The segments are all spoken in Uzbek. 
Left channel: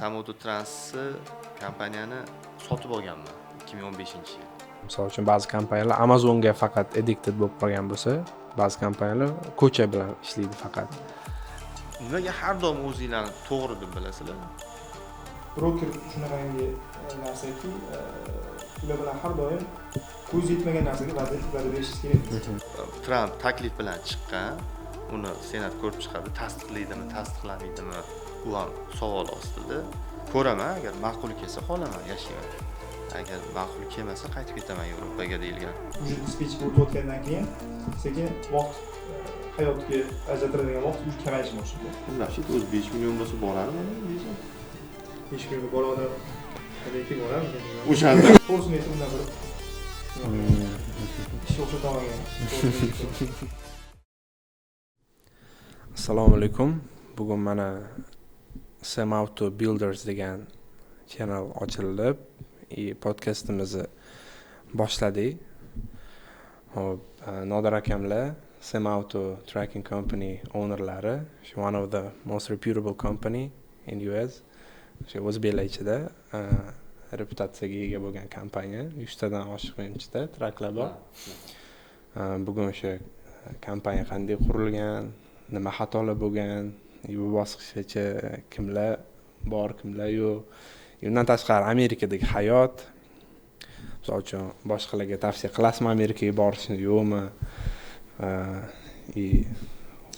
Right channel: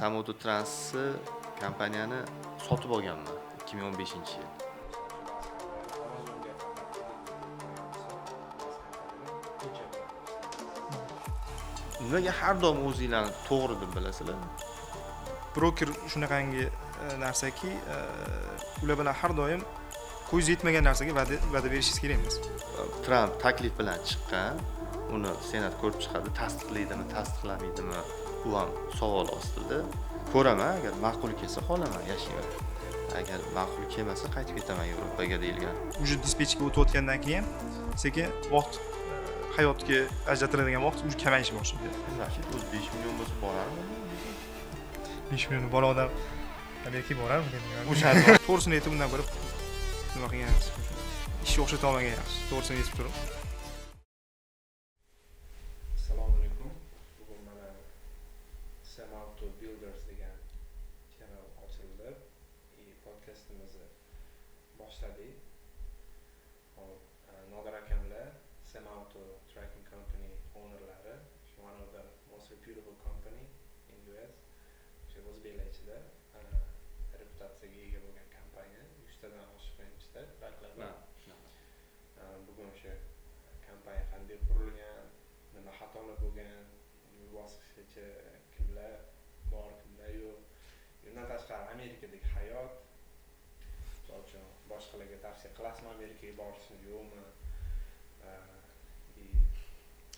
Samototransni kompaniyani sotib olganman 2015-yil. Misol uchun ba'zi kompaniyalar Amazonga faqat addicted bo'lib qolgan bo'lsa, ba'zi kompaniyalar ko'cha bilan ishlaydi faqat. Nimaga har doim o'zinglarni to'g'ri deb bilasizlar? Broker shunaqangi narsaki, ular bilan har doim ko'z yetmagan narsaga va'da berishingiz kerak emas. Tramp taklif bilan chiqqan, uni senat ko'rib chiqadi, tasdiqlaydimi, tasdiqlamaydimi, bu ham savol ostida. Ko'raman, agar ma'qul kelsa qolaman, yashayman. Agar ma'qul kelmasa qaytib ketaman Yevropaga deyilgan. Уже dispetchga o'tayotgandan keyin sekin vaqt hayotga ajratiladigan vaqt уже kamayishni boshlaydi. Masjid o'zi 5 million bo'lsa borarmi? 5 million bola odam tabiiyki borarmi? O'shanda to'g'risini aytib undan ko'ra nima qilgan? Ishga o'xshata olmagan yaxshi. To'g'risini aytib. Assalomu alaykum. Bugun mana Samauto Builders degan channel ochilib, podkastimizni boshladik. Hop, Nodar akamlar Samauto Tracking Company ownerlari, one of the most reputable company in US. O'zbeklar ichida reputatsiyaga ega bo'lgan kompaniya. 100 tadan oshiq menimcha traklar bor. Bugun o'sha kompaniya qanday qurilgan, nima xatolar bo'lgan, bu bosqichgacha kimlar bor, kimlar yo'q. Undan tashqari Amerikadagi hayot, misol uchun boshqalarga tavsiya qilasizmi Amerikaga borishni yo'qmi?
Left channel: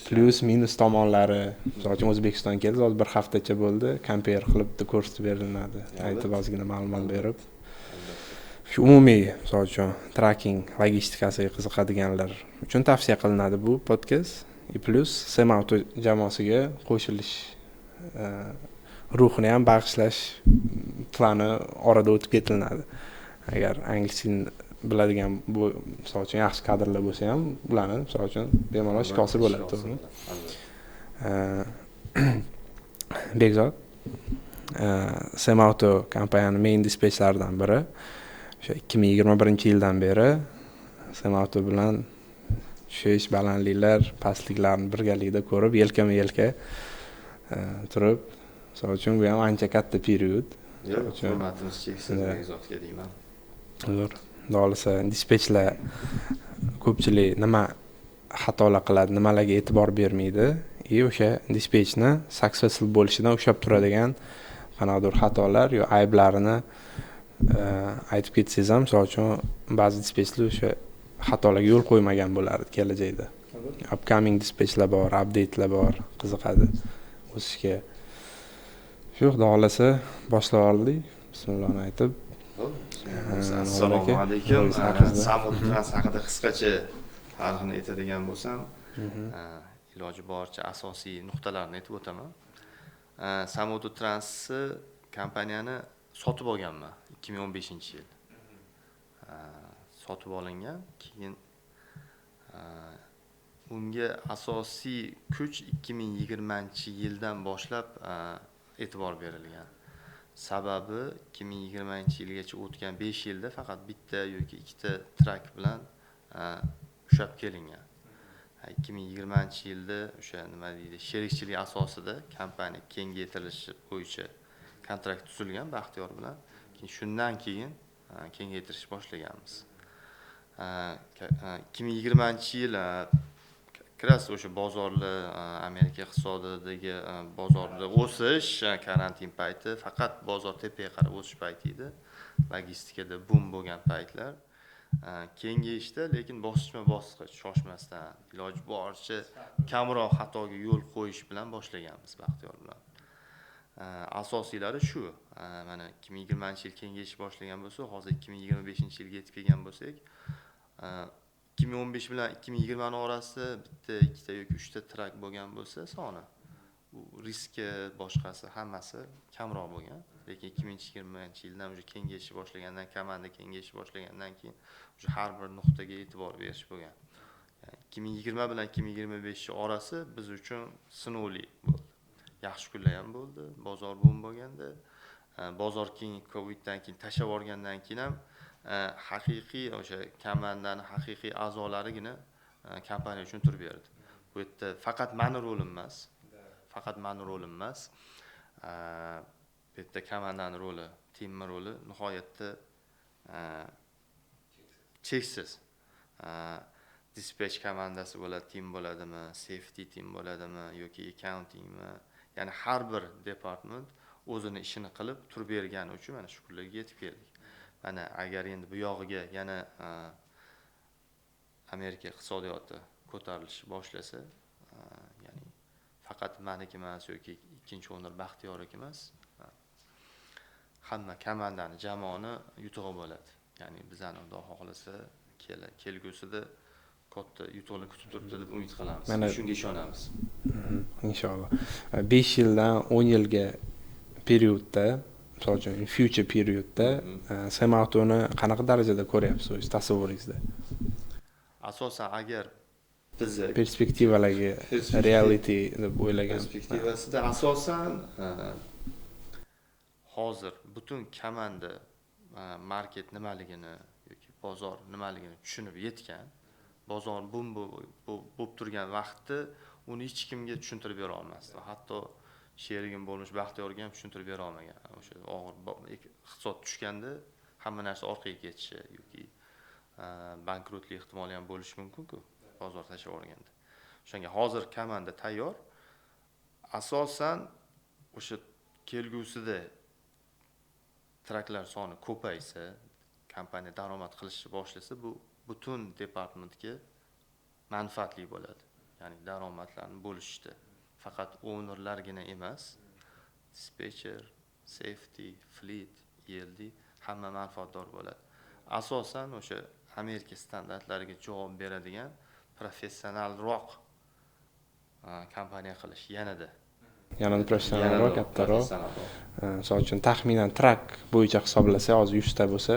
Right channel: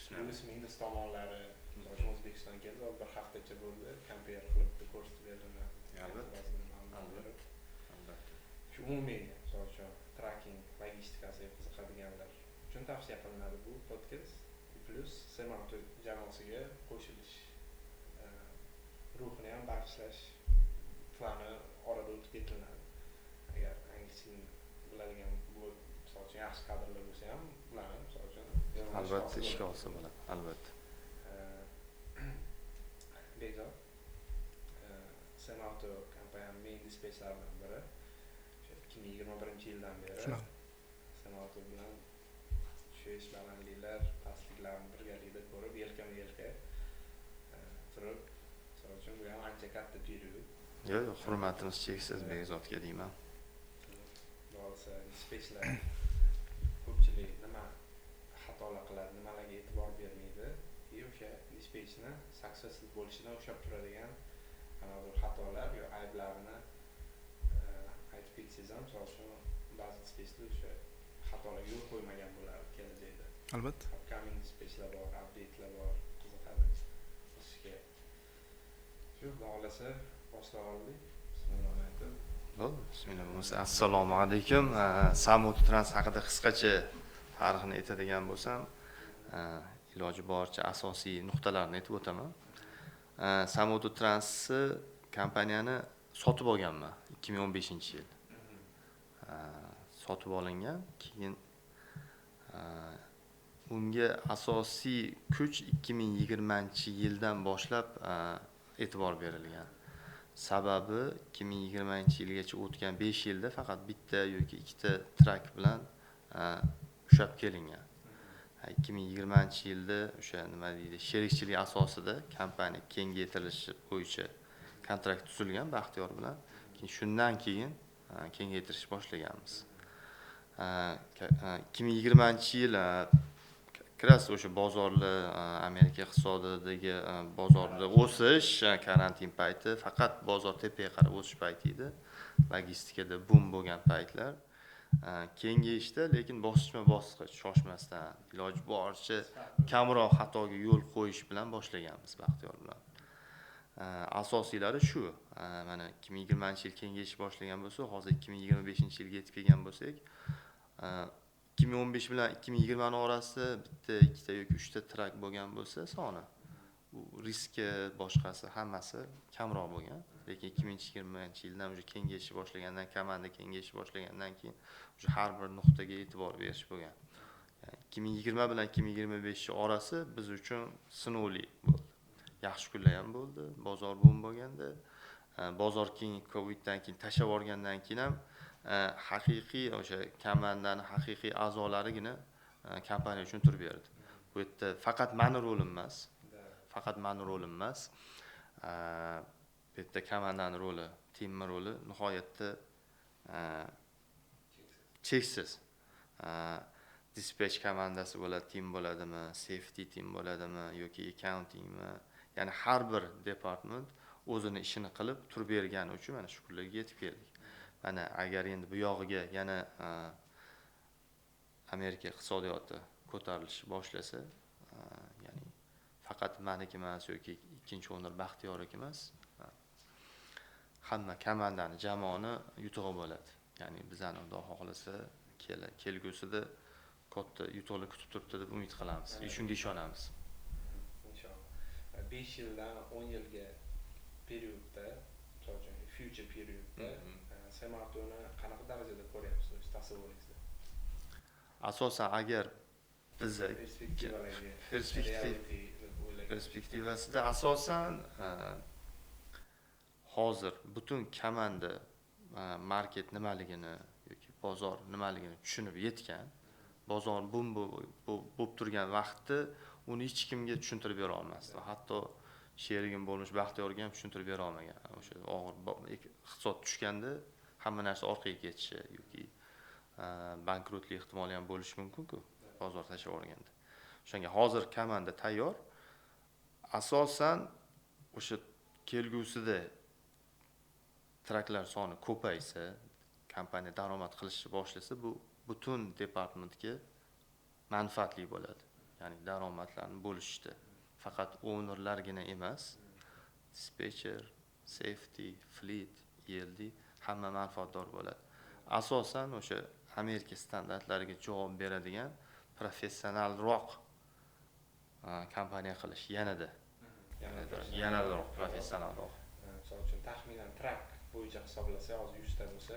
Plus minus tomonlari, misol uchun O'zbekistonga keldi, hozir bir haftacha bo'ldi, compare qilib ko'rsatib beriladi. Aytib ozgina ma'lumot berib. Shu umumiy, misol uchun tracking logistikasiga qiziqadiganlar uchun tavsiya qilinadi bu podkast. Plus Samauto jamoasiga qo'shilish ruhini ham bag'ishlash plani orada o'tib ketiladi. Agar anglishni biladigan bu misol uchun yaxshi kadrlar bo'lsa ham, ularni misol uchun bemalol shikosi bo'ladi, to'g'rimi? Bekzod Samauto kompaniyaning main dispetchlaridan biri. O'sha 2021-yildan beri Samauto bilan tushish, balandliklar, pastliklarni birgalikda ko'rib, yelkama-yelka turib, misol uchun bu ham ancha katta period. Hurmatimiz cheksiz Bekzodga deyman. Zo'r. Dolisa dispetchlar ko'pchilik nima xatolar qiladi, nimalarga e'tibor bermaydi, o'sha dispetchni successful bo'lishidan ushlab turadigan qanaqadir xatolar yo ayblarini aytib ketsangiz ham, misol uchun ba'zi dispetchlar o'sha xatolarga yo'l qo'ymagan bo'lardi kelajakda. Albatta. Upcoming dispetchlar bor, update'lar bor, qiziqadi o'sishga. Shu xolasa boshlab oldik. Bismillohni aytib. Assalomu alaykum. Samototrans haqida qisqacha tarixini aytadigan bo'lsam, iloji boricha asosiy nuqtalarni aytib o'taman. Samototransni kompaniyani sotib olganman 2015-yil. Sotib olingan, keyin unga asosiy kuch 2020-yildan boshlab e'tibor berilgan. Sababi 2020-yilgacha o'tgan 5 yilda faqat bitta yoki ikkita trak bilan ushlab kelingan. 2020-yilda o'sha nima deydi, sherikchilik asosida kompaniya kengaytirilishi bo'yicha kontrakt tuzilgan Baxtiyor bilan. Shundan keyin kengaytirish boshlaganmiz. 2020-yil kiras o'sha bozorlar, Amerika iqtisodiyotidagi bozorda o'sish, karantin payti, faqat bozor tepaga qarab o'sish payti edi. Logistikada boom bo'lgan paytlar. Kengayishda, lekin bosqichma-bosqich shoshmasdan, iloji boricha kamroq xatoga yo'l qo'yish bilan boshlaganmiz Baxtiyor bilan. Asosiylari shu. Mana 2020-yil kengayish boshlagan bo'lsa, hozir 2025-yilga yetib kelgan bo'lsak, 2015 bilan 2020 orasida bitta, ikkita yoki 3 ta trak bo'lgan bo'lsa, soni bu riski boshqasi hammasi kamroq bo'lgan. Lekin 2020-yildan уже kengayishni boshlagandan, komanda kengayishni boshlagandan keyin уже har bir nuqtaga e'tibor berish bo'lgan. Yani 2020 bilan 2025 orasi biz uchun sinovli bo'ldi. Yaxshi kunlar ham bo'ldi, bozor boom bo'lganda, bozor keyin Coviddan keyin tashlab yuborgandan keyin ham haqiqiy o'sha komandaning haqiqiy a'zolarigina kompaniya uchun turib berdi. Bu yerda faqat mani rolim emas. Bu yerda komandani roli, timni roli nihoyatda cheksiz. Dispatch komandasi bo'ladi, tim bo'ladimi, safety tim bo'ladimi yoki accountingmi, ya'ni har bir department o'zini ishini qilib turib bergani uchun mana shu kunlarga yetib keldik. Mana agar endi bu yog'iga yana Amerika iqtisodiyoti ko'tarilishi boshlasa, ya'ni faqat meniki emas yoki ikkinchi o'nir Baxtiyorniki emas, hamma komandani, jamoani yutug'i bo'ladi. Ya'ni bizani Xudo xohlasa kelgusida katta yutuqlar kutib turibdi deb umid qilamiz. Shunga ishonamiz. Inshaalloh. 5 yildan 10 yilga periodda, misol uchun future periodda Semautoni qanaqa darajada ko'ryapsiz o'z tasavvuringizda? Asosan agar biz Perspektivalarga reality deb o'ylagan perspektivasida asosan hozir butun komanda market nimaligini yoki bozor nimaligini tushunib yetgan, bozor bo'lib turgan vaqtda uni hech kimga tushuntirib bera olmasdi. Hatto sherigim bo'lmish Baxtiyorga ham tushuntirib bera olmagan. O'sha og'ir iqtisod tushganda hamma narsa orqaga ketishi yoki bankrotlik ehtimoli ham bo'lishi mumkin-ku bozor tashlab yuborganda. O'shanga hozir komanda tayyor. Asosan o'sha kelgusida traklar soni ko'paysa, kompaniya daromad qilishni boshlasa, bu butun departamentga manfaatli bo'ladi. Ya'ni daromadlarni bo'lishdi. Faqat ownerlargina emas, dispatcher, safety, fleet, ELD hamma manfaatdor bo'ladi. Asosan o'sha Amerika standartlariga javob beradigan professionalroq kompaniya qilish yanada professionalroq, kattaroq. Misol uchun taxminan trak bo'yicha hisoblasa, hozir 100 ta bo'lsa,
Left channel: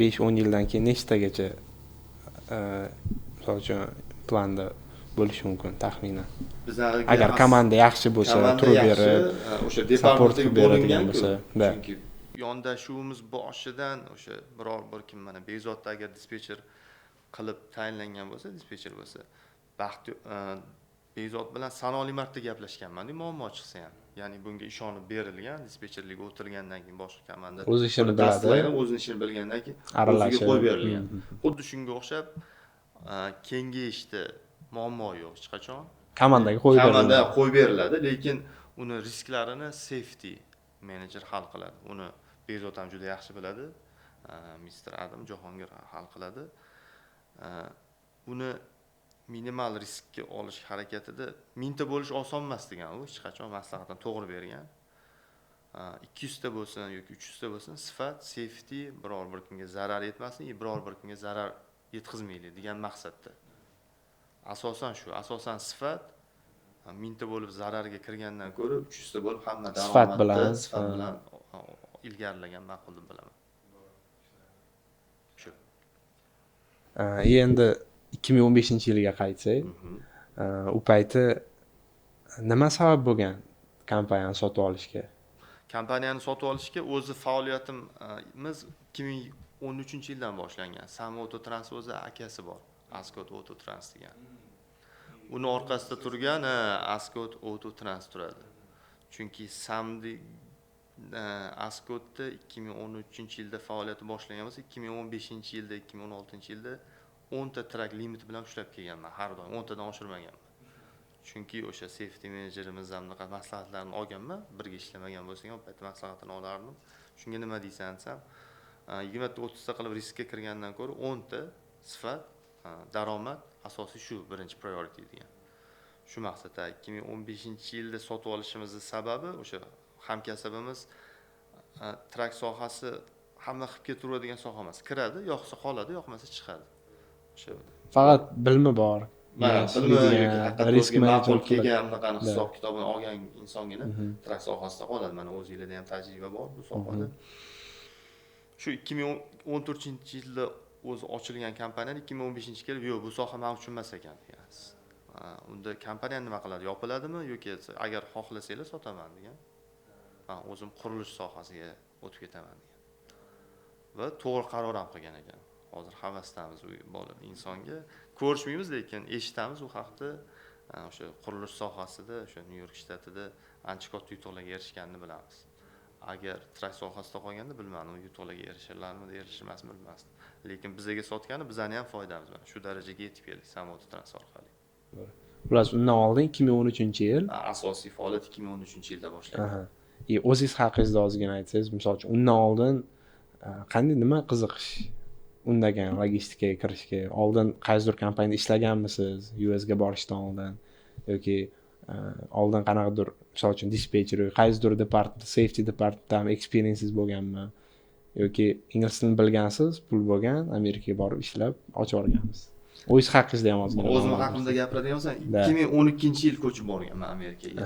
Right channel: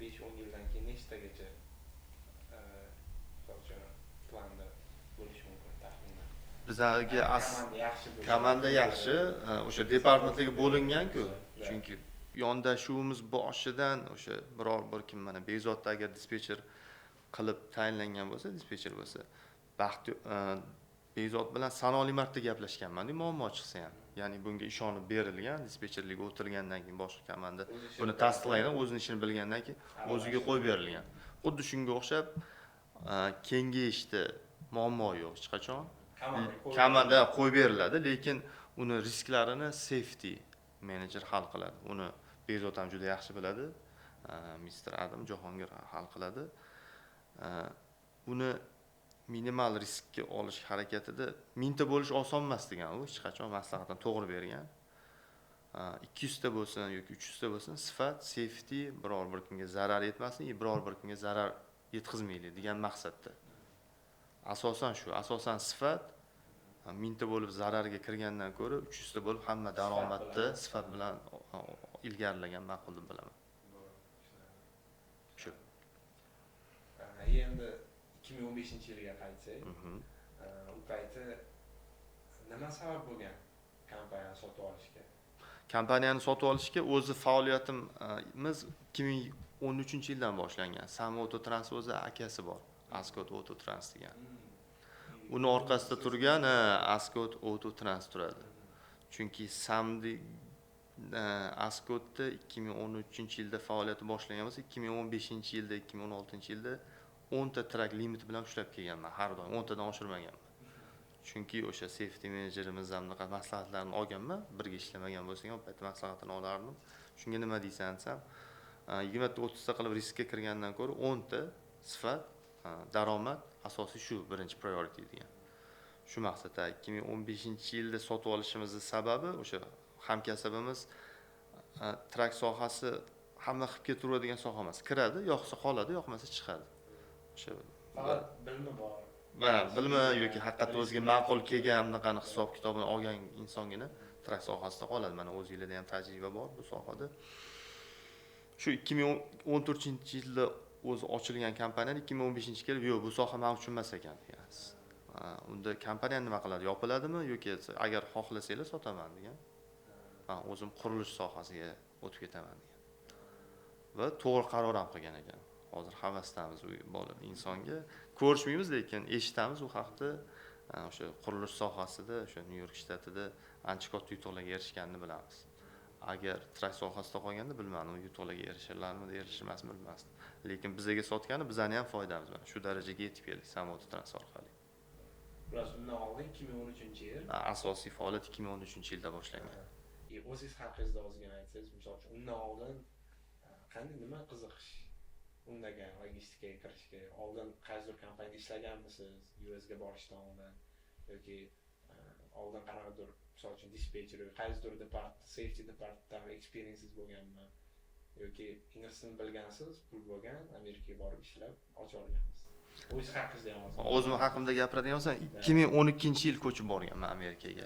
5-10 yildan keyin nechtagacha misol uchun planda bo'lishi mumkin taxminan. Agar komanda yaxshi bo'lsa, turib berib, o'sha departamentga bo'lingan-ku. Chunki yondashuvimiz boshidan o'sha biror bir kim mana Bezodda agar dispetcher qilib tayinlangan bo'lsa, dispetcher bo'lsa, Bezod bilan sanoqli marta gaplashganman-da, muammo chiqsa ham. Ya'ni bunga ishonib berilgan, dispetcherlikka o'tirgandan keyin boshqa komanda o'z ishini biladi, o'z ishini bilgandan keyin o'ziga qo'yib berilgan. Xuddi shunga o'xshab kengayishda muammo yo'q hech qachon. Komandaga qo'yib beriladi, lekin uni risklarini safety manager hal qiladi. Uni Bezod ham juda yaxshi biladi. Mr. Adam Jahongir hal qiladi. Uni minimal riskka olish harakatida mingta bo'lish oson emas degan u hech qachon maslahatni to'g'ri bergan. 200 ta bo'lsin yoki 300 ta bo'lsin, sifat, safety biror bir kimga zarar yetmasin, biror bir kimga zarar yetkazmaylik degan maqsadda. Asosan shu, asosan sifat mingta bo'lib zararga kirgandan ko'ra 300 ta bo'lib hamma daromadda sifat bilan ilgarilagan ma'qul deb bilaman. Shu. Endi 2015-yilga qaytsak, u payti nima sabab bo'lgan kompaniyani sotib olishga? Kompaniyani sotib olishga o'zi faoliyatimiz 2013-yildan boshlangan. Sam Autotrans o'zi akasi bor, Ascot Autotrans degan. Uni orqasida turgan Ascot Autotrans turadi. Chunki Samdi Ascotda 2013-yilda faoliyati boshlangan bo'lsa, 2015-yilda, 2016-yilda 10 ta trak limit bilan ushlab kelganman. Har doim 10 tadan oshirmaganman. Chunki o'sha safety menejerimiz hamda maslahatlarini olganman. Birga ishlamagan bo'lsak ham payt maslahatini olardim. Shunga nima deysan desam, 20 ta 30 ta qilib riskka kirgandan ko'ra 10 ta sifat, daromad asosiy shu birinchi priority degan. Shu maqsadda 2015-yilda sotib olishimizning sababi o'sha hamkasbimiz trak sohasi hamma qilib ketaveradigan soha emas. Kiradi, yoqsa qoladi, yoqmasa chiqadi. O'sha faqat bilmi bor. Bilmi yoki haqiqatda o'ziga ma'qul kelgan bunaqani hisob kitobini olgan insongina trak sohasida qoladi. Mana o'zingizlarda ham tajriba bor bu sohada. Shu 2014-yilda o'zi ochilgan kompaniya 2015-yilga kelib, yo'q, bu soha men uchun emas ekan degan. Unda kompaniya nima qiladi? Yopiladimi yoki agar xohlasanglar sotaman degan. Men o'zim qurilish sohasiga o'tib ketaman degan. Va to'g'ri qaror ham qilgan ekan. Hozir havasdamiz u bola insonga ko'rishmaymiz, lekin eshitamiz u haqda o'sha qurilish sohasida o'sha Nyu York shtatida ancha katta yutuqlarga erishganini bilamiz. Agar trak sohasida qolganda bilmadim, u yutuqlarga erishirlarmidi, erishmasmi bilmasdim. Lekin bizga sotgani bizani ham foydamiz bilan shu darajaga yetib keldik Samoto Trans orqali. Xullas, undan oldin 2013-yil. Asosiy faoliyat 2013-yilda boshlangan. Aha. O'zingiz haqingizda ozgina aytsangiz, misol uchun undan oldin qanday nima qiziqish undagan logistikaga kirishga? Oldin qaysidir kompaniyada ishlaganmisiz US ga borishdan oldin yoki oldin qanaqadir misol uchun dispetcher yoki qaysidir safety departmentda experiences bo'lganmi yoki ingliz tilini bilgansiz, pul bo'lgan, Amerikaga borib ishlab ochib olgansiz? O'zingiz haqingizda ham ozgina. O'zim haqimda gapiradigan bo'lsam, 2012-yil ko'chib borganman Amerikaga.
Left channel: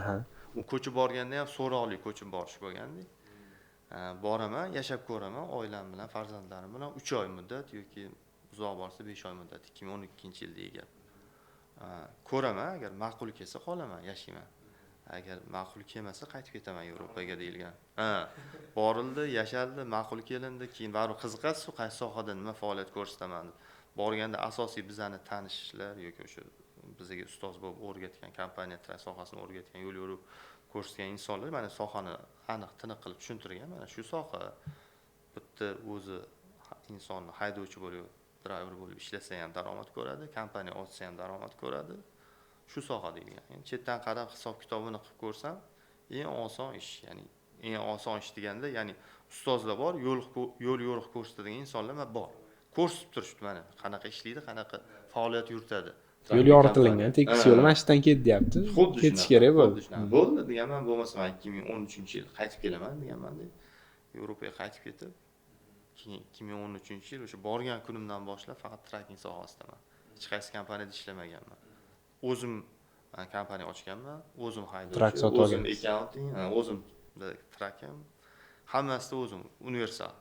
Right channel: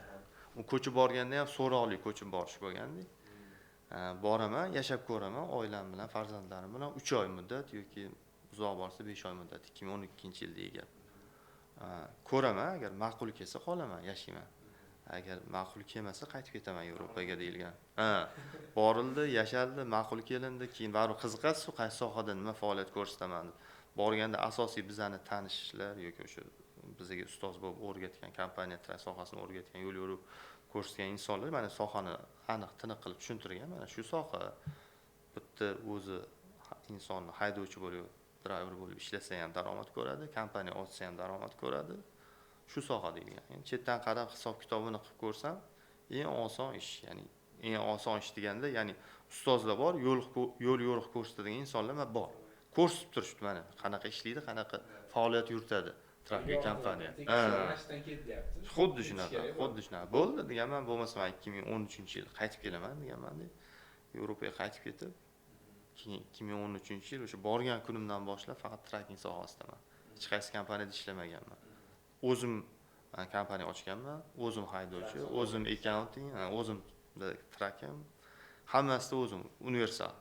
U ko'chib borganda ham so'roqli ko'chib borish bo'lgandi. Boraman, yashab ko'raman, oilam bilan, farzandlarim bilan 3 oy muddat yoki uzoq borsa 5 oy muddat 2012-yildagi gap. Ko'raman, agar ma'qul kelsa qolaman, yashayman. Agar ma'qul kelmasa qaytib ketaman Yevropaga deyilgan. Borildi, yashaldi, ma'qul kelindi, keyin baribir qiziqasiz, qaysi sohada nima faoliyat ko'rsataman deb. Borganda asosiy bizani tanishlar yoki o'sha bizga ustoz bo'lib o'rgatgan kompaniya trak sohasini o'rgatgan, yo'l yo'rib ko'rsatgan insonlar mana sohani aniq tiniq qilib tushuntirgan. Mana shu soha bitta o'zi insonni haydovchi bo'lib, driver bo'lib ishlasa ham daromad ko'radi, kompaniya ochsa ham daromad ko'radi. Shu soha deyilgan. Endi chetdan qarab hisob kitobini qilib ko'rsam, eng oson ish, ya'ni eng oson ish deganda, ya'ni ustozlar bor, yo'l yo'riq ko'rsatadigan insonlar bor. Ko'rsatib turishdi mana qanaqa ishlaydi, qanaqa faoliyat yuritadi. Yo'l yoritilgan, tekis yo'l mashinadan ket deyapti. Xuddi ketish kerak bo'ldi. Bo'ldi deganman, bo'lmasa men 2013-yil qaytib kelaman deganman deb. Yevropaga qaytib ketib, keyin 2013-yil o'sha borgan kunimdan boshlab faqat tracking sohasidaman. Hech qaysi kompaniyada ishlamaganman. O'zim kompaniya ochganman, o'zim haydovchi, o'zim accounting, o'zim tracking, hammasida o'zim universal.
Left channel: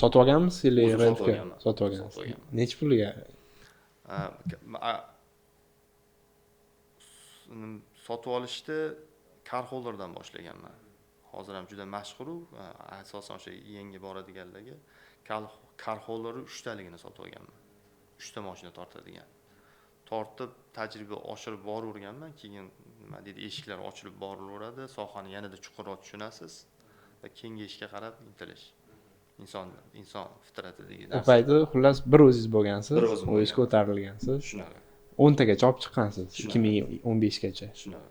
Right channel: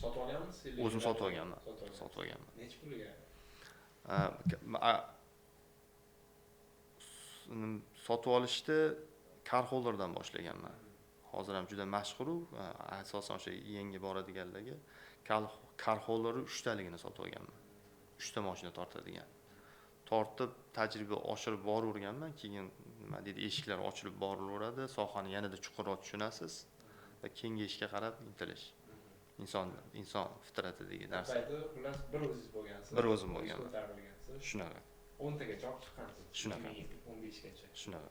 Sotib olganmisiz yoki Sotib olganman. Sotib olganman. Necha pulga? Sotib olishda car holderdan boshlaganman. Hozir ham juda mashhur, asosan o'sha yangi boradiganlarga car holder 3 taligini sotib olganman. 3 ta mashina tortadigan. Tortib tajriba oshirib boraverganman, keyin nima deydi, eshiklar ochilib borilaveradi, sohani yanada chuqurroq tushunasiz va kengayishga qarab intilish. Inson fitratidagi narsa. Bu payti xullas bir o'zingiz bo'lgansiz, Bir o'zim o'zingiz ko'tarilgansiz. Shunaqa. 10 tagacha olib chiqqansiz 2015gacha. Shunaqa.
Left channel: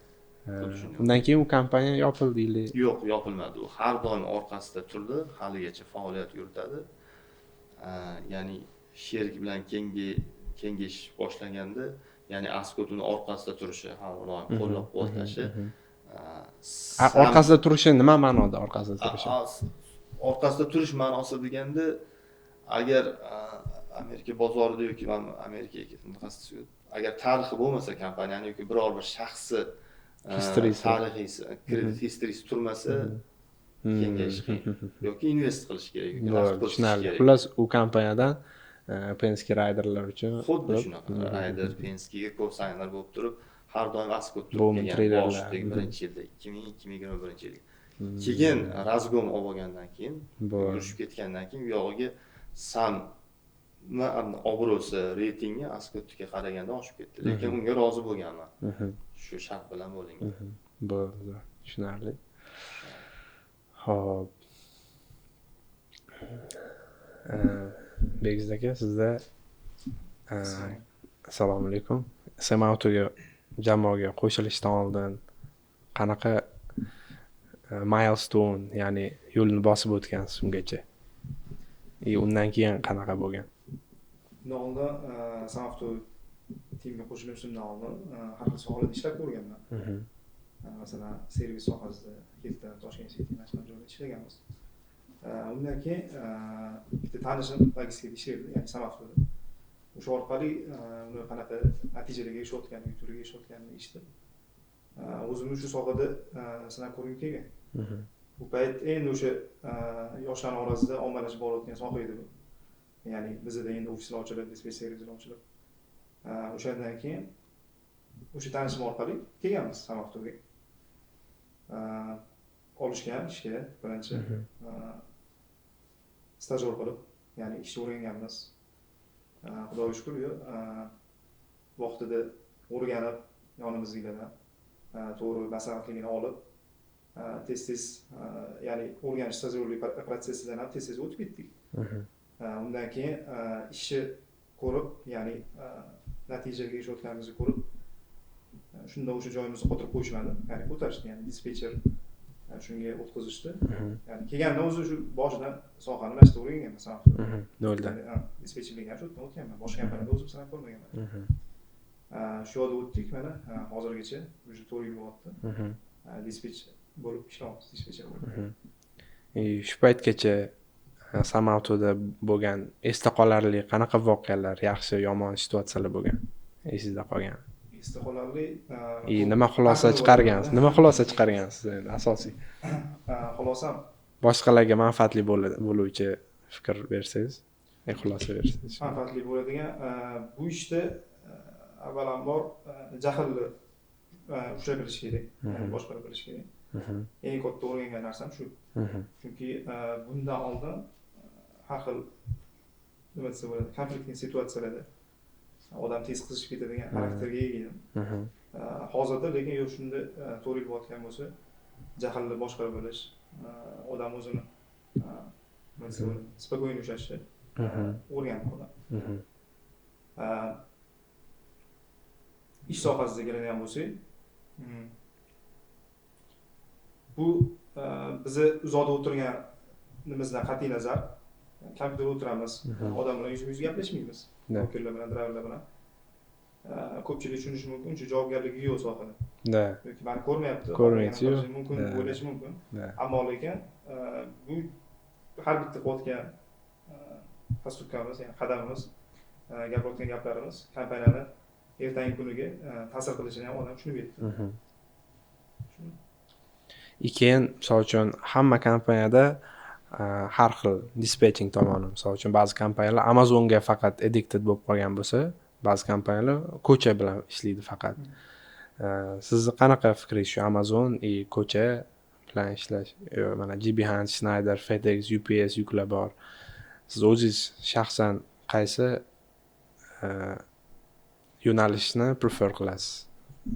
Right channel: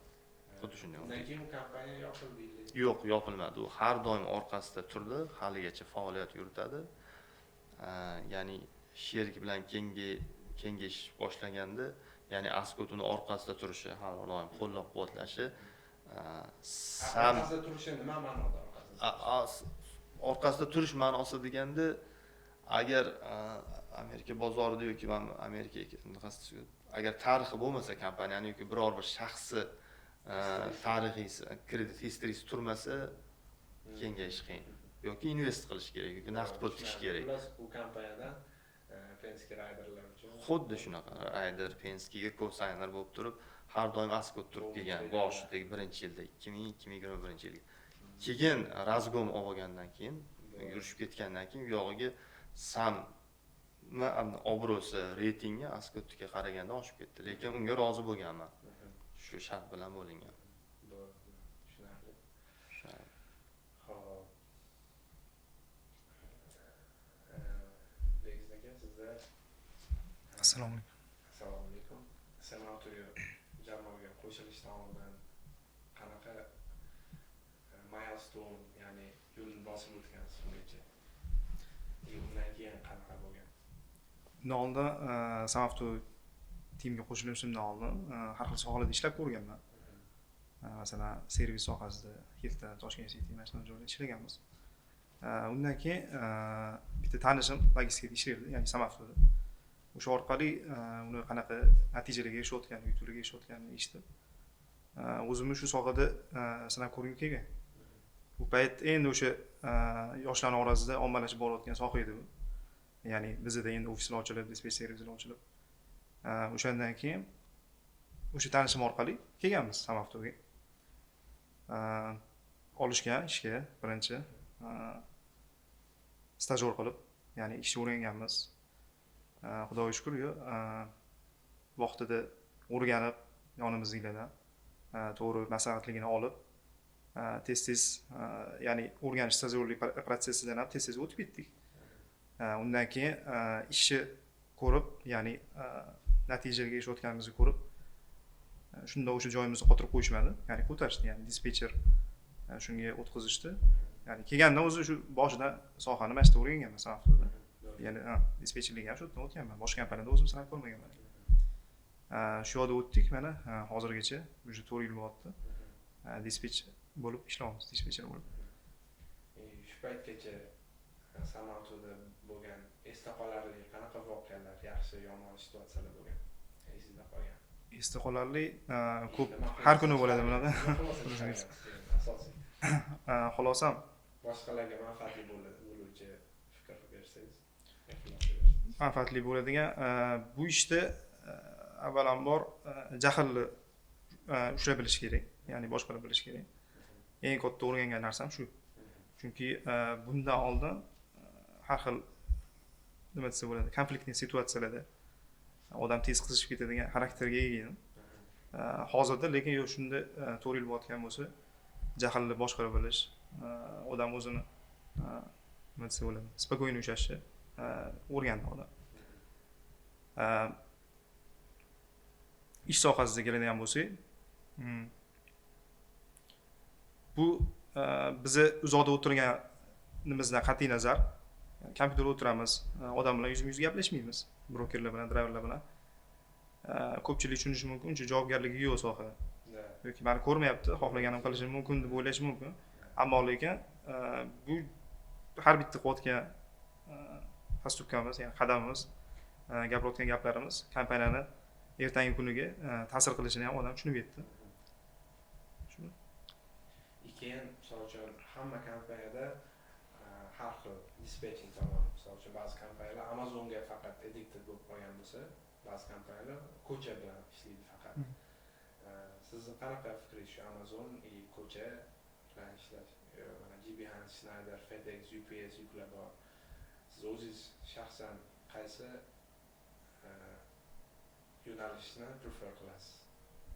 Undan keyin u kompaniya yopildi. Yo'q, yopilmadi. U har doim orqasida turdi, haligacha faoliyat yuritadi. Ya'ni sherik bilan kengayish boshlaganda, ya'ni Ascot uni orqasida turishi, har doim qo'llab-quvvatlashi. Orqasida turishi nima ma'noda orqasida turishi? Orqasida turish ma'nosi deganda, agar Amerika bozorida yoki agar tarixi bo'lmasa kompaniyani yoki biror bir shaxsi tarixiy kredit historiyasi turmasa, kengayish qiyin yoki invest qilish kerak yoki naqd pul tikish kerak. Plus u kompaniyadan Penske Riderlar uchun xuddi shunaqa Rider Penske'ga co-signer bo'lib turib, har doim Ascot turib kelgan boshdagi 1-yilda 2021-yilda. Keyin razgom olib olgandan keyin, yurishib ketgandan keyin u yog'iga sam obro'si, reytingi Ascotga qaraganda oshib ketdi. Lekin unga rozi bo'lganman. Shu shart bilan bo'lingan. Bo'ldi, tushunarli. Xo'p. Begiz aka, sizda assalomu alaykum. Samautoga jamoaga qo'shilishdan oldin qanaqa milestone, ya'ni yo'lni bosib o'tgansiz ungacha? Undan keyin qanaqa bo'lgan? Undan oldin Samauto timga qo'shilishimdan oldin har xil sohalarda ishlab ko'rganman. Masalan, servis sohasida, Hilton, Toshkent City National joyda ishlaganmiz. Undan keyin bitta tanishim logistikada ishlardi, ya'ni Samautoda. O'sha orqali uni qanaqa natijalarga erishayotganini, yutuqlarga erishayotganini eshitib, o'zimni shu sohada sinab ko'rgim kelgan. Bu payt endi o'sha yoshlar orasida ommalashib borayotgan soha edi bu. Ya'ni bizda endi ofislar ochilib, dispetch servislar ochilib. O'shandan keyin o'sha tanishim orqali kelganmiz Samautoga. Olishgan ishga birinchi stajyor qilib, ya'ni ishni o'rganganmiz. Xudoga shukr, vaqtida o'rganib, yonimizdagilardan to'g'ri maslahatligini olib tez ya'ni o'rganish stajirovlik protsessidan ham tez o'tib ketdik. Undan keyin ishni ko'rib, ya'ni natijaga erishayotganimizni ko'rib, shunda o'sha joyimizni qotirib qo'yishmadi, ya'ni ko'tarishdi, ya'ni dispetcher shunga o'tkazishdi. Ya'ni kelgandan o'zi shu boshidan sohani mana shu yerda o'rganganman, Samafda. Noldan. Dispetcherlik ham shu yerdan o'tganman. Boshqa kompaniyada o'zim sinab ko'rmaganman. Shu yerda o'tdik, mana hozirgacha уже 4 yil bo'lyapti. Dispetcher bo'lib ishlayapmiz, dispetcher bo'lib. Shu paytgacha Samavtoda bo'lgan esda qolarli qanaqa voqealar, yaxshi, yomon situatsiyalar bo'lgan? Esingizda qolgan. Esda qolarli nima xulosa chiqargansiz? Nima xulosa chiqargansiz endi asosiy? Xulosam Boshqalarga manfaatli bo'luvchi fikr bersangiz, xulosa bersangiz. manfaatli bo'ladigan bu ishda avvalambor jahlni ushlab bilish kerak, ya'ni boshqarib bilish kerak. Eng katta o'rgangan narsam shu. Chunki bundan oldin har xil nima desa bo'ladi, konfliktli situatsiyalarda odam tez qizishib ketadigan xarakterga ega edim. Hozirda lekin yo'q, shunda 4 yil bo'layotgan bo'lsa, jahlni boshqarib bilish, odam o'zini nima desa bo'ladi, spokойно ushlashni o'rgandi odam. Ish sohasiga keladigan bo'lsak, bu bizni uzoqda o'tirganimizdan qat'iy nazar, kompyuterda o'tiramiz, odam bilan yuzma-yuz gaplashmaymiz, brokerlar bilan, driverlar bilan. Ko'pchilik tushunishi mumkin, uncha javobgarligi yo'q sohada. Yoki meni ko'rmayapti, xohlaganini qilishi mumkin, o'ylashi mumkin. Ammo lekin bu har bitta qilayotgan postupkamiz, ya'ni qadamimiz, gapirayotgan gaplarimiz kompaniyani ertangi kuniga ta'sir qilishini ham odam tushunib yetdi. Keyin, misol uchun, hamma kompaniyada har xil dispetching tomoni, misol uchun, ba'zi kompaniyalar Amazonga faqat addicted bo'lib qolgan bo'lsa, ba'zi kompaniyalar ko'cha bilan ishlaydi faqat. Sizni qanaqa fikringiz shu Amazon ko'cha bilan ishlash? Mana GB Hunt, Schneider, FedEx, UPS yuklar bor. Siz o'zingiz shaxsan qaysi yo'nalishni prefer qilasiz?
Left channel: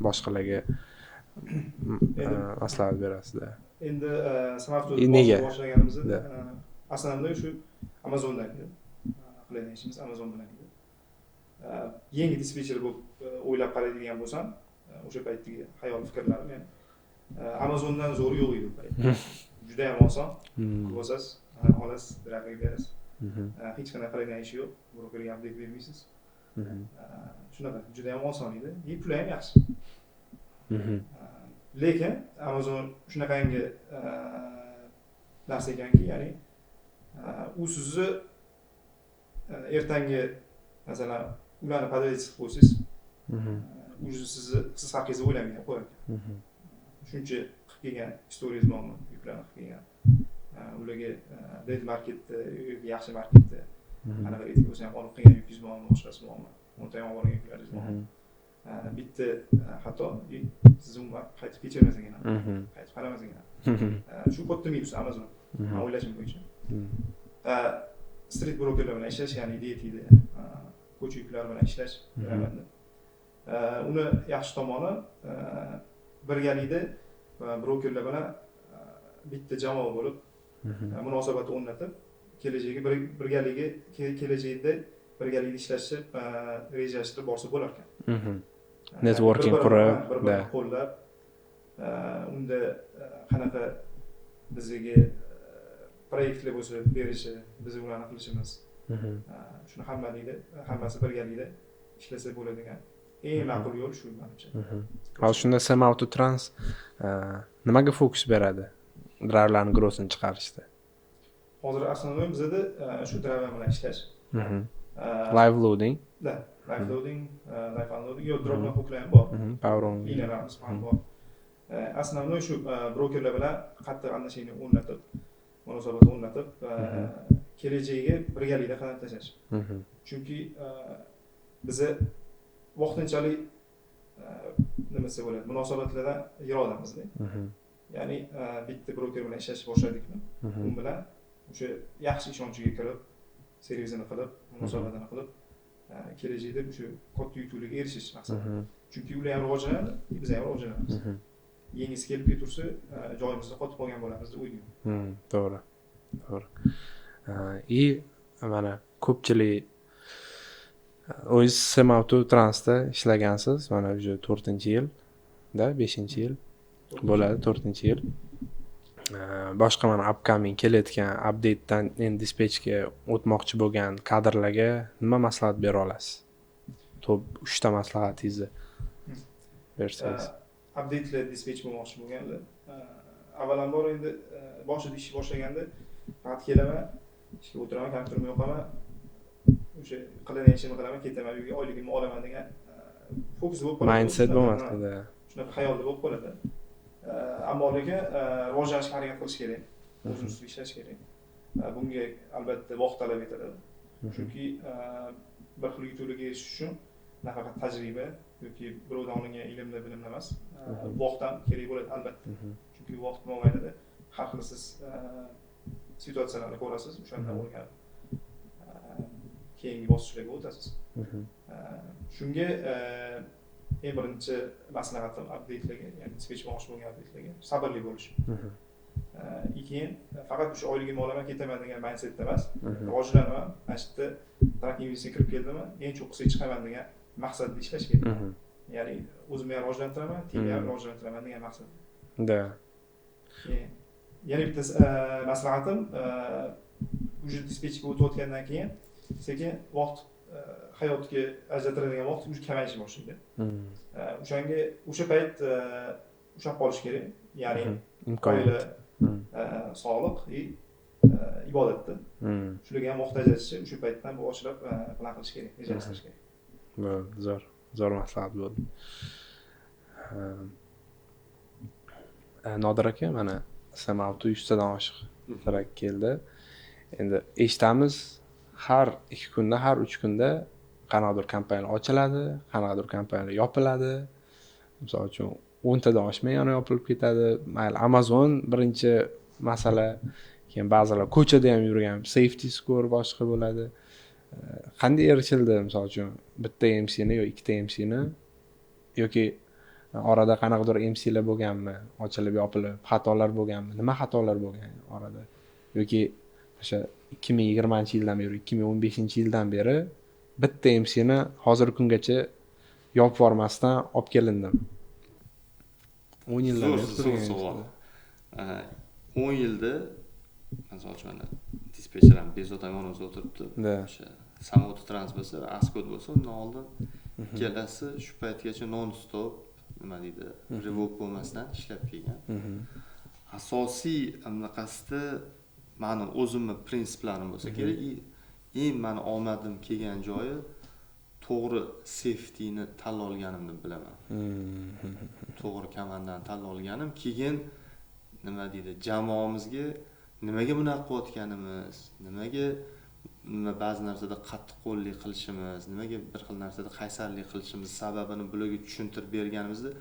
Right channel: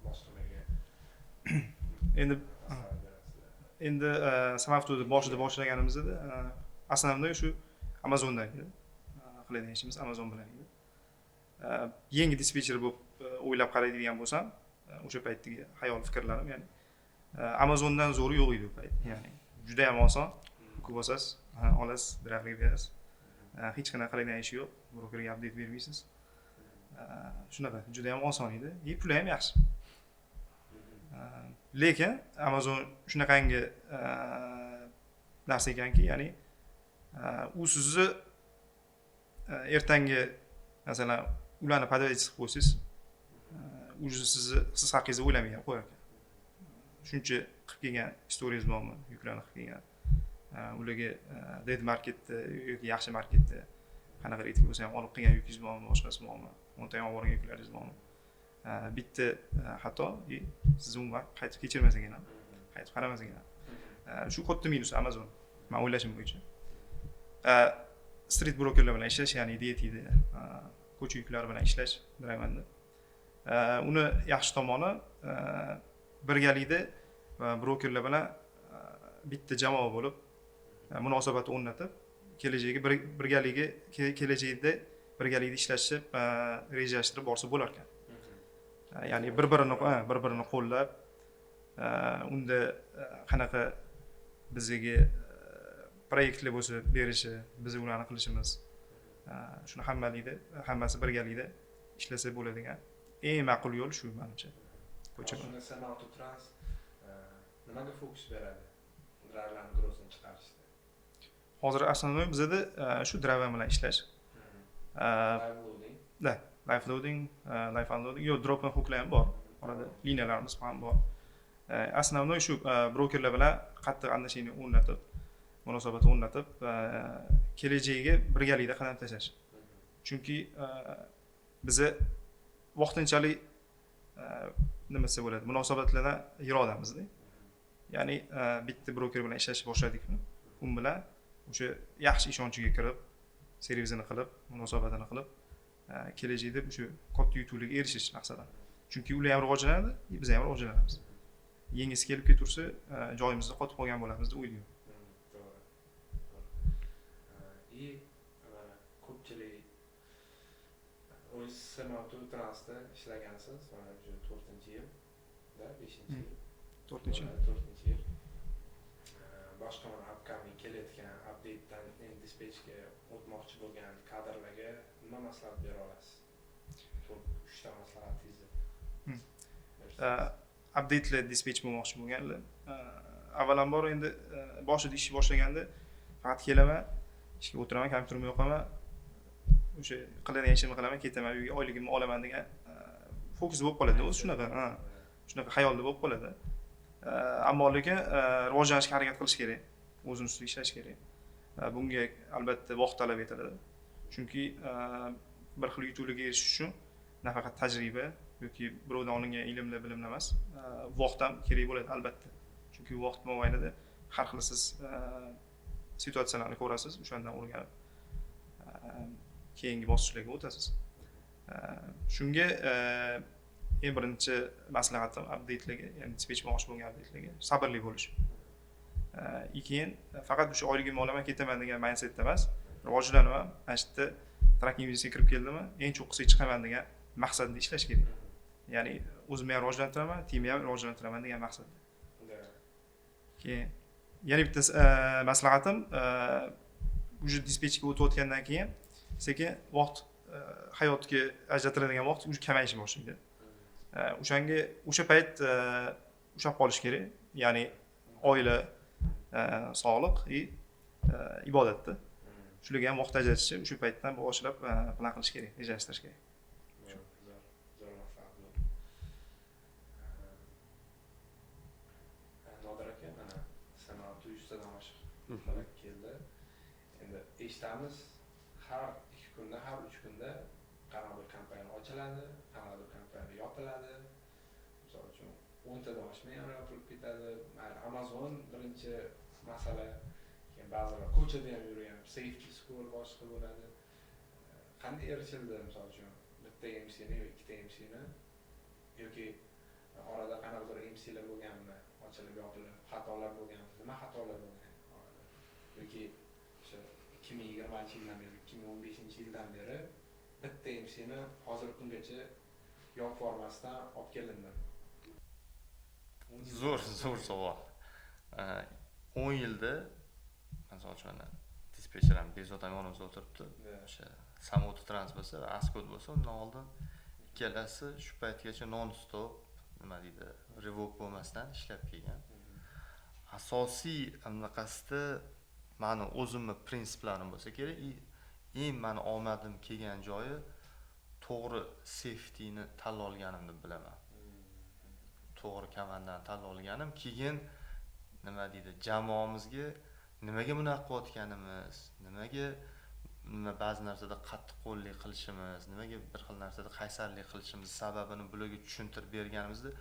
Boshqalarga maslahat berasizlar. Endi Samavto'da boshlaganimizda aslida shu Amazonda edi. Qiladigan ishimiz Amazon bilan edi. Yangi dispetcher bo'lib o'ylab qaraydigan bo'lsam, o'sha paytdagi xayol fikrlarim, ya'ni Amazondan zo'ri yo'q edi u paytda. Juda ham oson. Ko'rasiz, olasiz, driverga berasiz. Hech qanaqa qiladigan ish yo'q. Brokerga update bermaysiz. Shunaqa, juda ham oson edi. Puli ham yaxshi. Lekin Amazon shunaqangi narsa ekanki, ya'ni u sizni ertangi masalan ularni podavayt qilib qo'ysangiz, siz haqingizda o'ylamay qo'yar ekan. Shuncha qilib kelgan istoriyangiz bormi, yuklarni qilib kelgan. Ularga dead marketda yoki yaxshi marketda qanaqa aytib bo'lsa ham olib qilgan yukingiz bormi, boshqasi bormi, o'nta ham olgan yuklaringiz bormi? Bitta xato, siz umuman qaytib kechirmas ekan, qaytib qaramas ekan. Shu katta minus Amazon, men o'ylashim bo'yicha. Street brokerlar bilan ishlash, ya'ni DT'da ko'cha yuklari bilan ishlash bilamanda. Uni yaxshi tomoni birgalikda brokerlar bilan bitta jamoa bo'lib munosabat o'rnatib, kelajakda birgalikda ishlashni rejalashtirib borsa bo'lar ekan. Networking qurib, bir-birini qo'llab, unda qanaqa bizga proyektlar bo'lsa berishi, biz ularni qilishimiz. Shuni hammasi birgalikda ishlasa bo'ladigan eng ma'qul yo'l shu menimcha. Hozir shunda Samauto Trans nimaga fokus beradi? Driverlarning growthini chiqarishda. Hozir aslida bizda shu driver bilan ishlash. Live loading. Live loading, live unloading, yo drop and hooklar ham bor. Power on. Liniyalarimiz ham bor. Aslida shu brokerlar bilan qattiq anglashishni o'rnatib, munosabat o'rnatib, kelajagiga birgalikda qadam tashlash. Chunki bizni vaqtinchalik nima desa bo'ladi, munosabatlardan yiroqdamizda. Ya'ni bitta broker bilan ishlashni boshladikmi, u bilan o'sha yaxshi ishonchiga kirib, servizini qilib, munosabatini qilib, kelajakda o'sha katta yutuqlarga erishish maqsadi. Chunki ular ham rivojlanadi, biz ham rivojlanamiz. Yengisi kelib ketursa, joyimizda qotib qolgan bo'lamiz deb o'ylayman. To'g'ri. И mana ko'pchilik o'zingiz Semauto Transda ishlagansiz, mana уже 4-yilda, 5-yil bo'ladi, 4-yil. Boshqa mana upcoming kelayotgan update'dan endi dispetchga o'tmoqchi bo'lgan kadrlarga nima maslahat bera olasiz? Top 3 ta maslahatingizni bersangiz. Update'lar dispetch bo'lmoqchi bo'lganlar, avvalambor endi boshida ish boshlaganda faqat kelaman, ishga o'tiraman, kompyuterimni yoqaman, o'sha qiladigan ishimni qilaman, ketaman, uyga oyligimni olaman degan fokus bo'lib qoladi. Mindset bo'lmasdi. Shunaqa xayolda bo'lib qoladi. Ammo lekin rivojlanishga harakat qilish kerak, o'zimiz ustida ishlash kerak. Bunga albatta vaqt talab etadi. Chunki bir xil yutuqlarga erishish uchun nafaqat tajriba yoki birovdan olingan ilmlar, bilimlar emas, vaqt ham kerak bo'ladi albatta. Chunki vaqt mobaynida har xil siz situatsiyalarni ko'rasiz, o'shandan o'rganib keyingi bosqichlarga o'tasiz. Shunga eng birinchi maslahatim update'larga, ya'ni dispetch bo'lmoqchi bo'lgan update'larga sabrli bo'lish. Keyin faqat o'sha oyligimni olaman, ketaman degan mindsetda emas, rivojlanaman, mana shu yerda tracking biznesga kirib keldimmi, eng cho'qqisiga chiqaman degan maqsadda ishlash kerak. Ya'ni o'zimni ham rivojlantiraman, teamni ham rivojlantiraman degan maqsadda. Da. Keyin yana bitta maslahatim, o'sha dispetchga o'tayotgandan keyin sekin vaqt hayotga ajratiladigan vaqt o'sha kamayishga boshlaydi. O'shanga o'sha payt ushlab qolish kerak. Ya'ni oila, sog'liq va ibodatda. Shularga ham vaqt ajratish o'sha paytdan boshlab plan qilish kerak, rejalashtirish kerak. Zo'r maslahat bo'ldi. Nodir aka, mana Semauto 100 tadan oshiq trak keldi. Endi eshitamiz, har 2 kunda, har 3 kunda qanaqadir kompaniya ochiladi, qanaqadir kompaniya yopiladi. Misol uchun 10 tadan oshmay yana yopilib ketadi. Mayli Amazon birinchi masala, keyin ba'zilar ko'chada ham yurgan safety score boshqa bo'ladi. Qanday erishildi, misol uchun bitta MC'ni yoki ikkita MC'ni yoki orada qanaqadir MC'lar bo'lganmi, ochilib yopilib, xatolar bo'lganmi, nima xatolar bo'lgan orada? Yoki o'sha 2020-yildan beri, 2015-yildan beri bitta MC'ni hozirgi kungacha yopib bormasdan olib kelindim. 10 yildan zo'r savol. 10 yilda misol uchun mana dispetcher ham bezovta yonimizda o'tiribdi. O'sha Semauto Trans bo'lsa, Ascot bo'lsa, undan oldin ikkalasi shu paytgacha non stop nima deydi, revok bo'lmasdan ishlab kelgan. Asosiy anaqasida meni o'zimni prinsiplarim bo'lsa kerak, eng meni omadim kelgan joyi to'g'ri safetyni tanlab olganimni bilaman. To'g'ri komandani tanlab olganim, keyin nima deydi, jamoamizga nimaga bunaqa qilayotganimiz, nimaga ba'zi narsada qattiqqo'llik qilishimiz, nimaga bir xil narsada qaysarlik qilishimiz sababini bularga tushuntirib berganimizda,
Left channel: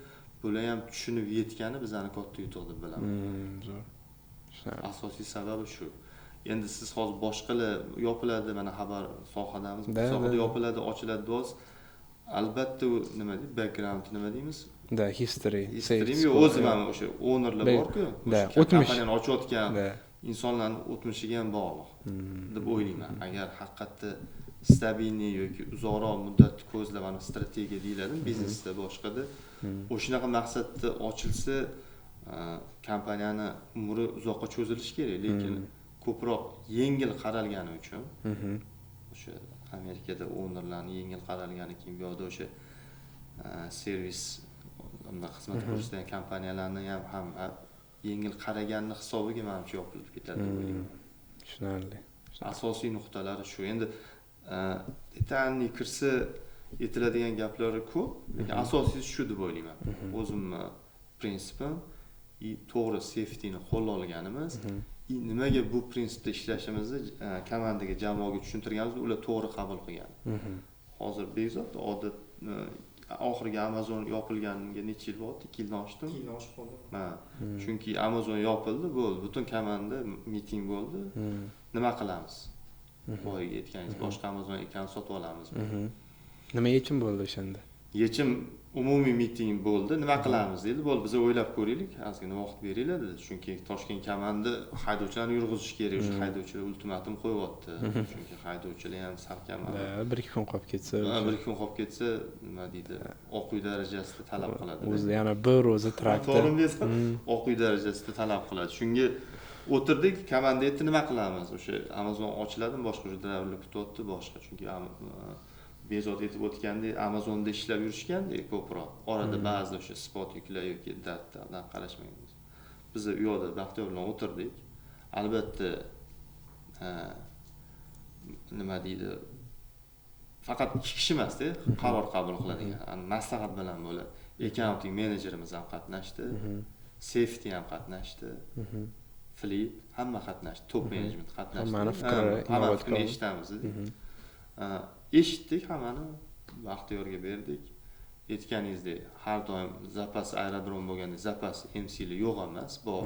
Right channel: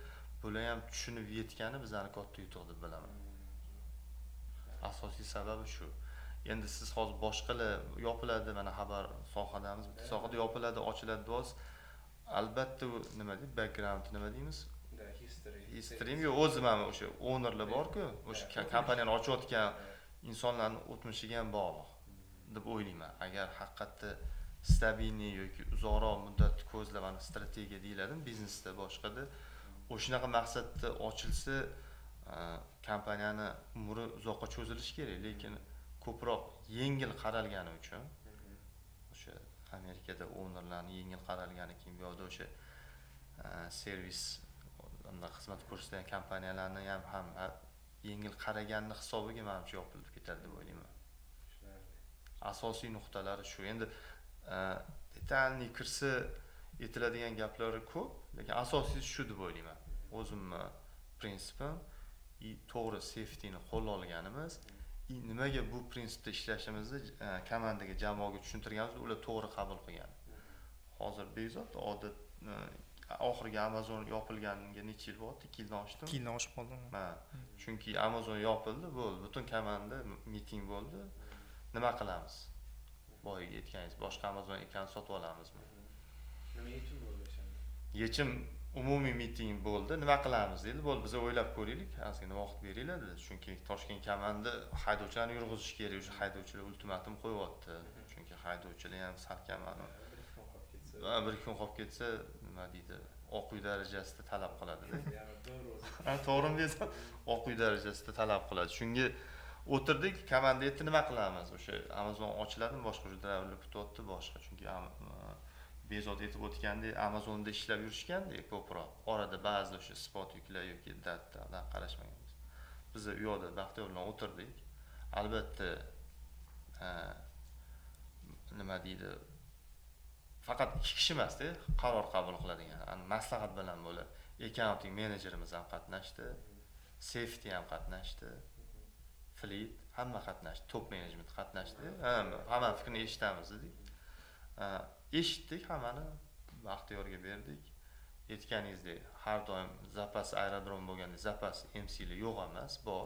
bular ham tushunib yetgani bizani katta yutuq deb bilaman. Asosiy sababi shu. Endi siz hozir boshqalar yopiladi, mana xabar sohadamiz, bu sohada yopiladi, ochiladi do'z. Albatta nima deydi, background nima deymiz? History o'zim ham o'sha ownerlar bor-ku, o'sha kompaniyani ochayotgan insonlarning o'tmishiga ham bog'liq deb o'ylayman. Agar haqiqatda stabilniy yoki uzoqroq muddat ko'zlagan strategiya deyiladi biznesda, boshqada o'shanaqa maqsadda ochilsa kompaniyani umri uzoqqa cho'zilishi kerak, lekin ko'proq yengil qaralgani uchun o'sha Amerikada ownerlarning yengil qaralgani, keyin bu yerda o'sha servis xizmat ko'rsatgan kompaniyalarni ham yengil qaraganni hisobiga menimcha yopilib ketadi deb o'ylayman. Tushunarli. Asosiy nuqtalari shu. Endi detalniy kirsa aytiladigan gaplari ko'p, lekin asosiysi shu deb o'ylayman. O'zimni prinsipim to'g'ri safetyni qo'lga olganimiz, nimaga bu prinsipda ishlashimizni komandaga, jamoaga tushuntirganimizda ular to'g'ri qabul qilgan. Hozir bezot odat oxirgi Amazon yopilganiga necha yil bo'ldi? 2 yildan oshdi. 2 yildan oshib qoldi. Chunki Amazon yopildi, bo'ldi. Butun komanda miting bo'ldi. Nima qilamiz? boyaga aytganingiz boshqa Amazon ekanini sotib olamiz. Nima yechim bo'ldi o'shanda? Yechim umumiy miting bo'ldi. Nima qilamiz dedi. Bo'ldi, biz o'ylab ko'raylik, ozgina vaqt beringlar dedi. Chunki Toshkent kamanni haydovchilarni yurg'izish kerak. O'sha haydovchilar ultimatum qo'yapti. Chunki haydovchilar ham salkam. 1-2 kun qolib ketsa, 1-2 kun qolib ketsa, nima deydi? Oq uy darajasida talab qiladi. O'zi yana bir o'zi traktor. To'g'rimi desam, Oq uy darajasida talab qiladi. Shunga o'tirdik, komanda aytdi, nima qilamiz? O'sha Amazon ochiladimi, boshqa driverlar kutyapti, boshqa. Chunki bezod etib o'tgandek Amazonda ishlab yurishgandek ko'proq. Orada ba'zi o'sha spot yuklar yoki datdan qarashmaganmiz. Biz u yoqda Baxtiyor bilan o'tirdik. Albatta nima deydi? Faqat 2 kishi emas-da, qaror qabul qiladigan, maslahat bilan bo'ladi. Accounting menejerimiz ham qatnashdi, safety ham qatnashdi, fleet hamma qatnashdi, top management qatnashdi. Hamma fikrini eshitamiz dedik. Eshitdik, hammani Baxtiyorga berdik. Aytganingizdek, har doim zapas aerodrom bo'lganda zapas MC'li yo'q emas, bor.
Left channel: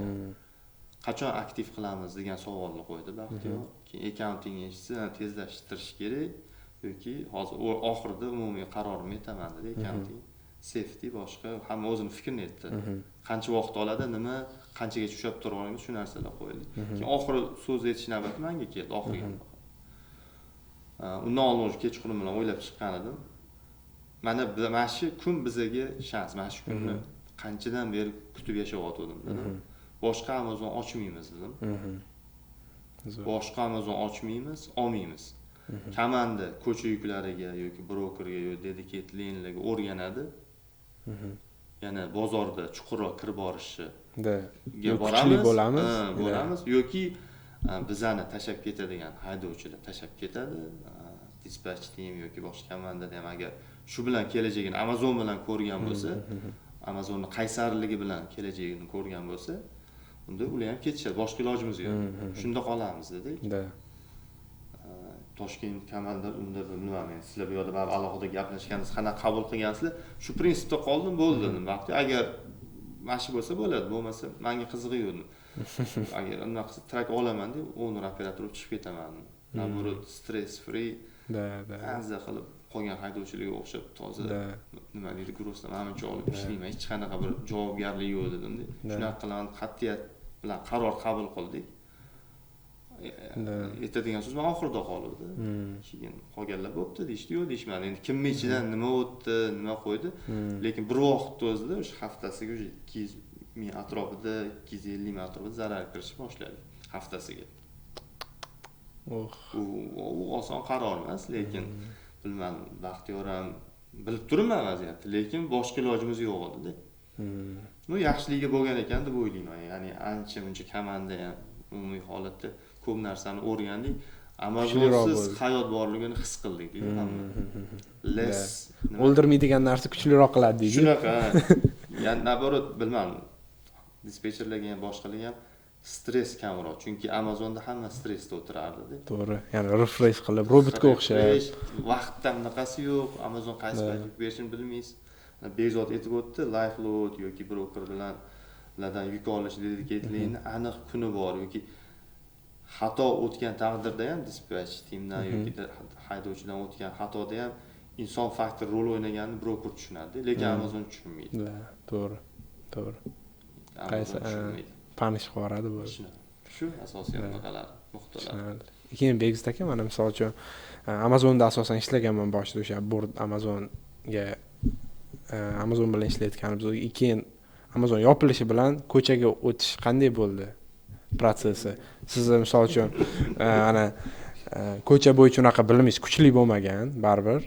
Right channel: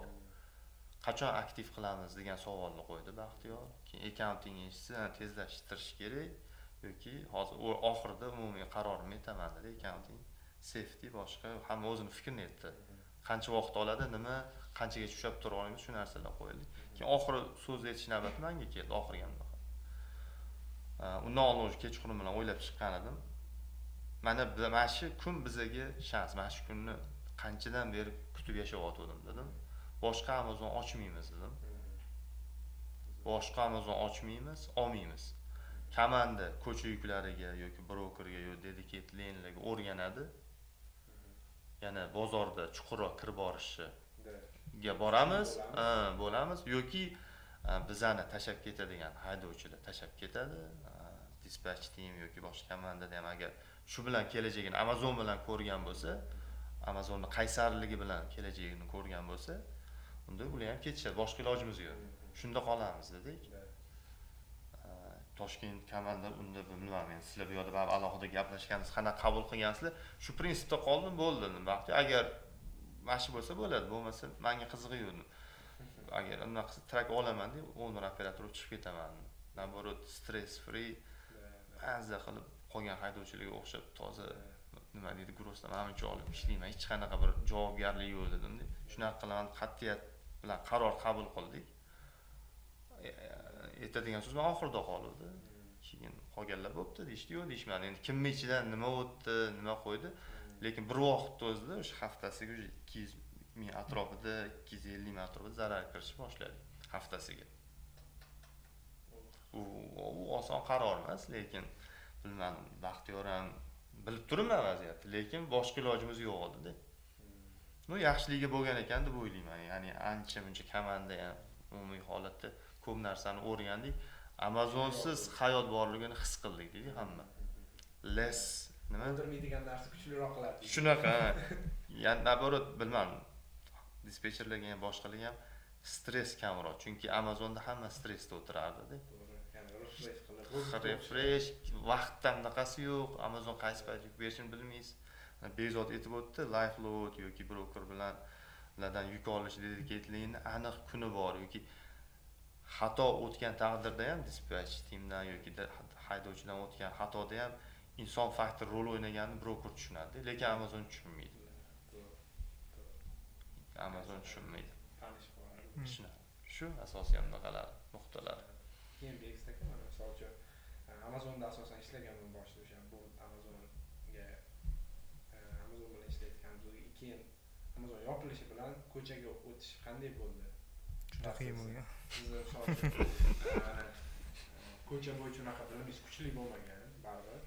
Qachon aktiv qilamiz degan savolni qo'ydi Baxtiyor. Keyin accounting eshitsa, tezlashtirish kerak yoki hozir oxirida umumiy qarorimni aytaman dedi accounting. Safety boshqa hamma o'zini fikrini aytdi. Qancha vaqt oladi, nima, qanchaga tushib turganimiz shu narsalar qo'yildi. Keyin oxiri so'z aytish navbati menga keldi, oxiriga. Undan oldin kechqurun bilan o'ylab chiqqan edim. Mana shu kun bizga shans, mana shu kunni qanchadan beri kutib yashayotgandim dedim. Boshqa Amazon ochmaymiz dedim. Boshqa Amazon ochmaymiz, olmaymiz. Komanda ko'cha yuklariga yoki brokerga yoki dedicated lane'larga o'rganadi. Yana bozorda chuqurroq kirib borishga boramiz yoki bizani tashab ketadigan haydovchilar tashab ketadi. Dispatch team yoki boshqa komandada ham agar shu bilan kelajagini Amazon bilan ko'rgan bo'lsa, Amazonning qaysarligi bilan kelajagini ko'rgan bo'lsa, unda ular ham ketishadi. Boshqa ilojimiz yo'q. Shunda qolamiz dedik. Toshkent komanda unda bilmayman, sizlar bu yerda baribir alohida gaplashgansiz, qanaqa qabul qilgansizlar? Shu prinsipda qoldim, bo'ldi dedim. Vaqti agar mashi bo'lsa bo'ladi, bo'lmasa menga qizig'i yo'q. Agar unda qilsa trak olaman deb, owner operator chiqib ketaman. Naborot stress free. Azza qilib qolgan haydovchilarga o'xshab toza nima deydi, grossdan menimcha olib ishlayman. Hech qanaqa bir javobgarlik yo'q dedim. Shunaqa qilgan qat'iyat bilan qaror qabul qildik. Aytadigan so'z men oxirida qoldi. Keyin qolganlar bo'pti deyishdi, yo'q deyishmadi. Endi kimni ichidan nima o'tdi, nima qo'ydi. Lekin bir vaqt o'zida o'sha haftasiga 200 ming atrofida, 250 ming atrofida zarar kirishni boshladik haftasiga. U oson qaror emas, lekin bilmadim, Baxtiyor ham bilib turibman vaziyatni, lekin boshqa ilojimiz yo'q edi-da. Yaxshiligiga bo'lgan ekan deb o'ylayman. Ya'ni ancha-muncha komanda ham umumiy holatda ko'p narsani o'rgandik. Amazonsiz hayot borligini his qildik deydi hamma. O'ldirmaydigan narsa kuchliroq qiladi deydi. Shunaqa. Ya'ni naborot bilmadim. Dispetcherlarga ham boshqalarga ham stress kamroq. Chunki Amazonda hamma stressda o'tirardi. To'g'ri. Ya'ni refresh qilib, robotga o'xshaydi. Vaqtdan bunaqasi yo'q. Amazon qaysi paytga berishini bilmaysiz. Bezod aytib o'tdi, live load yoki broker bilan ulardan yuk olish dedicated aniq kuni bor yoki xato o'tgan taqdirda ham dispatch teamdan yoki haydovchidan o'tgan xatoda ham inson faktor rol o'ynaganini broker tushunadi, lekin Amazon tushunmaydi. To'g'ri. Amazon tushunmaydi. Panish qiladi bu. Shu asosiy nuqtalar. Keyin Begzit aka, mana misol uchun Amazonda asosan ishlaganman boshida o'sha board Amazon bilan ishlayotganimiz. Keyin Amazon yopilishi bilan ko'chaga o'tish qanday bo'ldi protsessi? Siz misol uchun ana ko'cha bo'yicha unaqa bilimingiz kuchli bo'lmagan, baribir.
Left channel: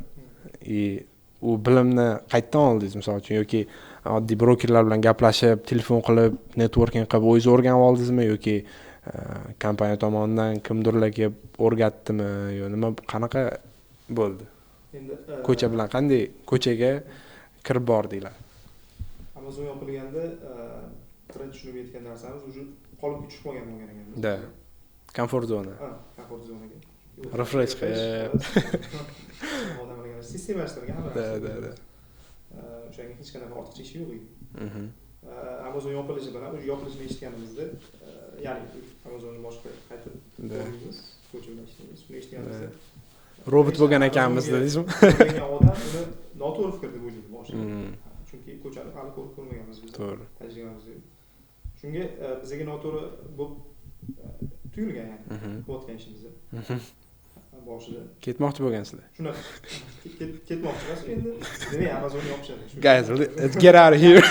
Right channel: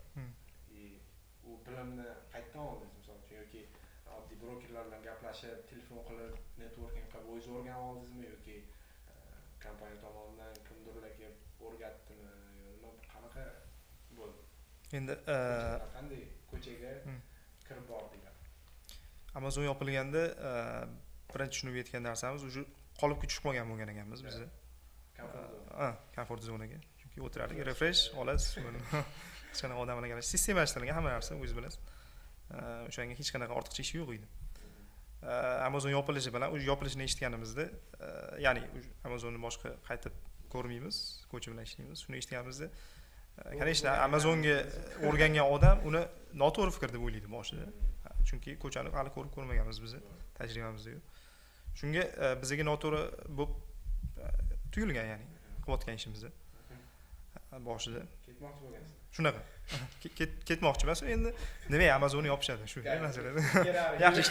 U bilimni qayerdan oldingiz misol uchun yoki oddiy brokerlar bilan gaplashib, telefon qilib, networking qilib o'zingiz o'rganib oldingizmi yoki kompaniya tomonidan kimdirlarga o'rgatdimi yo nima, qanaqa bo'ldi? Endi ko'cha bilan qanday ko'chaga kirib bordinglar? Amazon yopilganda birinchi tushunib yetgan narsamiz уже qolib tushib qolgan bo'lgan ekanmiz. Komfort zona. Komfort zonaga. Refresh qilish. Odamlarga sistemlashtirilgan hamma narsa o'z bilasiz. O'shanga hech qanaqa ortiqcha ish yo'q edi. Amazon yopilishi bilan o'sha yopilishini eshitganimizda, ya'ni Amazonni boshqa qaytib bormaymiz, ko'cha bilan ishlaymiz. Shuni eshitganimizda robot bo'lgan ekanmiz dedingizmi? Ko'rgan odam uni noto'g'ri fikr deb o'ylaydi boshida. Chunki ko'chani hali ko'rib ko'rmaganmiz biz. To'g'ri. Tajribamizda yo'q. Shunga bizga noto'g'ri bo'lib tuyulgan, ya'ni qilayotgan ishimizni. Boshida Ketmoqchi bo'lgansizlar. shunaqa ketmoqchi emas, endi demak Amazonni yopishadi. Shu Guys, let's get out of here.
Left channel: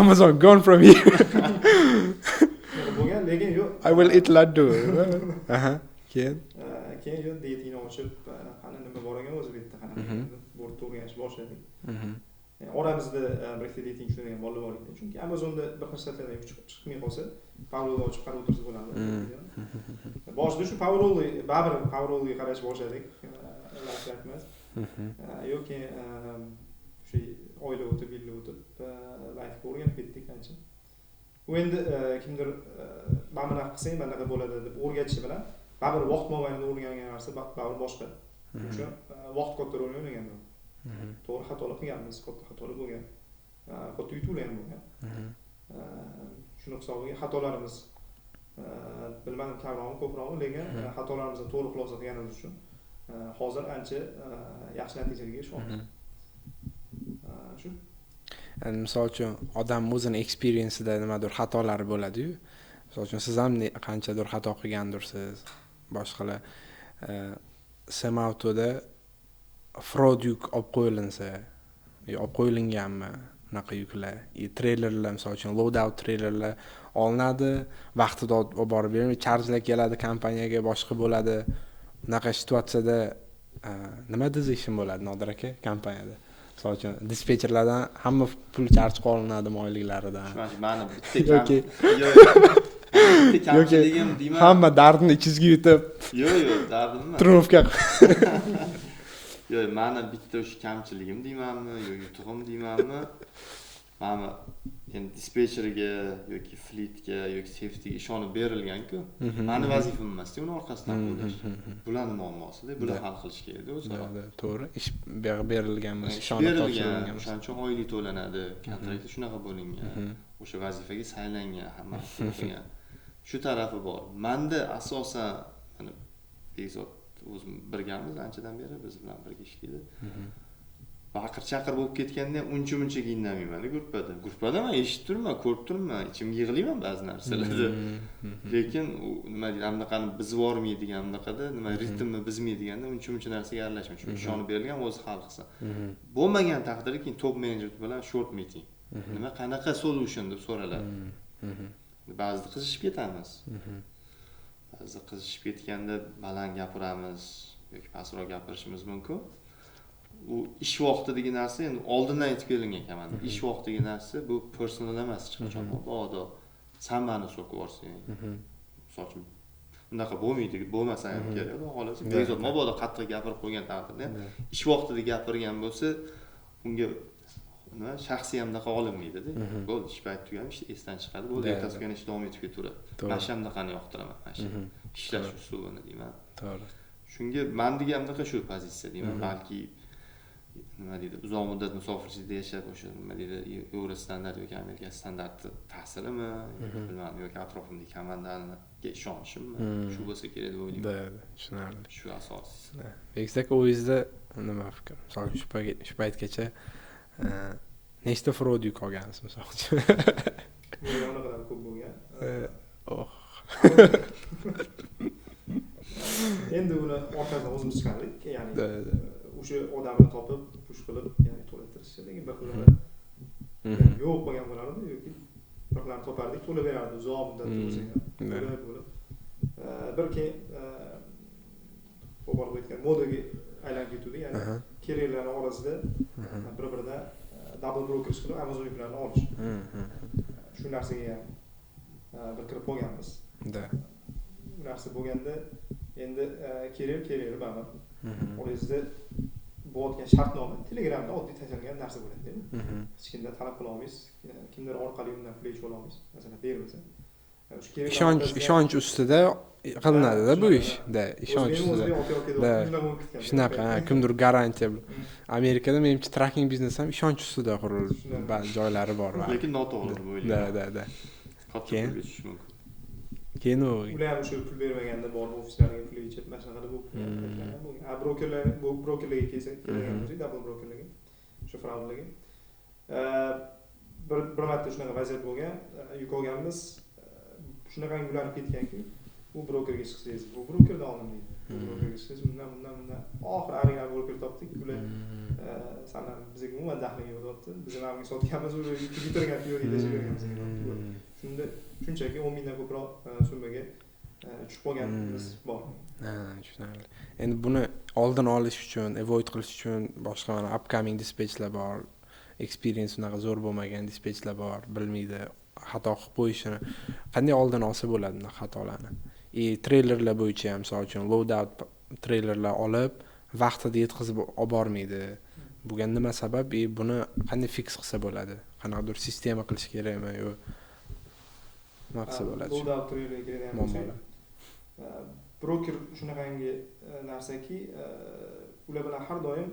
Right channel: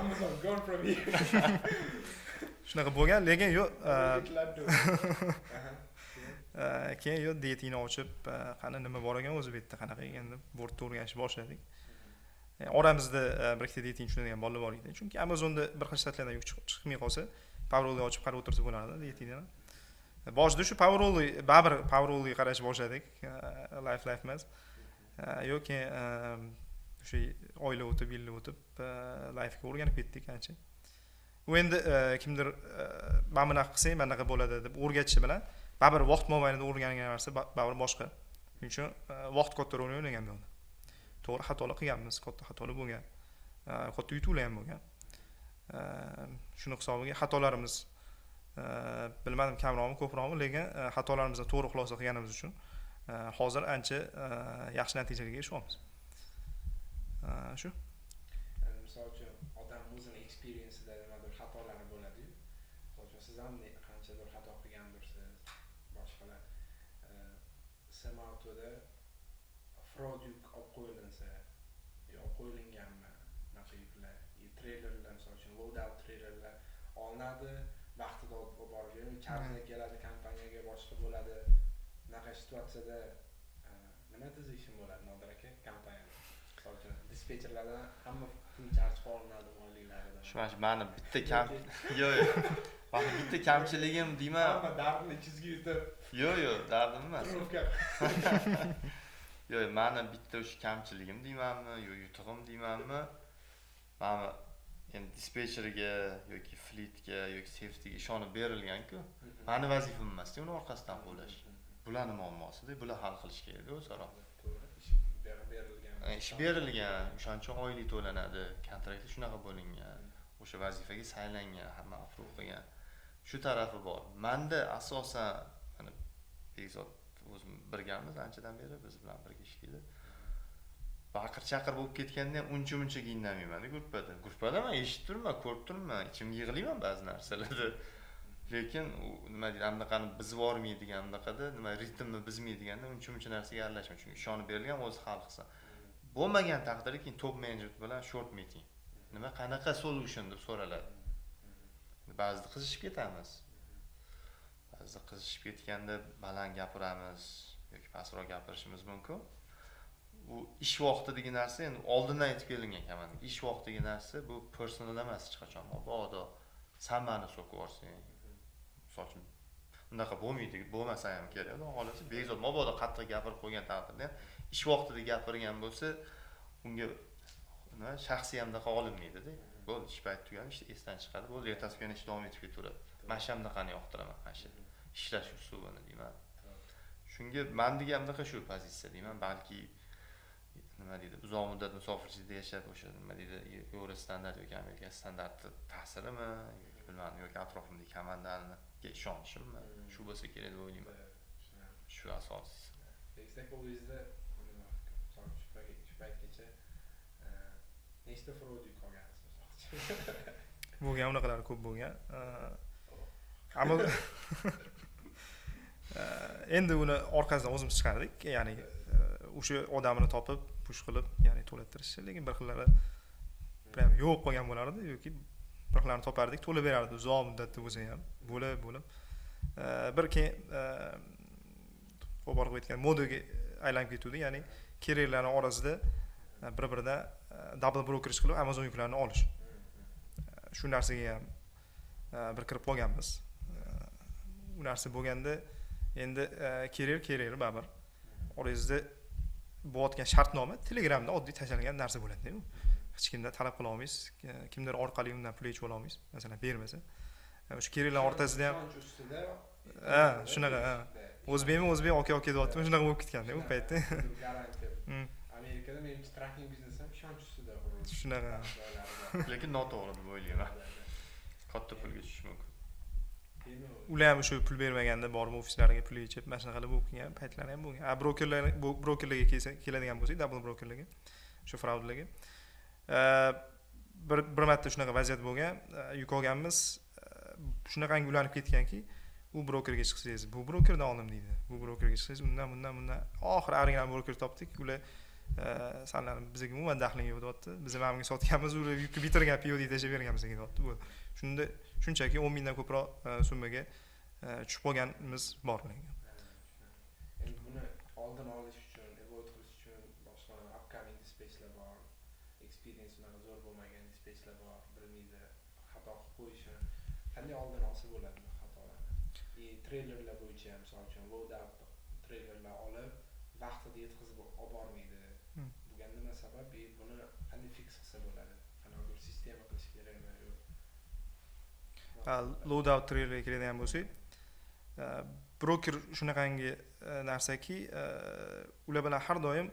Amazon gone from here. Shunaqa bo'lgan, lekin yo'q. I will eat laddu. Aha. Keyin yo'q, dietingni ochib, qani nima bor ekan o'zi bu yerda qanaqa ekan deb bo'rtda o'rganishni boshladik. Oramizda bir ikkita dieting tushunadigan bolalar bor edi. Chunki Amazonda bir xil shtatlardan yuk chiqmay qolsa, Powerol'ni ochib qarab o'tirsa bo'ladi dietingni. Boshida shu Powerol'ga qarashni boshladik. Life emas. Yoki shu oylar o'tib, yillar o'tib life'ga o'rganib ketdik ancha. U endi kimdir mana bunaqa qilsang, mana bunaqa bo'ladi deb o'rgatishi bilan baribir vaqt mobaynida o'rgangan narsa baribir boshqa. Shuning uchun vaqt katta rol o'ynagan bo'ldi. To'g'ri xatolar qilganmiz, katta xatolar bo'lgan. Katta yutuqlar ham bo'lgan. Shuni hisobiga xatolarimiz bilmadim kamroqmi, ko'proqmi, lekin xatolarimizni to'g'ri xulosa qilganimiz uchun hozir ancha yaxshi natijaga erishyapmiz. Shu. Misol uchun odam o'zining experience'ida nimadir xatolari bo'ladi-yu. Misol uchun siz ham qanchadir xato qilgandirsiz. Boshqalar Semauto'da fraud yuk olib qo'yilinsa, olib qo'yilinganmi bunaqa yuklar, treylerlar misol uchun loadout treylerlar olinadi, vaqtida olib borib bermaydi, charjlar keladi kompaniyaga, boshqa bo'ladi. Bunaqa situatsiyada nima decision bo'ladi Nodir aka kompaniyada? Misol uchun dispetcherlardan hamma pul charj qilinadi oyliklaridan. Shu mani bitta kamchiligim deyman. Hamma dardini ichingizga yutib. Yo'q, dardim emas. Trufka. Yo'q, mani bitta o'sha kamchiligim deymanmi, yo'q yutug'im deymanmi? Mana endi dispetcherga yoki fleetga yoki safetyga ishonib berilgan-ku. Mani vazifam emas-ku uni orqasidan bo'lish. Bularni muammosida, bular hal qilish kerak o'zaro. To'g'ri. Ish berilgan, berilgan, o'shaning uchun oylik to'lanadi, kontraktda shunaqa bo'lingan. O'sha vazifaga saylangan, hamma qilgan. Shu tarafi bor. Menda asosan mana Bekzod o'zim birgamiz anchadan beri biz bilan birga ishlaydi. Baqir-chaqir bo'lib ketganda ham uncha-munchaga indamayman-da gruppada men eshitib turman, ko'rib turman, ichimga yig'layman ba'zi narsalarda. Lekin nima deydi, anaqani bizib yormaydigan anaqada, nima ritmni bizmaydiganda uncha-muncha narsaga aralashmayman. Chunki ishonib berilgan o'zi hal qilsa. Bo'lmagan taqdirda keyin top menejer bilan short meeting. Nima qanaqa solution deb so'raladi. Ba'zida qizishib ketamiz. Ba'zida qizishib ketganda baland gapiramiz yoki pastroq gapirishimiz mumkin. U ish vaqtidagi narsa endi oldindan aytib kelingan ekan. Ish vaqtidagi narsa bu personal emas hech qachon. Mabodo sen meni so'kib yuborsang. Misol uchun bunaqa bo'lmaydi, bo'lmasa ham kerak. Xolos, Bekzod mabodo qattiq gapirib qo'ygan taqdirda ish vaqtida gapirgan bo'lsa, unga nima shaxsiy ham daqa olinmaydi-da. Bo'ldi, ish payti tugagan, ish esdan chiqadi. Bo'ldi, ertasi kuni ish davom etib ketaveradi. Mana shu hamdaqani yoqtiraman, mana shu ishlash usulini deyman. To'g'ri. Shunga mendiga hamdaqa shu pozitsiya deyman, balki nima deydi, uzoq muddat musofirchilikda yashab o'sha nima deydi, Yevro standart yoki Amerika standarti ta'sirimi, bilmadim, yoki atrofimdagi komandaniga ishonishimmi, shu bo'lsa kerak deb o'ylayman. Tushunarli. Shu asosiysi. Bekzod o'zingizda nima fikr? Misol shu paytgacha nechta fraud yuk olgansiz misol uchun? Bu ham naqadar ko'p bo'lgan. Endi uni orqasidan o'zimiz chiqardik, ya'ni o'sha odamni topib, push qilib, ya'ni to'lattirish, lekin bir xillari yo'q bo'lgan bo'lardi yoki bir xillarni topardik, to'lab berardi uzoq muddatda o'zi ham bo'lib. Bir keyin qo'porib aytgan modaga aylanib ketdi, ya'ni keraklarning orasida bir-biridan double brokerage qilib Amazon yuklarini olish. Shu narsaga ham bir kirib qolganmiz. Bu narsa bo'lganda endi kerak baribir. Orangizda bo'layotgan shartnoma Telegramda oddiy tashlangan narsa bo'ladi. Hech kimdan talab qila olmaysiz, kimdir orqali undan pul yechib ola olmaysiz. Masalan, bermasa. O'sha keraklar ishonch ustida qilinadi-da bu ish. O'zbek aka deb shunaqa bo'lib ketgan. Shunaqa, kimdir garantiya Amerikada menimcha tracking biznes ham ishonch ustida Shunaqa. qurilgan ba'zi joylari bor. lekin noto'g'ri deb Da, o'ylayman. da. Katta Keyin? pulga tushishi mumkin. Keyin u ular ham o'sha pul bermaganda borib ofislarga pul yechib mana shunaqa qilib bo'lgan paytlari ham bo'lgan. Brokerlarga keladigan bo'lsak, double brokerlarga, o'sha fraudlarga. Bir marta shunaqa vaziyat bo'lgan, yuk olganmiz, shunaqangi ulanib ketganki, bu brokerga chiqsangiz, bu brokerdan oldim deydi. Bu brokerga chiqsangiz, bundan. Oxiri original broker topdik. Ular sanlar bizga umuman daxling yo'q deyapti. Biz hamga sotganmiz, u yukib bitirgan POD bergan bizga deyapti. Shunda shunchaki 10 mingdan ko'proq summaga tushib qolganimiz bor. tushunarli. Endi buni oldin olish uchun, avoid qilish uchun boshqa mana upcoming dispatchlar bor. Experience unaqa zo'r bo'lmagan dispatchlar bor, bilmaydi, xato qilib qo'yishini. Qanday oldin olsa bo'ladi bunaqa xatolarni? Trailerlar bo'yicha ham, misol uchun loadout trailerlar olib, vaqtida yetkazib olib bormaydi. Bunga nima sabab? Buni qanday fix qilsa bo'ladi? Qanaqadir sistema qilish kerakmi yo nima qilsa bo'ladi? Loadout trailerga keladigan bo'lsak, broker shunaqangi narsaki, ular bilan har doim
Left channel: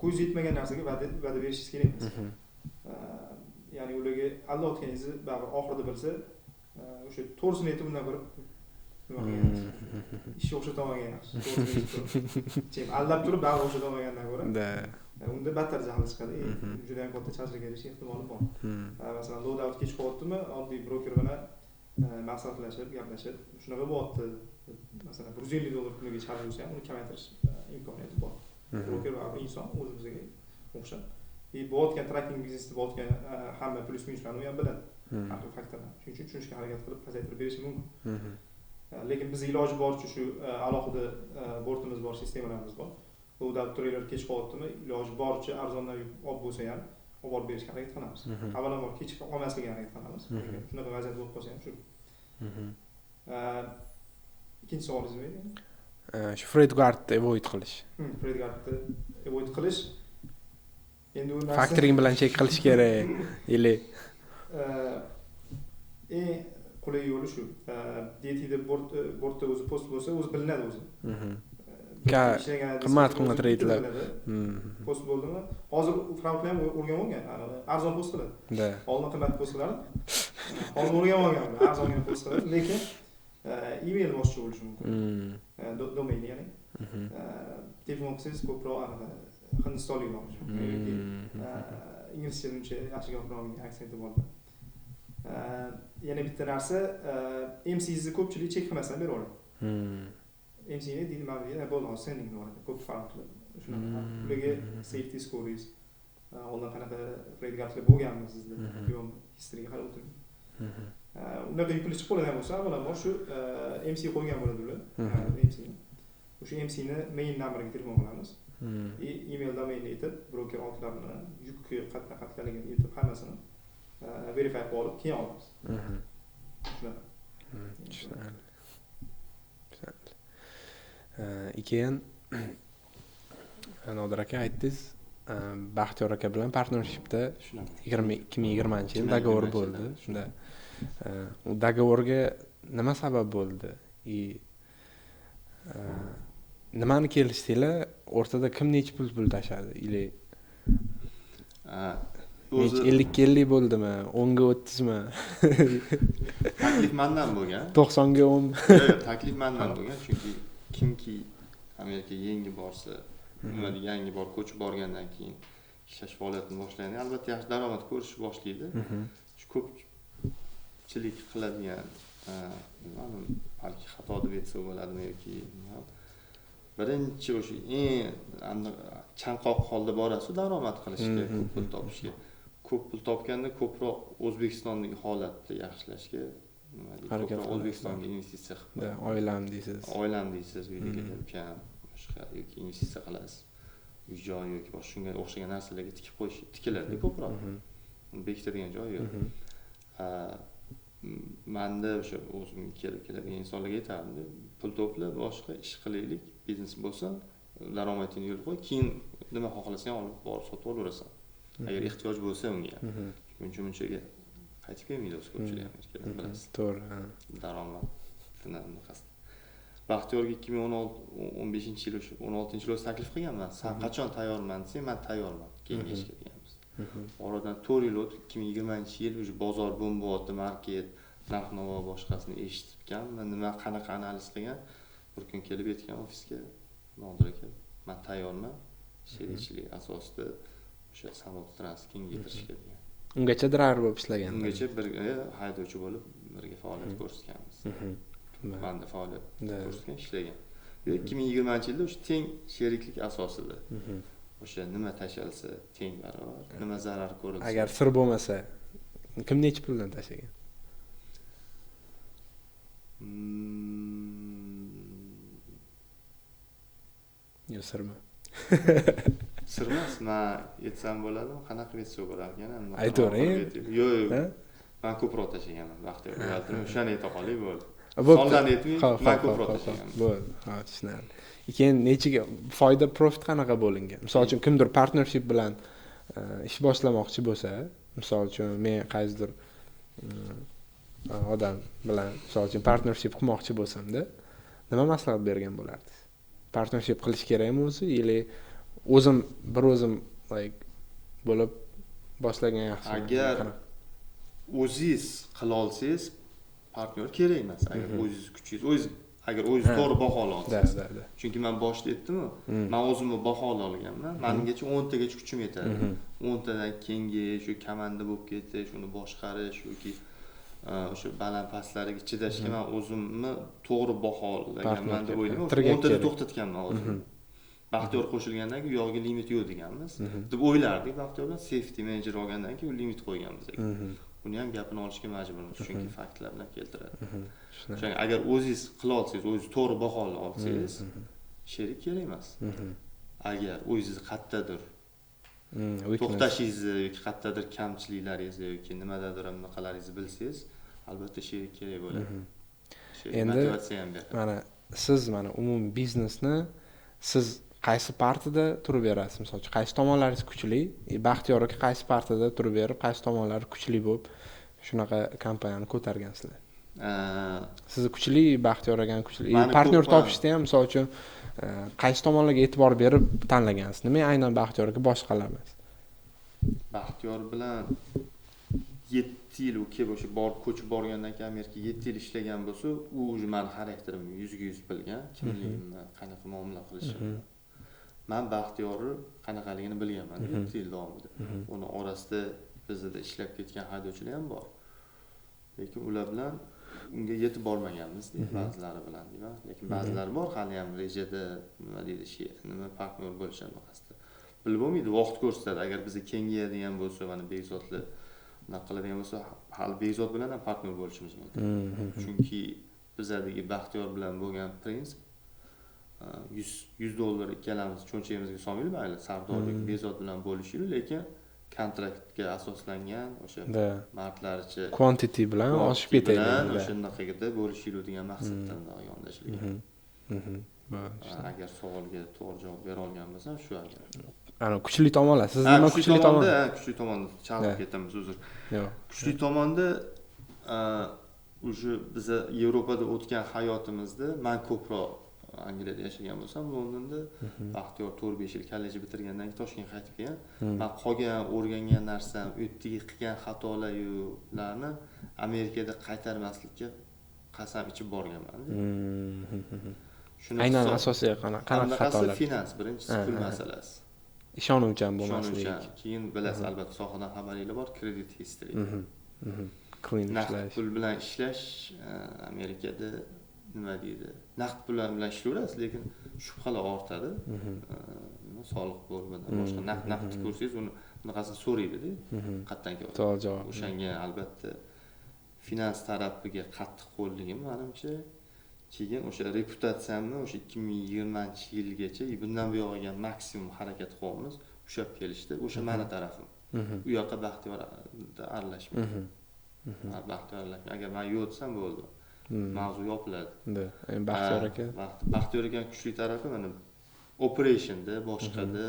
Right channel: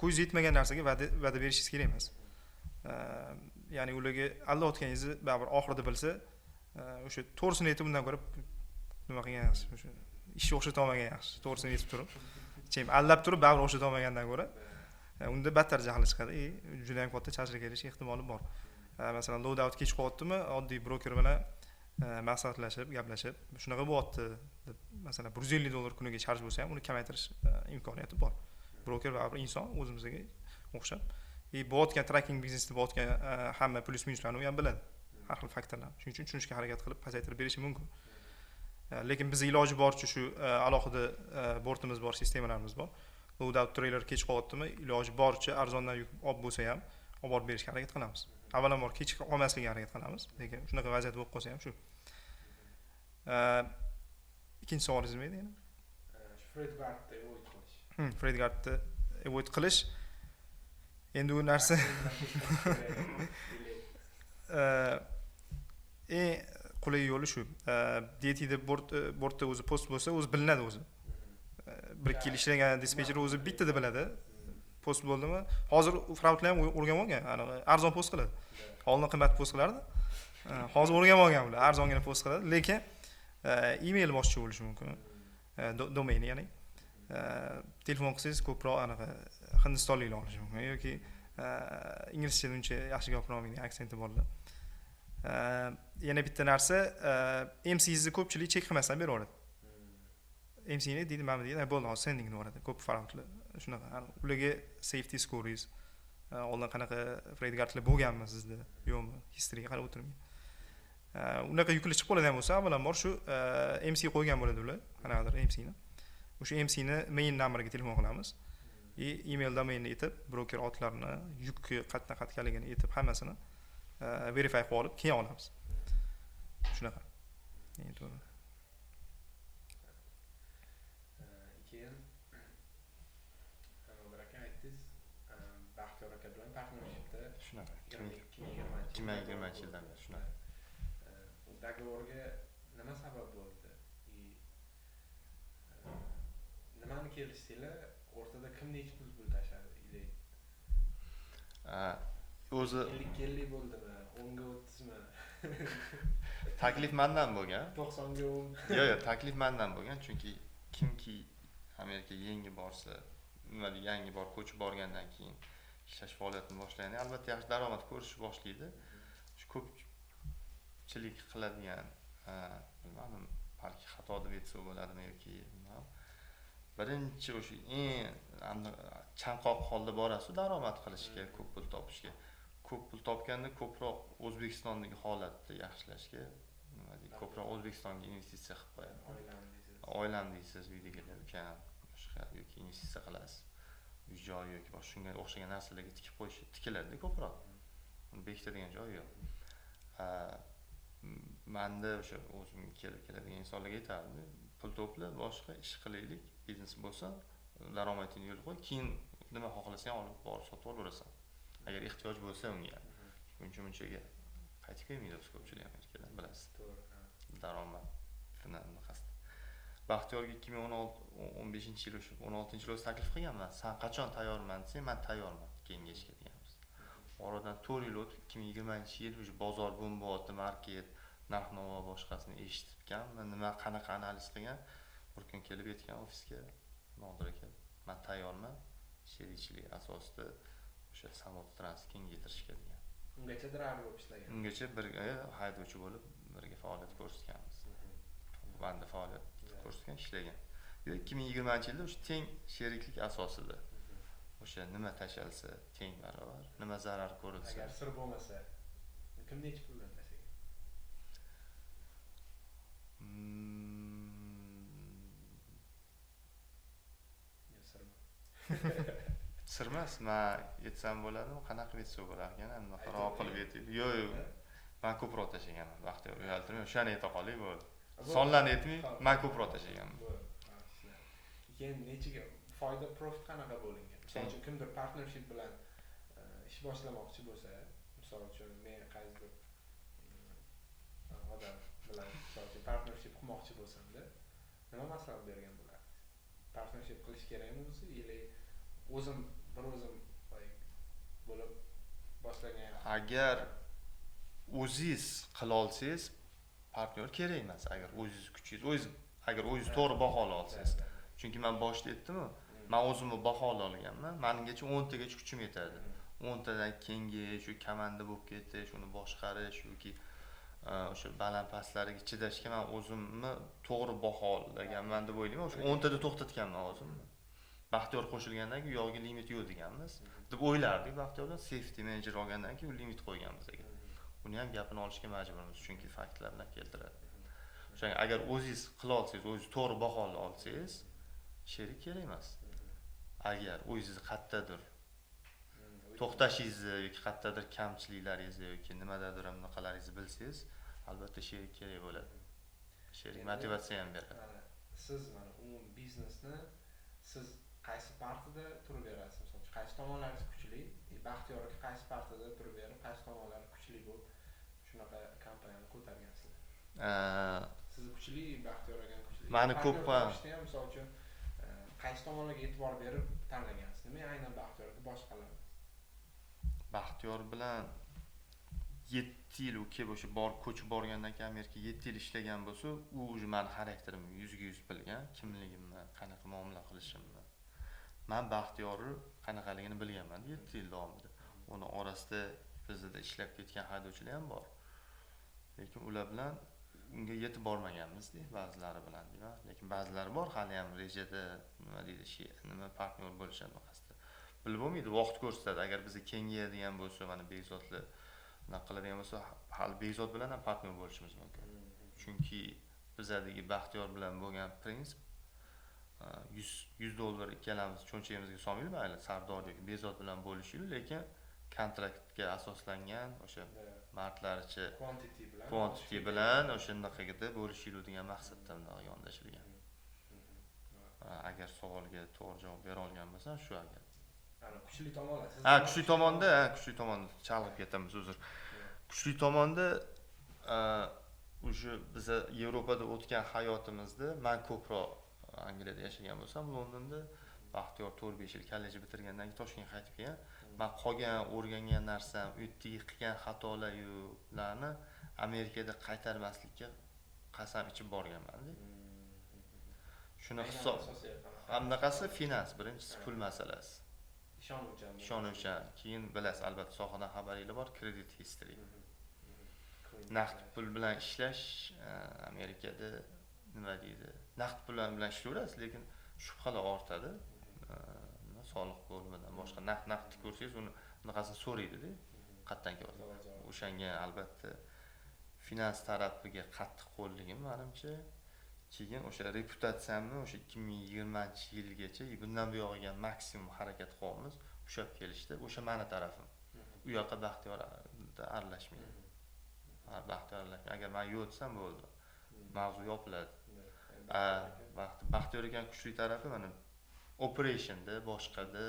ko'z yetmagan narsaga va'da berishingiz kerak emas. Ya'ni ularga aldayotganingizni baribir oxirida bilsa, o'sha to'g'risini aytib undan ko'ra nima qilgan yaxshi. Ishni o'xshata olmagan yaxshi. To'g'risini aytib turib, aldab turib baribir o'xshata olmagandan ko'ra, unda battar jahli chiqadi. Juda ham katta charchaga kelish ehtimoli bor. Masalan, loadout kech qolyaptimi, oddiy broker bilan maslahatlashib, gaplashib, shunaqa bo'lyapti. Masalan, $150 kuniga charj bo'lsa ham, uni kamaytirish imkoniyati bor. Broker va inson o'zimizga o'xshab. Bo'layotgan tracking biznesda bo'layotgan hamma plyus minuslarni u ham biladi. Har xil faktorlar. Shuning uchun tushunishga harakat qilib pasaytirib berishi mumkin. Lekin biz iloji boricha shu alohida bortimiz bor, sistemalarimiz bor. Loadout trailer kech qolyaptimi, iloji boricha arzondan olib bo'lsa ham olib borib berishga harakat qilamiz. Avvalambor kech olmaslikka harakat qilamiz. Lekin shunaqa vaziyat bo'lib qolsa ham shu. Ikkinchi savolingiz nima edi? Shu FreightGuardni avoid qilish. FreightGuardni avoid qilish. Endi u narsa Factoring bilan check qilish kerak. Ili qulay yo'li shu. DTda bortda o'zi post bo'lsa, o'zi bilinadi o'zi. Bir ishlagan dispatcher o'zi bitta biladi. Post bo'ldimi? Hozir fraudlar ham o'rganib olgan. Arzon post qiladi. Oldin qimmat post qilardi. Hozir o'rganib olgan ular, arzongina post qiladi, lekin email boshqa bo'lishi mumkin. Domain ya'ni. Telefon qilsangiz ko'proq anaqa hindistonliklar bo'lishi mumkin yoki inglizcha uncha yaxshi gapira olmaydigan aksenti borlar. Yana bitta narsa, MC'ni ko'pchilik chek qilmasdan bera oladi. MC'ni deydi, mana deydi, bo'ldi, hozir sending boradi. Ko'p fraudlar shunaqa. Ularga safety scores, oldin qanaqa FreightGuardlar bo'lganmi sizda? Yo'qmi? Historyga qarab o'tirib. Unaqa yukli chiqib qoladigan bo'lsa, avvalambor shu MC qo'ygan bo'ladi ular, qanaqadir MC'ni. O'sha MC'ni main numberga telefon qilamiz. Email domainni aytib, broker otlarni, yukki qatnaligini aytib, hammasini verify qilib olib, keyin olamiz. Shunaqa. Keyin Nodir aka aytdingiz, Baxtiyor aka bilan partnershipda 2020-yil dogovor bo'ldi. Shunda u dogovorga nima sabab bo'ldi? Nimani kelishdinglar? O'rtada kim necha pul tashadi? Ili o'zi 50-50 bo'ldimi? 10 ga 30 mi? Taklif mendan bo'lgan. 90 ga 10. Yo'q, taklif mendan bo'lgan, chunki kimki Amerikaga yangi borsa, nimaga yangi bor ko'chib borgandan keyin ishlash faoliyatini boshlagan, albatta yaxshi daromad ko'rish boshlaydi. Shu ko'pchilik qiladigan, bilmadim, balki xato deb aytsa bo'ladimi yoki birinchi o'sha chanqoq holda borasiz daromad qilishga, ko'p pul topishga. Ko'p pul topganda ko'proq O'zbekistondagi holatni yaxshilashga, ko'proq O'zbekistonga investitsiya qilib, oilam deysiz, uyda ukam, boshqa yoki investitsiya qilasiz. Uy-joy yoki boshqa shunga o'xshagan narsalarga tikib qo'yish, tikiladi ko'proq. Bekitadigan joy yo'q. Menda o'sha o'zimga keladigan insonlarga aytaman, pul to'pla, boshqa ish qilaylik, biznes bo'lsa, daromadingni yo'l qo'y, keyin nima xohlasang olib borib sotib olaverasan. Agar ehtiyoj bo'lsa unga. Munchaga qaytib kelmaydi o'z ko'pchilik Amerikada, bilasiz. To'g'ri. Daromad qasd. Baxtiyorga 2015-yil o'sha 16-yil o'zi taklif qilganman. Sen qachon tayyorman desang, men tayyorman. Kengashga deganmiz. Oradan 4 yil o'tib 2020-yil o'sha bozor bo'lyapti, market, narx-navo boshqasini eshitibgan. Men nima qanaqa analiz qilgan, bir kun kelib aytgan ofisga, Nodir aka, men tayyorman. Sherikchilik asosida o'sha Samut Trans kengaytirishga degan. Ungacha driver bo'lib ishlagan. Ungacha birga haydovchi bo'lib birga faoliyat ko'rsatganmiz. Banda faoliyat ko'rsatgan, ishlagan. 2020-yilda o'sha teng sheriklik asosida. O'sha nima tashalsa teng barobar, nima zarar ko'rilsa. Agar sir bo'lmasa, kim necha puldan tashlagan? Yo, sirmi? Sirmas, men aytsam bo'ladimi? Qanaqa aytsa bo'lar ekan? Aytavering. Yo'q. Men ko'proq tashlaganman. Vaqtida uyaltirib, o'shani ayta qolay bo'ldi. Bo'pti. Sonlarni aytmay, men ko'proq tashlaganman. Bo'ldi. Ha, tushunarli. Keyin nechiga foyda profit qanaqa bo'lingan? Misol uchun kimdir partnership bilan ish boshlamoqchi bo'lsa, misol uchun men qaysidir odam bilan misol uchun partnership qilmoqchi bo'lsam-da, nima maslahat bergan bo'lardingiz? Partnership qilish kerakmi o'zi, yoki o'zim bo'lib boshlagan yaxshi? Agar o'zingiz qila olsangiz, partner kerak emas. Agar o'zingiz kuchingiz, agar o'zingiz to'g'ri baholo olsangiz. Chunki men boshida aytdim-ku, men o'zimni baholo olganman. Mengacha 10 tagacha kuchim yetadi. 10 tadan kengayish, shu komanda bo'lib ketish, shuni boshqarish yoki o'sha baland pastlariga chidashga men o'zimni to'g'ri baholaganman deb o'ylayman. 10 tada to'xtatganman o'zimni. Baxtiyor qo'shilgandan keyin u yo'g'iga limit yo'q deganmiz. Deb o'ylardik. Baxtiyorlar safety manager olgandan keyin u limit qo'yganmiz ekan. Uni ham gapini olishga majburmiz, chunki faktlar bilan keltiradi. O'shanga agar o'zingiz qila olsangiz, o'zingiz to'g'ri bahola olsangiz, sherik kerak emas. Agar o'zingiz qayerdadir to'xtashingizni yoki qayerdadir kamchiliklaringizni yoki nimadadir anaqalaringizni bilsangiz, albatta sherik kerak bo'ladi. Sherik motivatsiya ham beradi. Mana siz umumiy biznesni siz qaysi partida turib berasiz? Misol uchun qaysi tomonlaringiz kuchli? Baxtiyor aka qaysi partida turib berib, qaysi tomonlari kuchli bo'lib shunaqa kompaniyani ko'targansizlar? Siz kuchli, Baxtiyor akani kuchli. Partner topishda ham misol uchun qaysi tomonlarga e'tibor berib tanlagansiz? Nima aynan Baxtiyor aka boshqalar emas? Baxtiyor bilan 7 yil kelib o'sha ko'chib borgandan keyin Amerikaga 7 yil ishlagan bo'lsa, u o'zi meni xarakterimni 100% bilgan, kimligimni, qanaqa muomala qilishimni. Men Baxtiyorni qanaqaligini bilganman 7 yil davomida. Uni orasida bizda ishlab ketgan haydovchilar ham bor. Lekin ular bilan unga yetib bormaganmiz deydi, ba'zilari bilan deyman. Lekin ba'zilari bor hali ham rejada nima deydi, nima partner bo'lishini qasdi. Bilib bo'lmaydi, vaqt ko'rsatadi. Agar bizni kengayadigan bo'lsa, mana Bekzodlar nima qiladigan bo'lsa, hali Bekzod bilan ham partner bo'lishimiz mumkin. Chunki bizdagi Baxtiyor bilan bo'lgan prinsip $100 ikkalamiz cho'nchagimizga solmaylik, mayli Sardorlik Bekzod bilan bo'lishaylik, lekin kontraktga asoslangan o'sha martlaricha quantity bilan oshib ketadi. O'shandaqada bo'lishaylik degan maqsaddan yondashilgan. Agar savolga to'g'ri javob bera olgan bo'lsam, shu agar. Ana kuchli tomonlar. Siz nima kuchli tomonda? Kuchli tomonda chalib ketamiz, uzr. Kuchli tomonda o'sha biz Yevropada o'tgan hayotimizda men ko'proq Angliyada yashagan bo'lsam, Londonda Baxtiyor 4-5 yil kollej bitirgandan keyin Toshkentga qaytib kelgan. Men qolgan o'rgangan narsam, o'tdagi qilgan xatolarni Amerikada qaytarmaslikka qasam ichib borganman. Aynan asosiy qanaqa xatolar? Finans, birinchisi pul masalasi. Ishonuvchan bo'lmasligi. Ishonuvchan. Keyin bilasiz, albatta sohadan xabaringiz bor, credit history. Naqd pul bilan ishlash Amerikada nima deydi? Naqd pul bilan ishlayverasiz, lekin shubhalar ortadi. Soliq bo'limidan boshqa naqd ko'rsangiz, uni bunaqasini so'raydi-da. Qayerdan keladi? To'g'ri javob. O'shanga albatta finans tarafiga qattiq qo'lligim menimcha. Keyin o'sha reputatsiyamni o'sha 2020-yilgacha bundan buyog'iga maksimum harakat qilyapmiz. Ushlab kelishdi. O'sha meni tarafim. U yoqqa Baxtiyorda aralashmaydi. Baxtiyor aralashmaydi. Agar men yo'q desam bo'ldi. Mavzu yopiladi. Baxtiyor aka. Baxtiyor aka kuchli tarafi mana operationda, boshqada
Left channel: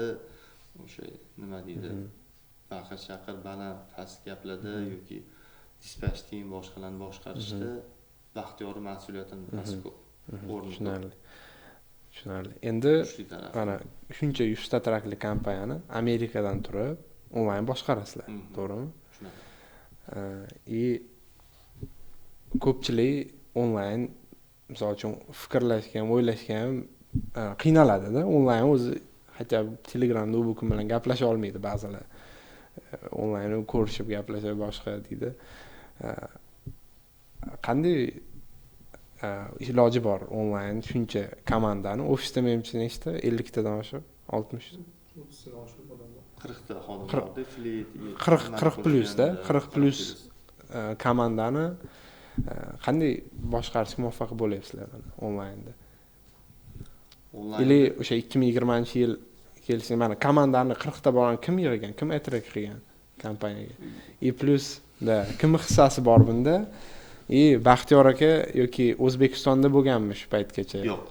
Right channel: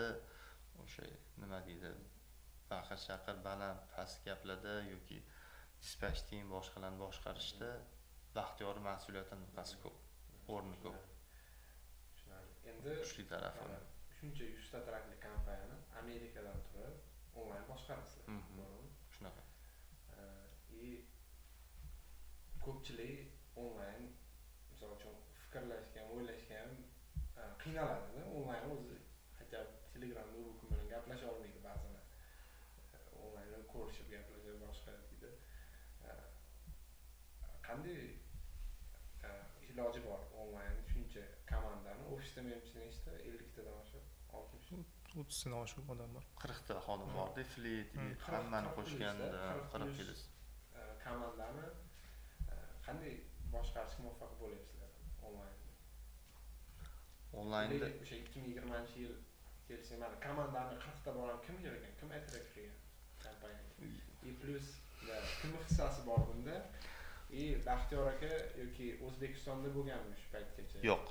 o'sha nima deydi? Baqir-chaqir, baland, past gaplarda yoki dispatch team boshqalarni boshqarishda Baxtiyor mas'uliyatidan past ko'p. o'rni ko'p, Tushunarli. Endi kuchli tarafi. mana shuncha 100 ta trakli kompaniyani Amerikadan turib onlayn boshqarasizlar, to'g'rimi? Shunaqa. И ko'pchilik onlayn misol uchun fikrlashgan, o'ylashgan qiynaladi-da. Onlayn o'zi hatto Telegramda u bu kim bilan gaplasha olmaydi ba'zilar. Onlayn ko'rishib gaplasha boshqa deydi. Qanday iloji bor onlayn shuncha komandani ofisda menimcha nechta 50 tadan oshiq 60 30 dan oshiq odamlar. 40 ta xodim borda, fleet 40 plyusda 40 plyus komandani qanday boshqarishga muvaffaq bo'lyapsizlar onlaynda? Ili o'sha 2020-yil kelishda mana komandani 40 ta bo'lgan kim yig'gan, kim atrak qilgan kompaniyaga? Plus da kim hissasi bor bunda? Baxtiyor aka yoki O'zbekistonda bo'lganmi shu paytgacha? Yo'q.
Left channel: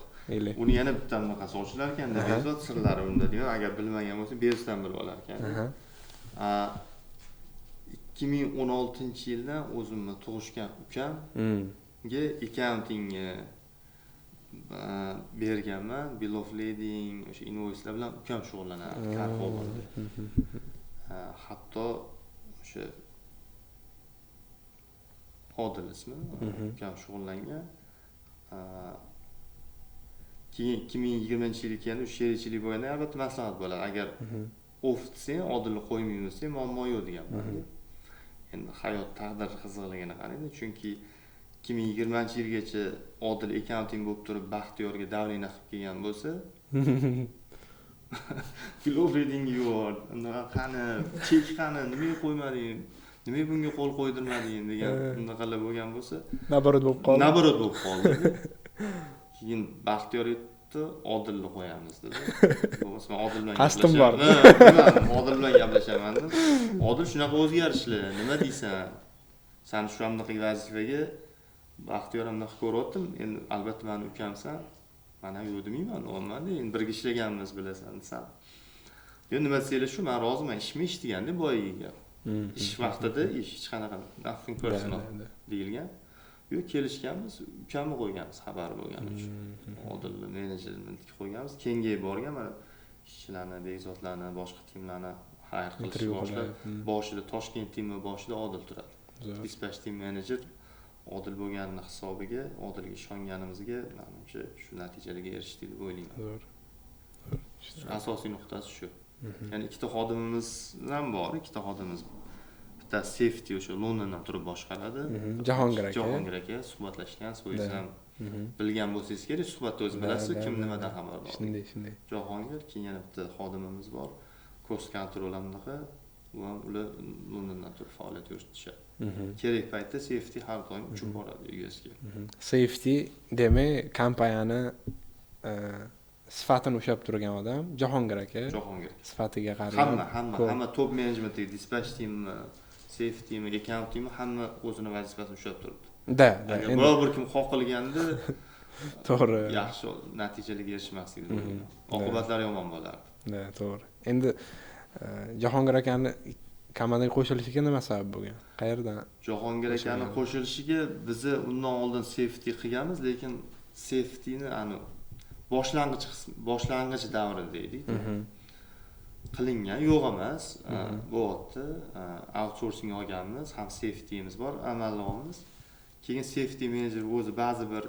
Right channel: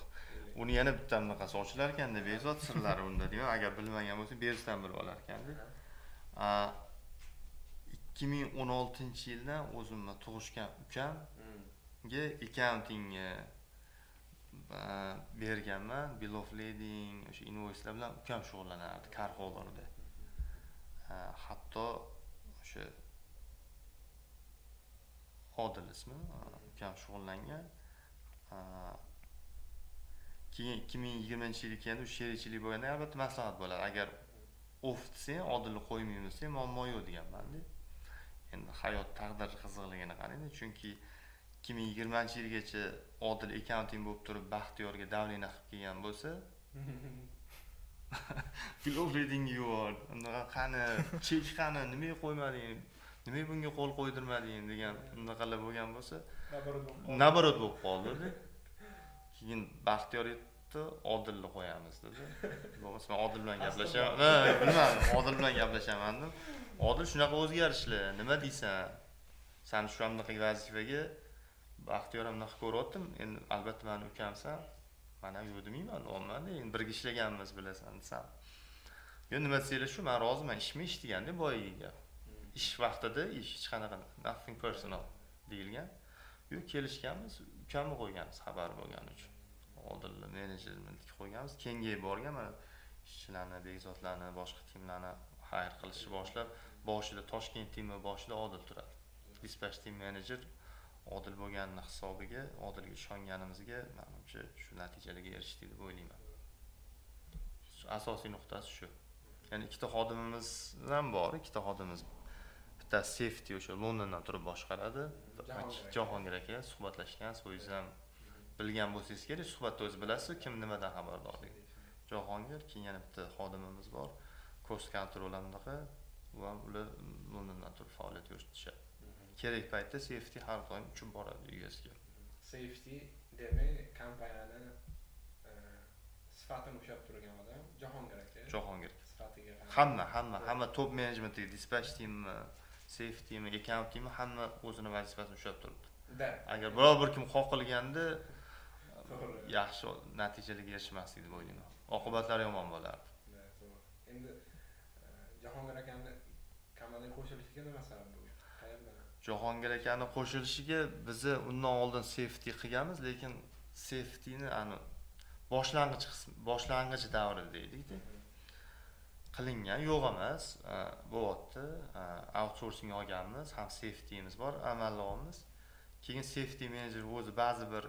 Uni yana bitta bunaqasi ochilar ekanda, bezot sirlari unda deyman. Agar bilmagan bo'lsa, bezdan bilib olar ekan. 2016-yildan o'zimni tug'ishgan ukamga accountingga berganman. Bill of lading, o'sha invoicelar bilan ukam shug'ullanardi, Carrefour bor edi. Hatto o'sha Odil ismi, ukam shug'ullangan. Keyin 2020-yilga kelganda o'sha sherikchilik bo'lganda albatta maslahat bo'ladi. Agar off desang, Odilni qo'ymaymiz desang, muammo yo'q deganman. Endi hayot taqdir qizig'ligini qarang, chunki 2020-yilgacha Odil accounting bo'lib turib Baxtiyorga davlena qilib kelgan bo'lsa, Filovreding yo'q. Qani, chek qani, nimaga qo'ymading? Nimaga bunga qo'l qo'ydirmading degan bunaqalar bo'lgan bo'lsa, naborot bo'lib qoldi. Keyin Baxtiyor aytdi, Odilni qo'yamiz dedi. Bo'lmasa Odil bilan qasdim bor. Odil bilan gaplashaman dedim. Odil shunaqa o'zgarishlar, nima deysan? Sen shu hamnaqa vazifaga Baxtiyor hamnaqa ko'ryaptim. Endi albatta meni ukamsan. Men ham yo'q demayman, normalda endi birga ishlaganmiz bilasan desam. Yo nima desanglar shu, men roziman, ishmi ish deganda boyiga gap. Ish vaqtida hech qanaqa nothing personal deyilgan. Yo'q, kelishganmiz, ukamni qo'yganmiz xabar bo'lgani uchun. Odilni menejermentga qo'yganmiz. Kengayib borgan mana ishchilarni, bezotlarni, boshqa timlarni hire qilishni boshlab, boshida Toshkent timi boshida Odil turadi. Dispatch team manager Odil bo'lganini hisobiga, Odilga ishonganimizga menimcha shu natijalarga erishdik deb o'ylayman. Asosiy nuqtasi shu. Ya'ni ikkita xodimimiz ham bor, ikkita xodimimiz bitta safety o'sha Londondan turib boshqaradi. Jahongir aka suhbatlashgan, so'yiz ham bilgan bo'lsangiz kerak, suhbatda o'zi bilasiz, kim nimadan xabardor. Shunday. Jahongir, keyin yana bitta xodimimiz bor, cost control hamnaqa, u ham ular Londondan turib faoliyat yuritishadi. Kerak paytda safety har doim uchib boradi USga. Safety demak kompaniyani sifatini ushlab turgan odam Jahongir aka. Sifatiga qarab hamma top management, dispatch team, safety team, account team hamma o'zini vazifasini ushlab turibdi. Agar biror bir kim qoqilganda to'g'ri, yaxshi natijalarga erishmaslik deb o'ylayman. Oqibatlari yomon bo'lardi. To'g'ri. Endi Jahongir akani komandaga qo'shilishiga nima sabab bo'lgan? Qayerdan? Jahongir akani qo'shilishiga biz undan oldin safety qilganmiz, lekin safetyni boshlang'ich davrida edik. Qilingan yo'q emas, bo'lyapti. Outsourcing olganmiz, ham safety'miz bor, amallig'imiz. Keyin safety manager o'zi ba'zi bir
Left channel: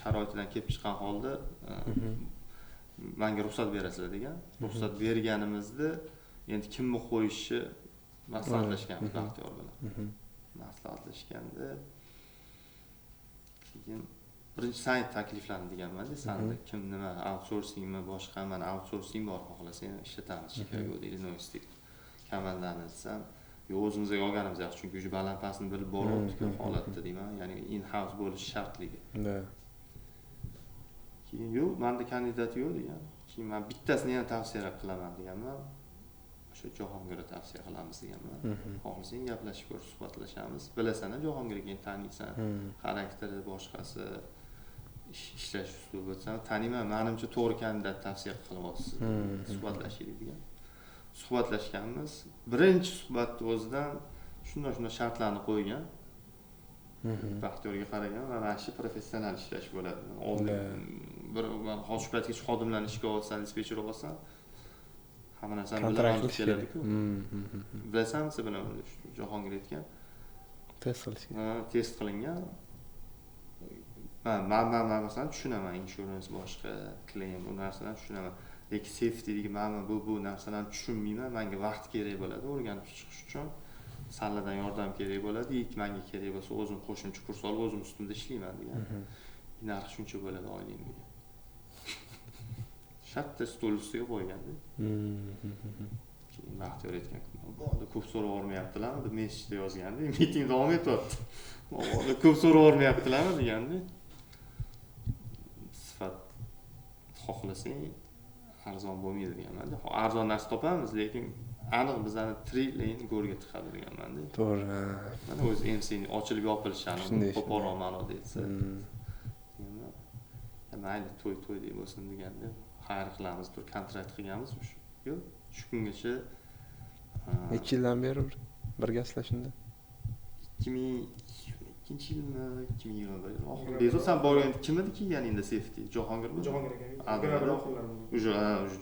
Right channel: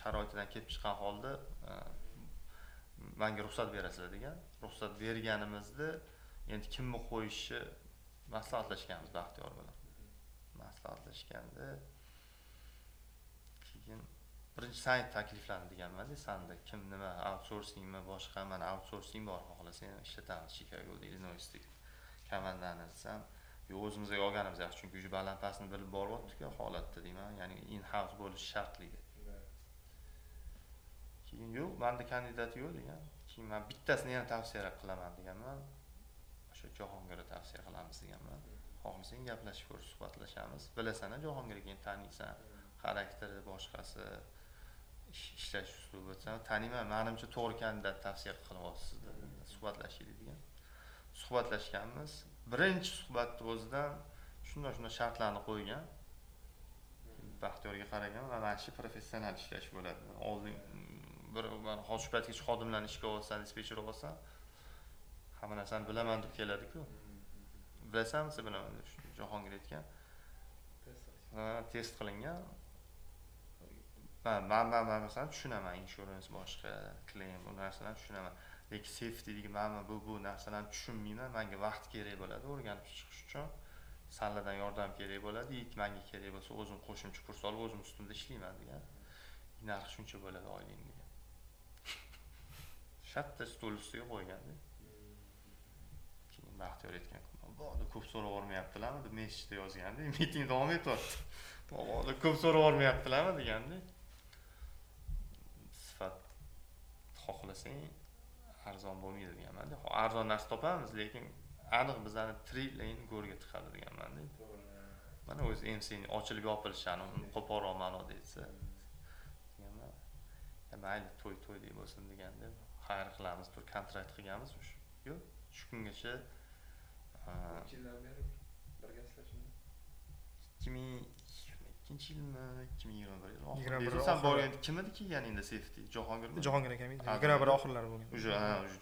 sharoitidan kelib chiqqan holda menga ruxsat berasizlar degan. Ruxsat berganimizda endi kimni qo'yishi maslahatlashganmiz Baxtiyor bilan. Maslahatlashganda keyin birinchi sayt takliflandi deganman-da, sanda kim nima outsourcingmi boshqa, mana outsourcing bor, xohlasang ishlatamiz Chicago deydi, Illinoisdek komandani desam, yo'q, o'zimizga olganimiz yaxshi, chunki o'sha balandpastni bilib bo'lyapti-ku holatda deyman, ya'ni in-house bo'lish shartligi. Keyin yo'q, menda kandidat yo'q degan. Keyin men bittasini yana tavsiya qilaman deganman. O'sha Jahongirga tavsiya qilamiz deganman. Xohlasang gaplashib ko'r, suhbatlashamiz. Bilasan-a, Jahongirga keyin taniysan, xarakteri boshqasi, ishlash uslubi desam, taniyman, menimcha to'g'ri kandidat tavsiya qilyapsiz. Suhbatlashaylik degan. Suhbatlashganmiz. Birinchi suhbatning o'zidan shunday shartlarni qo'ygan. Baxtiyorga qaragan va mana shu professional ishlash bo'ladi. Oldin bir hozir paytgacha xodimlarni ishga olsan, dispetcher olsan, hamma narsani bilaman deb keladi-ku. Bilasanmi, siz bilaman deb Jahongir aytgan. Test qilingan. Men masalan tushunaman, insurance boshqa, claim bu narsalarni tushunaman. Lekin safety degan men bu narsalarni tushunmayman. Menga vaqt kerak bo'ladi o'rganib chiqish uchun. Sanlardan yordam kerak bo'ladi. Menga kerak bo'lsa o'zim qo'shimcha kurs olib o'zim ustimda ishlayman degan. Narx shuncha bo'ladi oylik degan. Shatta stol ustiga qo'yganda. Keyin Baxtiyor aytgan, "Bo'ldi, ko'p so'ravermayaptilarmi?" deb messenjda yozganda, miting davom etyapti. "Bo'ldi, ko'p so'ravermayaptilarmi?" deganda. Sifat xohlasang arzon bo'lmaydi deganman-da. Arzon narsa topamiz, lekin aniq bizani trillion go'rga tiqadi deganman-da. To'g'ri. Mana o'zi MC'ning ochilib yopilishini qo'polroq ma'noda aytsa. Deganman. Mayli, to'y deb bo'lsin deganda, xayr qilamiz, tur kontrakt qilganmiz shu. Yo'q, shu kungacha necha yildan beri birgasizlar shunda? 2002-yilmi, 2021 yil oxirida. Bezovsan borgan kim edi kelganingda safety? Jahongirmi? Jahongir akam edi. 21 oxirlari bo'lgan. Уже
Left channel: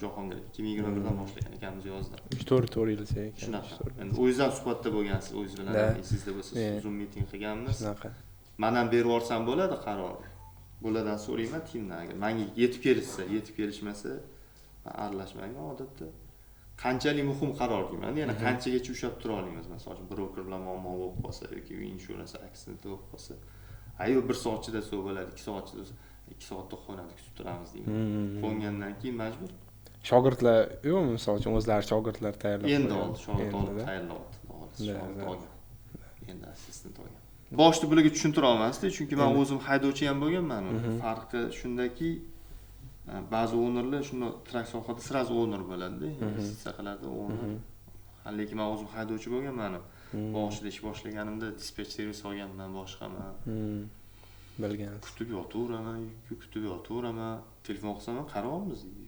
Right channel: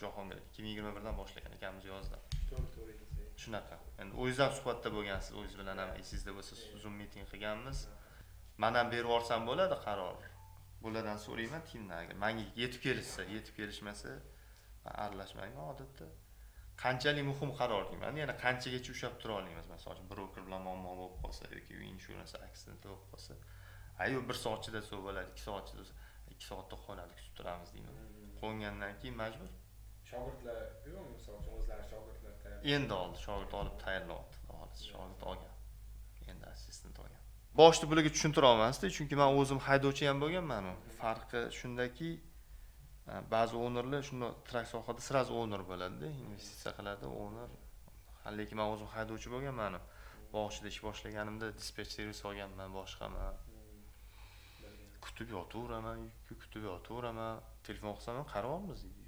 Jahongir 2021dan boshlagan ekanmiz yozda. 4 yil ekan. Shunaqa. Endi o'zingizdan suhbatda bo'lgansiz, o'zingiz bilan esingizda bo'lsa, Zoom meeting qilganmiz. Shunaqa. Men ham berib yuborsam bo'ladi qaror. Bulardan so'rayman timdan, agar menga yetib kelishmasa, men aralashmayman odatda. Qanchalik muhim qaror deyman, yana qanchagacha ushlab tura olamiz. Masalan, broker bilan muammo bo'lib qolsa yoki insurance accident bo'lib qolsa, ayo 1 soat ichida so'z bo'ladi, 2 soat ichida 2 soatda xonada kutib turamiz deyman. Qo'ngandan keyin majbur. Shogirdlar yo'qmi, misol uchun o'zlari shogirdlar tayyorlab? Endi oldi, shogird olib tayyorladi. Shogird olgan. Endi assistent olgan. Boshda bularga tushuntira olmasdi, chunki men o'zim haydovchi ham bo'lganman. Farqi shundaki, ba'zi ownerlar shunda trak sohada sirazi owner bo'ladi-da, investitsiya qiladi owner. Lekin men o'zim haydovchi bo'lganman. Boshida ish boshlaganimda dispetch servis olganman, boshqaman. Bilgan. Kutib yotaveraman, telefon qilsam ham qaryapmiz deydi.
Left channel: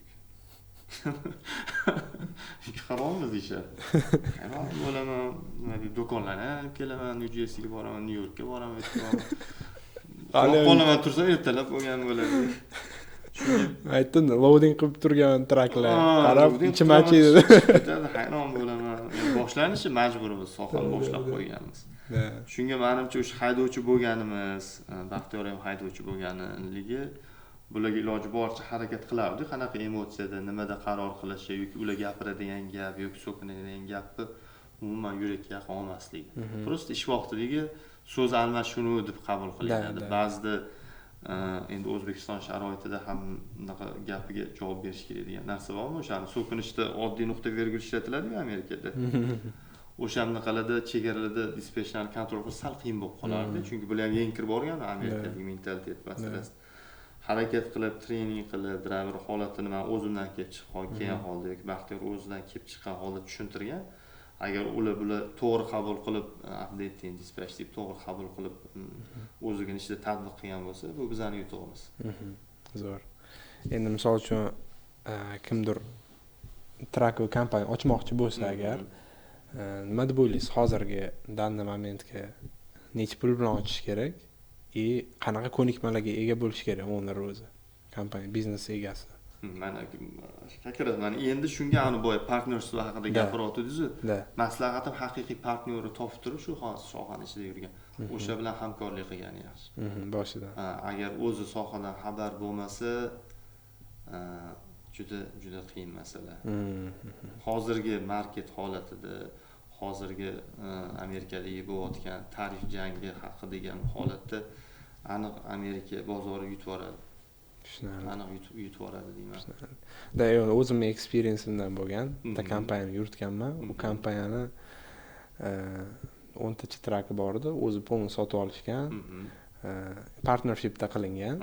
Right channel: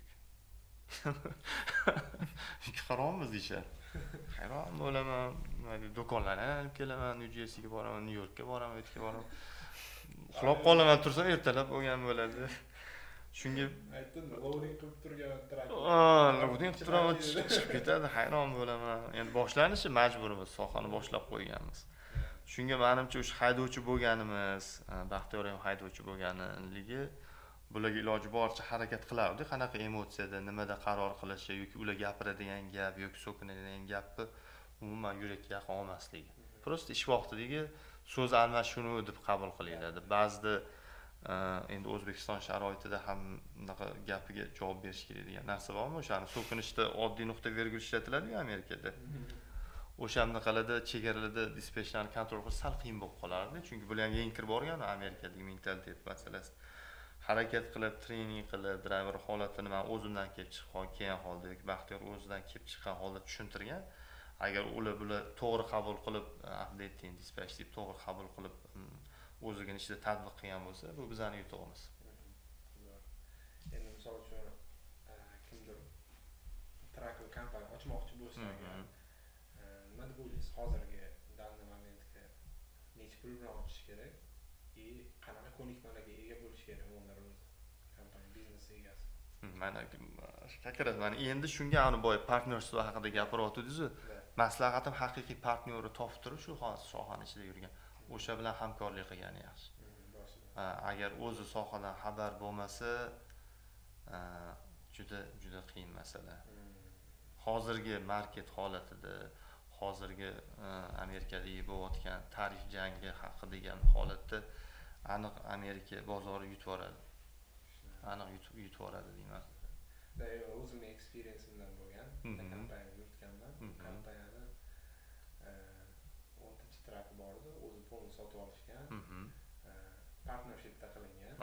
Qaryapmiz deyishadi. Hayron bo'laman, do'konlarni olib kelaman, New Jerseyga boraman, New Yorkga boraman, qolaman tursam ertalab bo'lgan bo'ladi. Shunga aytdim, loading qilib turgan traklar qarab ichimachi dedi. Hayron bo'laman. Endi boshlanishi majburmiz, sohani boshlab qo'yganmiz. Shunga menimcha o'sha haydovchi bo'lganimiz, Baxtiyor ham haydovchi bo'lganligi bularga iloji boricha harakat qilardi. Qanaqa emotsiyada, nimada qaror qilishi yoki ular gapiradigan gap yoki so'kinadigan gapni umuman yurakka yaqin olmasligi. Prosta ish vaqtidagi so'z almashinuvi deb qabul qilinadi. Ba'zida endi O'zbekiston sharoitida ham bunaqa gapiga javob berish kerak degan narsa bormi? O'shani so'kinishda oddiy nuqta virgul ishlatiladi-ku Amerikada. O'shanaqalarda chegaralarda dispetchlarni kontrol qilish sal qiyin bo'lib qolardi, chunki bular ham yangi kirib borgan Amerikadagi mentalitet masalasi. Harakat qilib, trening qilib, driver holatini men o'zimdan kelib chiqqan holda yoki Baxtiyor o'zidan kelib chiqqan holda tushuntirgan. Agar ular to'g'ri qabul qilib, updating dispatch deb to'g'ri qabul qilib, o'ziga ichida tatbiq qilgan bo'lsa, bu bizning yutug'imiz. Zo'r. Endi misol uchun kimdir trak kompaniya ochmoqchi bo'lsa agar, nima deb o'ylaysiz? Hozirgi danni momentga necha pul bilan ochish kerak? Qanaqa ko'nikmalarga ega bo'lish kerak owner o'zi, kompaniya biznes egasi? Mana endi shunga boy partnership haqida gapiryapsiz-ku. Maslahatim haqiqiy partneri topib turib shu sohaning ichida yurgan. O'sha bilan hamkorlik qilgani yaxshi. Boshida. Agar o'zi sohadan xabar bo'lmasa, juda qiyin masala. Hozirgi market holatida, hozirgi Amerikadagi bo'layotgan tarif jangi haqida degan holatda aniq Amerika bozori yutib oladi. Aniq yutib oladi deyman. O'zimning experienceimdan bo'lgan, bitta kompaniyani yuritganman. Bu kompaniyani 10 tacha traki bor edi, o'zi polni sotib olishgan. Partnershipda qilingan.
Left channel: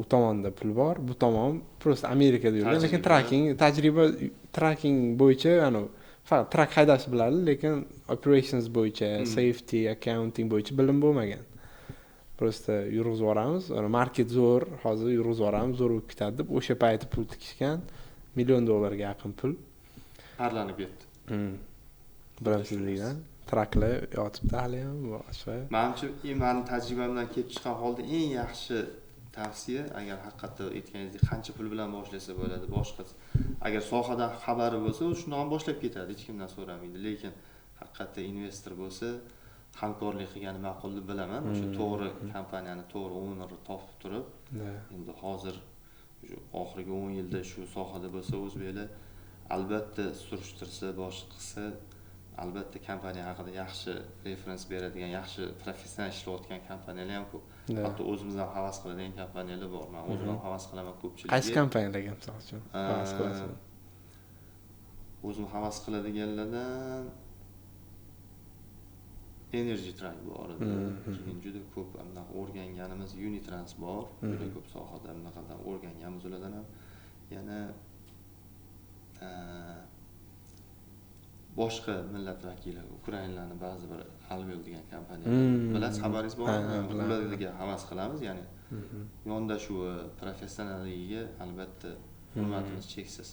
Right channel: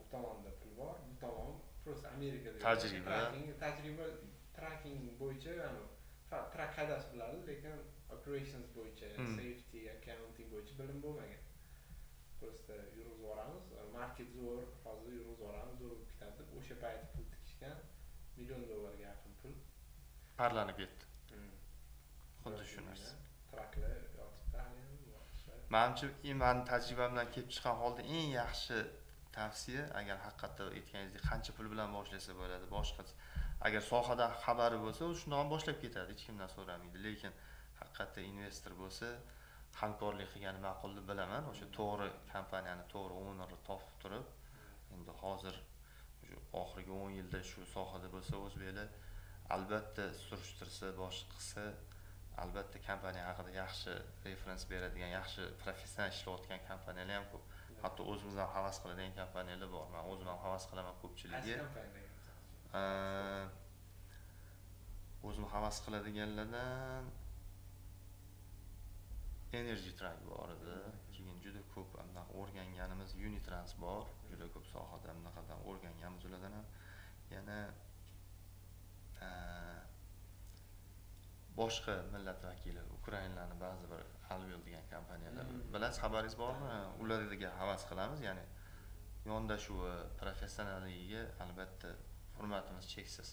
U tomonda pul bor, bu tomon prosta Amerikada yurgan, lekin tracking bo'yicha, faqat trak haydashni biladi, lekin operations bo'yicha, safety, accounting bo'yicha bilim bo'lmagan. Prosta yurg'izib yuboramiz, market zo'r, hozir yurg'izib yuboramiz, zo'r bo'lib ketadi deb o'sha payti pul tikishgan, $1 million ga yaqin pul parlanib ketdi. Bilamsizlikdan traklar yotibdi hali ham boshqa. Menimcha, meni tajribamdan kelib chiqqan holda eng yaxshi tavsiya, agar haqiqatda aytganingizdek qancha pul bilan boshlasa bo'ladi, boshqa agar sohadan xabari bo'lsa, u shundan boshlab ketadi, hech kimdan so'ramaydi. Lekin haqiqatda investor bo'lsa, hamkorlik qilgani ma'qul deb bilaman. O'sha to'g'ri kompaniyani, to'g'ri ownerni topib turib, endi hozir oxirgi 10 yilda shu sohada bo'lsa, o'zbeklar albatta surishtirsa, boshqa qilsa, albatta kompaniya haqida yaxshi referens beradigan, yaxshi professional ishlayotgan kompaniyalar ham ko'p. Hatto o'zimiz ham havas qiladigan kompaniyalar bor. Men o'zim ham havas qilaman ko'pchilikga. Qaysi kompaniyalarga misol uchun havas qilasiz? O'zim havas qiladiganlardan Energy Track bor edi. Keyin juda ko'p anaqa o'rganganimiz Unitrans bor. Juda ko'p sohada anaqadan o'rganganmiz ulardan ham. Yana boshqa millat vakili, Ukrainalarning ba'zi bir Alvel degan kompaniyalar. Bilasiz, xabaringiz bormi? Ularga havas qilamiz, ya'ni yondashuvi, professionalligiga albatta hurmatimiz cheksiz.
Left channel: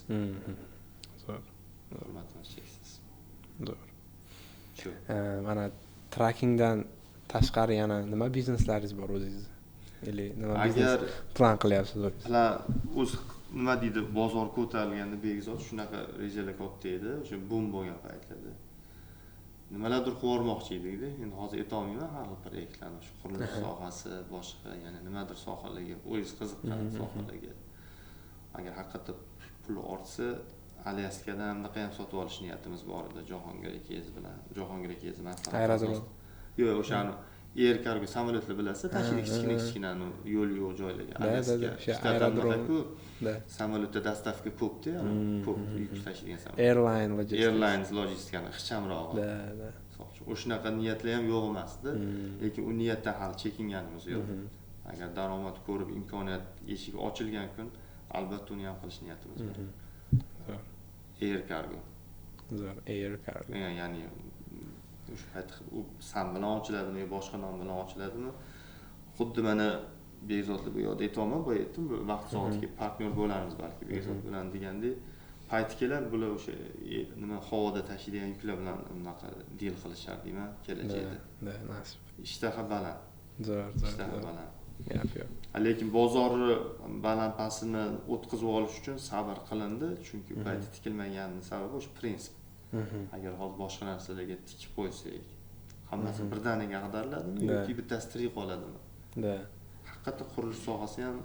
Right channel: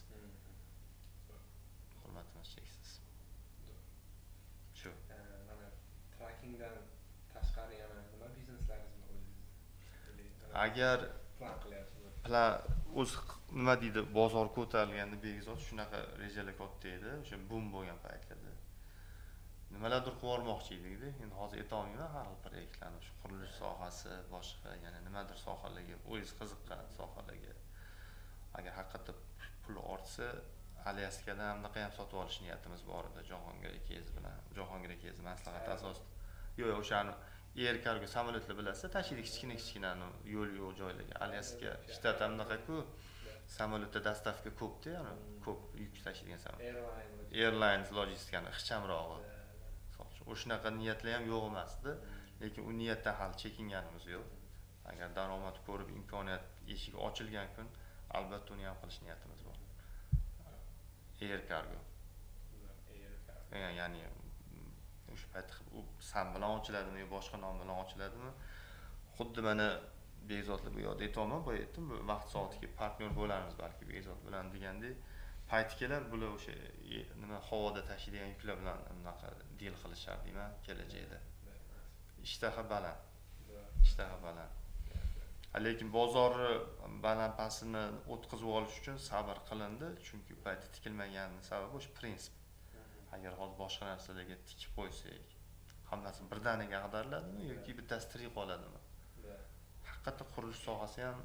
Zo'r. Hurmatimiz cheksiz. Zo'r. Shu. Mana trackingdan tashqari yana nima bizneslaringiz bor o'zingiz? Nima Agar plan qilyapsiz? o'z nima deydi, bozor ko'tarilganda Begzod shunaqa rejalar katta edi, o'sha boom bo'lgan paytlarda. Nimalardir qilmoqchi edik-da. Endi hozir aytolmayman har xil proyektlarni, shu qurilish sohasi, boshqa yana nimadir sohalarga, o'zingiz qiziqqan sohalarga. Agar haqiqatda pul ortsa, Alyaskadan anaqa ham sotib olish niyatimiz bor edi, Jahongir akangiz bilan. Jahongir akangiz maslahat asosida. Yo'q, o'shani Air Cargo samolyotlar bilasiz, tashiydi kichkina yo'l yo'q joylarga. Alyaska shtatlardaku samolyotda dastavka ko'p-da, ko'p yuk tashiydigan samolyot. Airlines logistikani ixchamrog'i. O'shanaqa niyatlar ham yo'q emasdi, lekin u niyatdan hali chekinganimiz yo'q. Agar daromad ko'rib, imkoniyat eshigi ochilgan kun, albatta uni ham qilish niyatimiz bor. Air Cargo. Zo'r, Air Cargo. Ya'ni o'sha payt u sam bilan ochiladimi yo boshqa nom bilan ochiladimi? Xuddi mana Begzodlar bu yoqda aytolmam, bu aytdim, bu vaqt soatiga partnyor bo'lamiz balki Begzod bilan degandek, payti keladi, bular o'sha nima havoda tashiydigan yuklar bilan unaqa deal qilishar deyman kelajakda. Nasib. Ishtaha baland. Zo'r. Ishtaha baland. Lekin bozorni balandpasini o'tkazib olish uchun sabr qilindi, chunki payti tikilmaganining sababi o'sha prinsip. Agar hozir boshqa narsalarga tikib qo'ysak, hammasi birdaniga ag'dariladimi yoki bittasi tirik qoladimi? Haqiqatda qurilish sohasi ham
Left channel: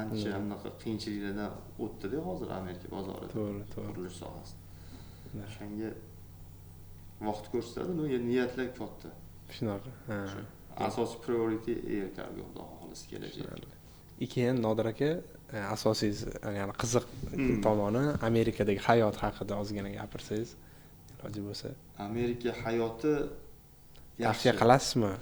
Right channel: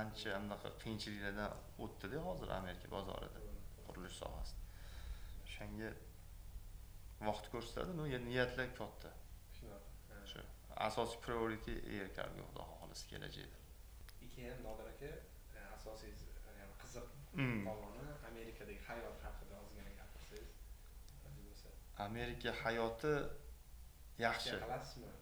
ancha anaqa qiyinchiliklardan o'tdi-da hozir Amerika bozorida. To'g'ri. Qurilish sohasi. O'shanga vaqt ko'rsatadi, niyatlar katta. Shunaqa. Asosiy priority Air Cargo xudo xohlasa kelajakda. Keyin Nodir aka, asosiy ya'ni qiziq tomoni Amerikadagi hayot haqida ozgina gapirsangiz, iloji bo'lsa. Amerika hayoti Tavsiya qilasizmi?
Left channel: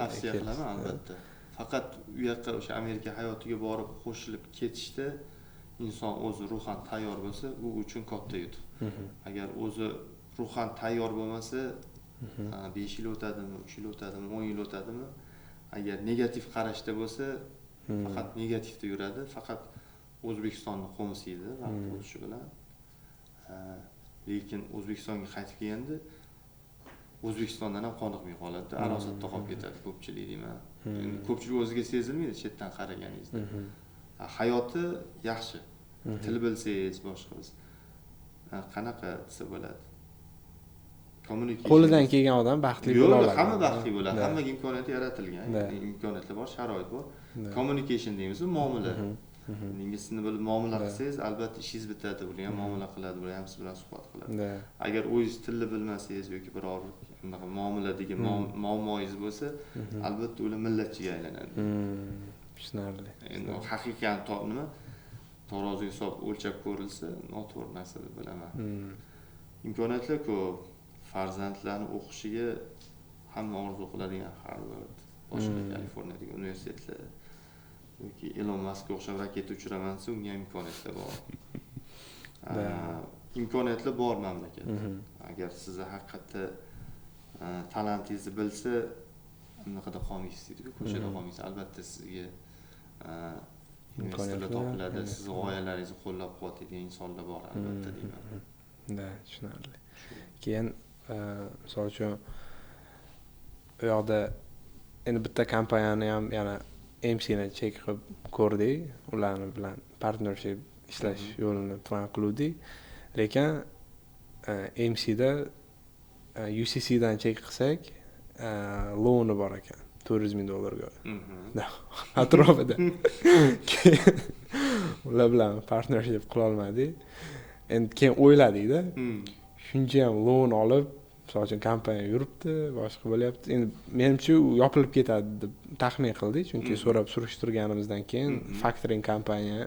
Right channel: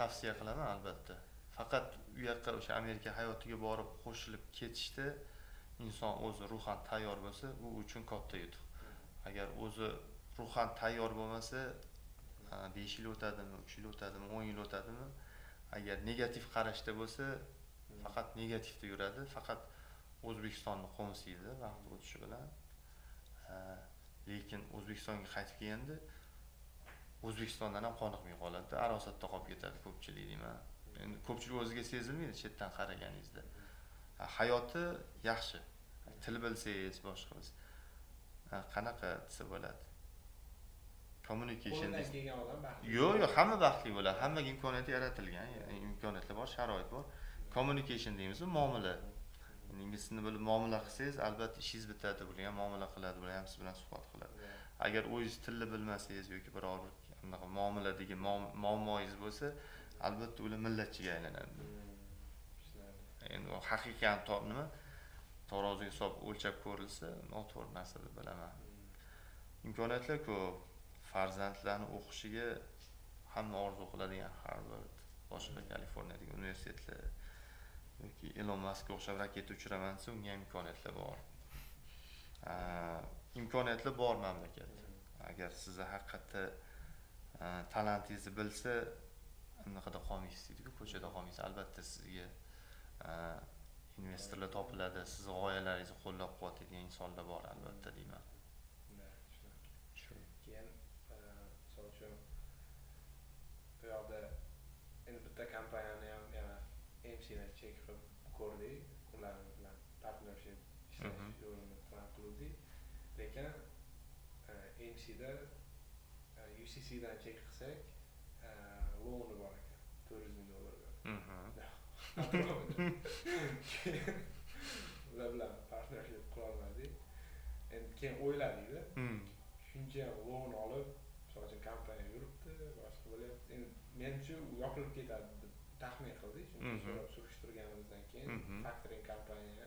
Tavsiya qilaman albatta. Faqat u yoqqa o'sha Amerika hayotiga borib qo'shilib ketishda inson o'zi ruhan tayyor bo'lsa, u uchun katta yutuq. Agar o'zi ruhan tayyor bo'lmasa, 5 yil o'tadimi, 3 yil o'tadimi, 10 yil o'tadimi, agar negativ qarashda bo'lsa, faqat negativda yuradi, faqat O'zbekistonni qo'msaydi vaqt o'tishi bilan. Lekin O'zbekistonga qaytib kelganda O'zbekistondan ham qoniqmay qoladi, arosatda qolib ketadi ko'pchilik deyman. Endi ko'pchilik o'ziga sezilmaydi chetdan qaraganingizda. Hayoti yaxshi. Til bilsangiz, boshqa biz qanaqa desa bo'ladi? Communication. Qo'lidan kelgan odam baxtli bo'ladi. Yo'q, hamma baxtli bo'ladi. Hammaga imkoniyat yaratilgan, imkoniyatlar bor, sharoit bor. Communication deymiz, muomala. Ingliz tilini bilib muomala qilsangiz, albatta ishingiz bitadi, ular ham muomala qiladi, ular ham siz bilan suhbat qiladi. Agar o'zingiz tilni bilmasangiz yoki biror anaqa muomaladagi muammoingiz bo'lsa, albatta ular millatchiga aylanadi. Tushunarli. Endi haqiqiy nima? Taroziga solib o'lchab ko'rilsa, noto'g'ri narsa deb bilaman. Imkoniyatlar ko'p. Farzandlarni o'qishiga hamma orzu qiladigan Harvard, boshqa Kaliforniyadagi universitetlar yoki Elon Muskga o'xshab raketa uchiraman desa, unga imkoniyatlar bor. Imkoniyatlar bor mamlakatda. Agar sizni haqiqatda talentingizni bilsa, anaqada qolmaysiz deydi-ku, ko'chada qolmaysiz. Albatta sizga investorlar topiladi, sizni g'oyalaringizni qo'llab-quvvatlaydigan insonlar bor albatta deyman. Tushunarli. Keyin Misol uchun u yoqda endi bitta kompaniyani ham yana MC'ni check qilib ko'rdik. Ularni bilan partnership ishlash yo'lini plan qildik. Lekin MC'da UCCdan check qilsak, loani bor ekan. $400,000. Atrofida. Ular bilan partnership qila olmadik. Endi keyin o'yladik-da. Shuncha ham loan olib, misol uchun kompaniya yuribdi, boshqa bo'lyapti. Endi menimcha u yopilib ketadi deb taxmin qildik, chunki so'rab surishtirganimizdan keyin factoring kompaniya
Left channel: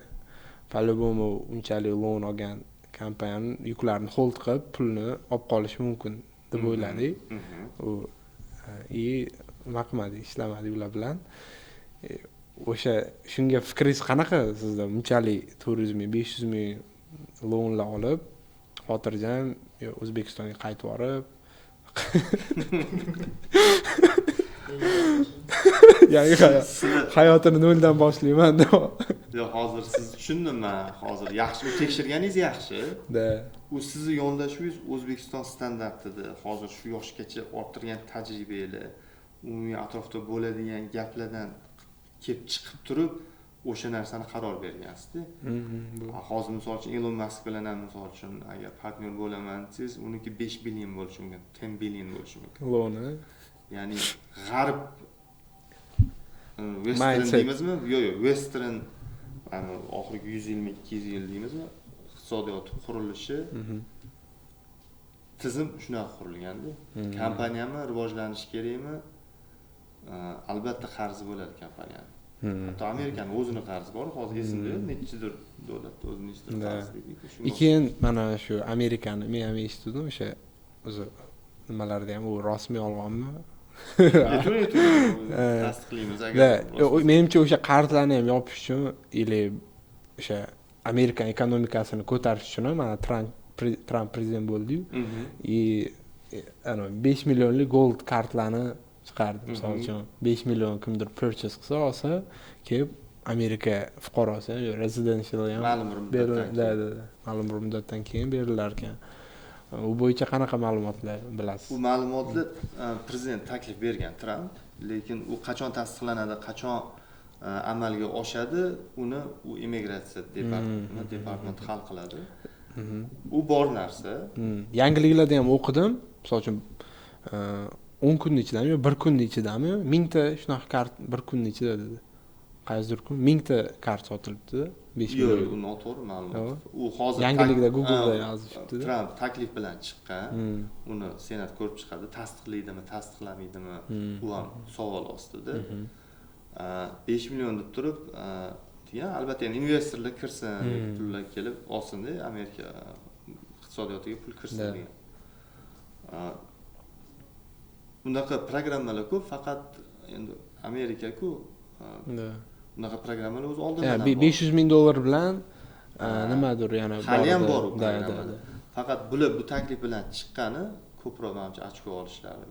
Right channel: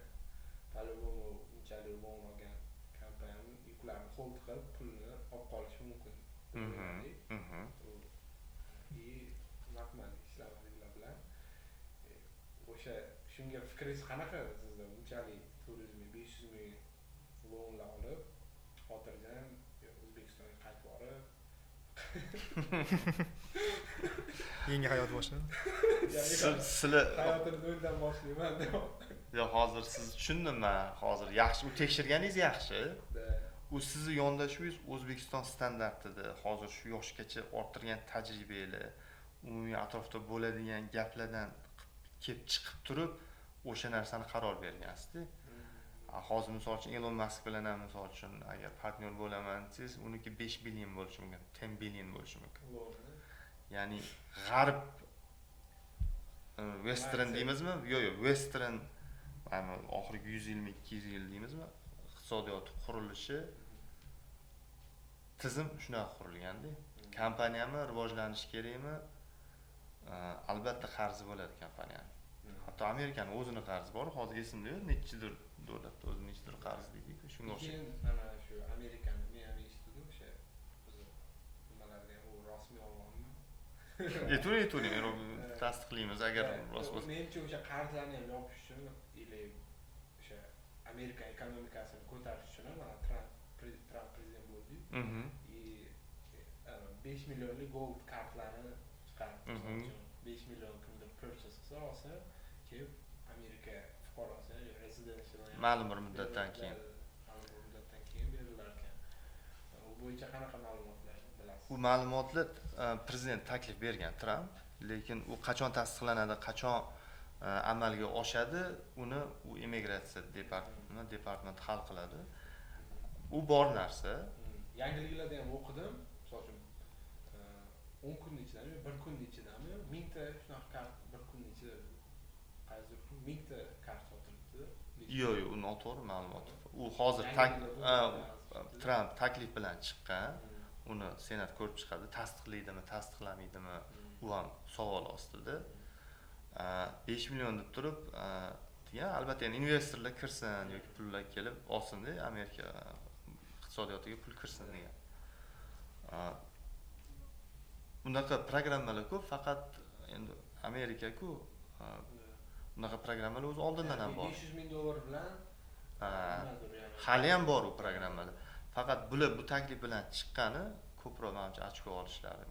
по-любому unchalik loan olgan kompaniyani yuklarni hold qilib, pulni olib qolishi mumkin deb o'yladik. Nima qilmadik, ishlamadik ular bilan. O'sha shunga fikringiz qanaqa sizda? Unchalik 400,000, 500,000 loanlar olib, xotirjam O'zbekistonga qaytib borib, yangi hayotini noldan boshlayman deb. Yo'q, hozir siz tushundimmi? Hozir yaxshi tekshirganingiz yaxshi. U sizni yondashuvingiz O'zbekiston standartida, hozir shu yoshgacha orttirgan tajribangiz, umumiy atrofda bo'ladigan gaplardan kelib chiqib turib, o'sha narsani qaror bergansiz-da. Hozir misol uchun Elon Musk bilan ham misol uchun agar partner bo'laman desangiz, uniki 5 billion bo'lishi mumkin, 10 billion bo'lishi mumkin. Loani. Ya'ni g'arb western deymizmi? Yo'q, western mana oxirgi 100 yilmi, 200 yil deymizmi? Iqtisodiyot qurilishi tizim shunaqa qurilganda. Kompaniyami rivojlanish kerakmi? Albatta qarzi bo'ladi kompaniyani. Hatto Amerikaning o'zini qarzi bor, hozir esimda yo'q, nechidir davlatda o'zining nechidir qarzi deydi. Keyin mana shu Amerikani men ham eshitdim, o'sha o'zi nimalarda ham u rostmi yolg'onmi? Tasdiqlaymiz agar. Menimcha o'sha qarzlarni ham yopish uchun или o'sha Amerika ekonomikasini ko'tarish uchun mana Trump prezident bo'ldi-yu. 5 millionlik gold kartlarni chiqardi. Misol uchun 5 million kimdir purchase qilsa olsa, kelib Amerika fuqarosi residential ham ma'lum bir muddatdan keyin berilar ekan. U bo'yicha qanaqa ma'lumotlar bilasiz? U ma'lumotni prezident taklif bergan Trump, lekin u qachon tasdiqlanadi, qachon amalga oshadi, uni u immigratsiya departamenti hal qiladi. U bor narsa. Yangiliklarda ham o'qidim. Misol uchun 10 kunning ichidami, 1 kunning ichidami 1000 ta shunaqa kart 1 kunning ichida dedi. Qaysidir kun 1000 ta kart sotilibdi. 5 million. Yo'q, u noto'g'ri ma'lumot. U hozir yangilikda Google'da yozishibdi. Trump taklif bilan chiqqan. Uni Senat ko'rib chiqadi, tasdiqlaydimi, tasdiqlamaydi-mi? U ham savol ostida. 5 million deb turib, albatta yana investorlar kirsin, pullar kelib olsin-da, Amerika iqtisodiyotiga pul kirsin degan. Bunaqa programmalar ko'p, faqat endi Amerika-ku bunaqa programmalar o'z oldidan ham bor. $500,000 bilan nimadir yana hali ham bor u programmalar. Faqat bular bu taklif bilan chiqqani ko'proq menimcha ochko olishlari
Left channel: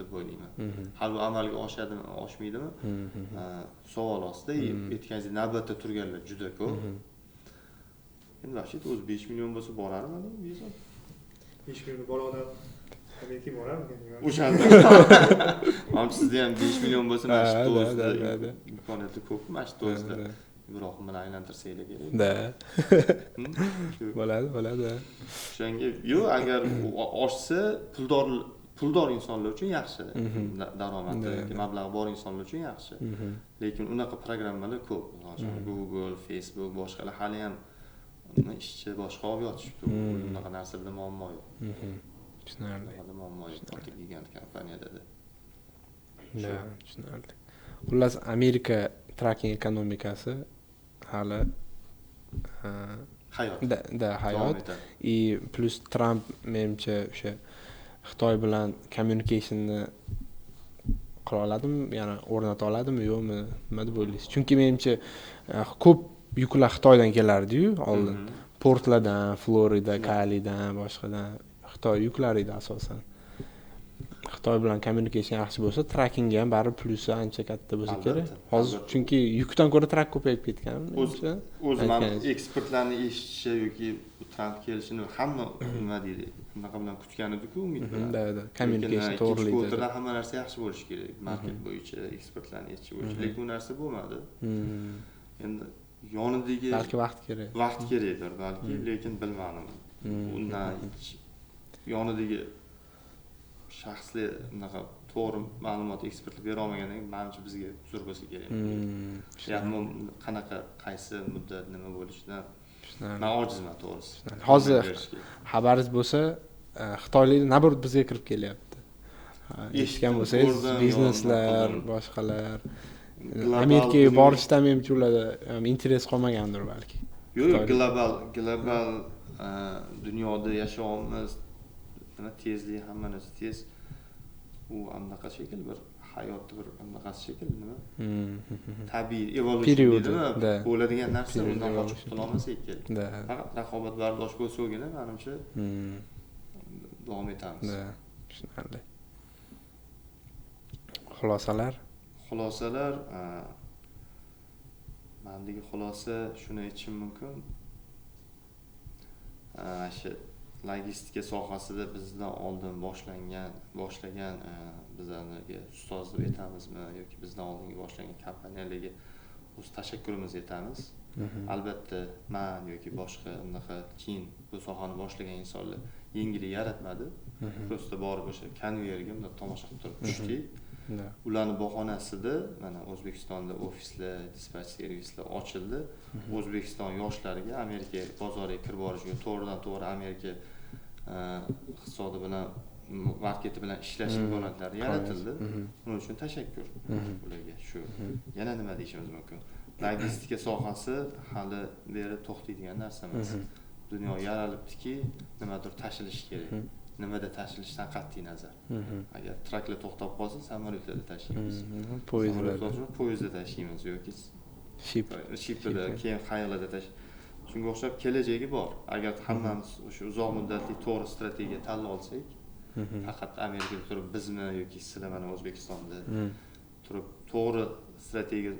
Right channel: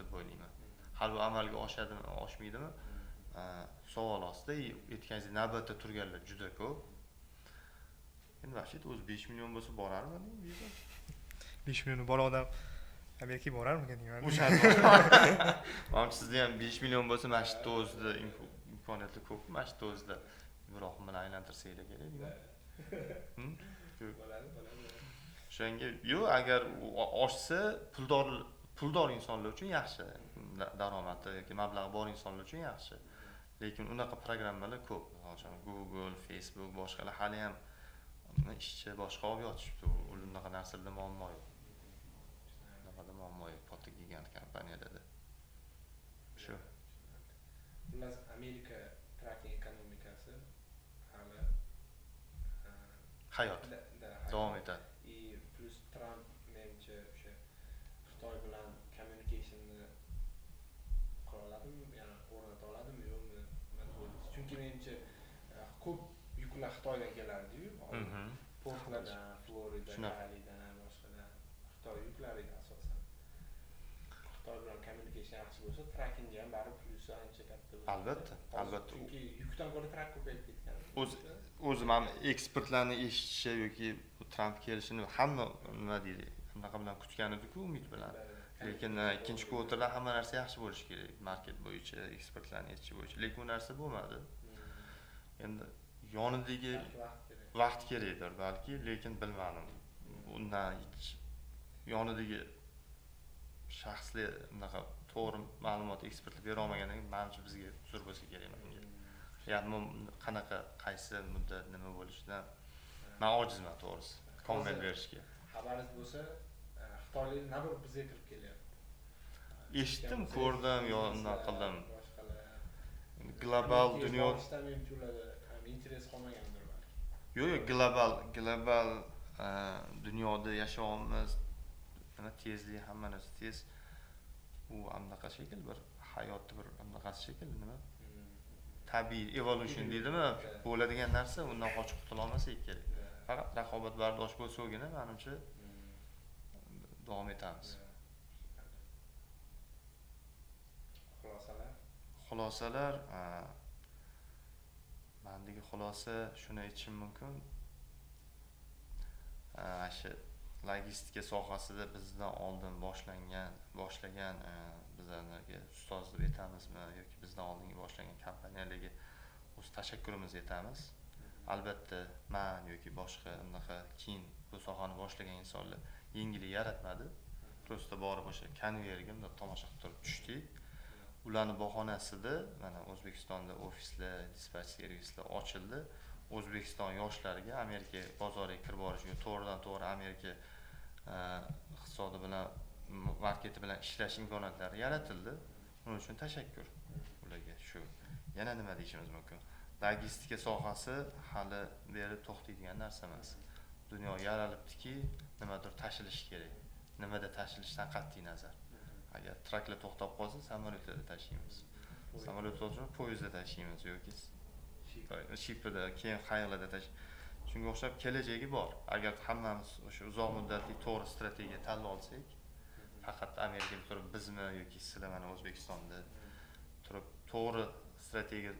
deb o'ylayman. Hali bu amalga oshadimi, oshmaydimi? Savol ostida aytganingizdek navbatda turganlar juda ko'p. Endi vaqtida o'zi 5 million bo'lsa borarmi deyman? 5 million bor odam Amerikaga borarmikan? O'shanda. Menimcha sizda ham 5 million bo'lsa mana shu o'zida imkoniyati ko'p, mana shu o'zida Ibrohim bilan aylantirsanglar kerak. Bo'ladi. O'shanga yo'q, agar oshsa puldor insonlar uchun yaxshi. Daromadi yoki mablag'i bor insonlar uchun yaxshi. Lekin unaqa programmalar ko'p. Masalan, Google, Facebook, boshqalar hali ham ishchi boshqa olib yotishibdi. Unaqa narsalarda muammo yo'q. Tushunarli. Muammo yo'q, katta gigant kompaniyada. Tushunarli. Xullas, Amerika tracking ekonomikasi hali hayot. Hayot. Plus Trump menimcha o'sha Xitoy bilan communicationni qila oladimi, yana o'rnata oladimi, yo'qmi, nima deb o'ylaysiz? Chunki menimcha ko'p yuklar Xitoydan kelardi-yu, oldin. Portlardan, Florida, Kalidan, boshqadan Xitoy yuklar edi asosan. Xitoy bilan communication yaxshi bo'lsa, trackingga ham baribir plusi ancha katta bo'lsa kerak. Hozir chunki yukdan ko'ra track ko'payib ketgan. O'zi men ekspertlarning eshitishi yoki Trump kelishini hamma nima deydi? shunaqa bilan kutgan edi-ku umid bilan. Da. Lekin Communication ikkinchi to'g'rilikda. kvartalda hamma narsa yaxshi bo'lishi kerak. Market bo'yicha, eksportlarni yetishi bo'yicha. Lekin u narsa bo'lmadi. Endi yonidagi Balki vaqt kerak. vaqt kerakdir balki, lekin bilmadim. Undan yonidagi shaxsli unaqa to'g'ri ma'lumot eksportlab bera olmagandan keyin menimcha bizga uzr bo'lsa kerak. Qanaqa qaysi muddat nima bo'lishidan men ojizman to'g'risi. Hozir xabaringiz bo'lsa, xitoyliklar nabrud bizga kirib kelyapti. Eshitgan bo'lsangiz, bizneslar, boshqalar Amerikaga borishdan menimcha ularda interes qolmagandir balki. Yo'q, global dunyoda yashayapmiz. Nima tezlik, hamma narsa tez. U anaqa shekilli bir hayotni bir anaqasi shekilli nima? Tabiiy evolution deydimi? Bo'ladigan narsa undan qochib qutula olmasak kerak. Faqat raqobatbardosh bo'lsagina menimcha davom etamiz. Tushunarli. Xulosalar mendagi xulosa shuni aytishim mumkin. Shu logistika sohasida bizdan oldin boshlagan bizlarga ustoz deb aytamizmi yoki bizdan oldingi boshlagan kompaniyalarga o'z tashakkurimizni aytamiz. Albatta men yoki boshqa unaqa keyin bu sohani boshlagan insonlar yengillik yaratmadi. Prosta borib o'sha konveyerga bunday tomosha qilib turib tushdik. Ularning bahonasida mana O'zbekistonda ofislar, dispatch servislar ochildi. O'zbekiston yoshlariga Amerika bozoriga kirib borishga to'g'ridan-to'g'ri Amerika iqtisodi bilan, marketi bilan ishlash imkoniyatlari yaratildi. Buning uchun tashakkur ularga. Shu yana nima deyishimiz mumkin? Logistika sohasi hali beri to'xtaydigan narsa emas. Dunyo yaralibdiki, nimadir tashilish kerak. Nimada tashilishdan qat'iy nazar. Agar traklar to'xtab qolsa, samolyotlarda tashiymiz. Poyezdda tashiymiz yoki shipda keyin qayerlarda tashiymiz. Shunga o'xshab kelajagi bor. Agar hammamiz o'sha uzoq muddatli to'g'ri strategiya tanlab olsak, faqat Amerikada turib bizmi yoki sizlar mana O'zbekistonda turib to'g'ri strategiya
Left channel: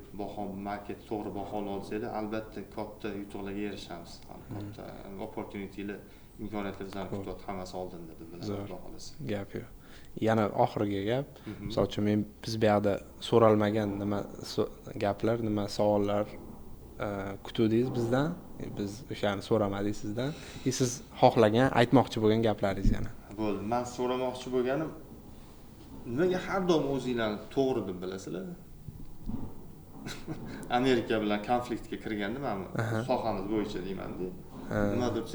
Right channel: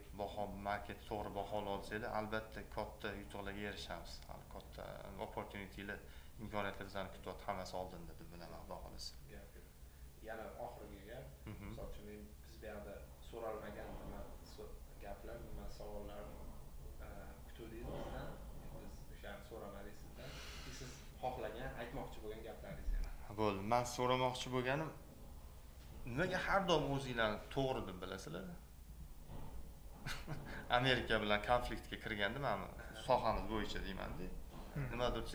market to'g'ri baholab olsanglar, albatta katta yutuqlarga erishamiz. Katta opportunitylar, imkoniyatlar bizlarni kutyapti, hammasi oldinda deb bilaman, Xudo xolasa. Gap yo'q. Yana oxirgi gap. Misol uchun biz bu yoqda so'ralmagan nima gaplar, nima savollar kutuvdingiz bizdan. Biz o'shani so'ramadik sizdan. Siz xohlagan, aytmoqchi bo'lgan gaplaringiz yana. Bo'ldi. Men so'ramoqchi bo'lganim, nimaga har doim o'zinglarni to'g'ri deb bilasizlar? Amerika bilan konfliktga kirganda men sohamiz bo'yicha deyman-da. Nima deb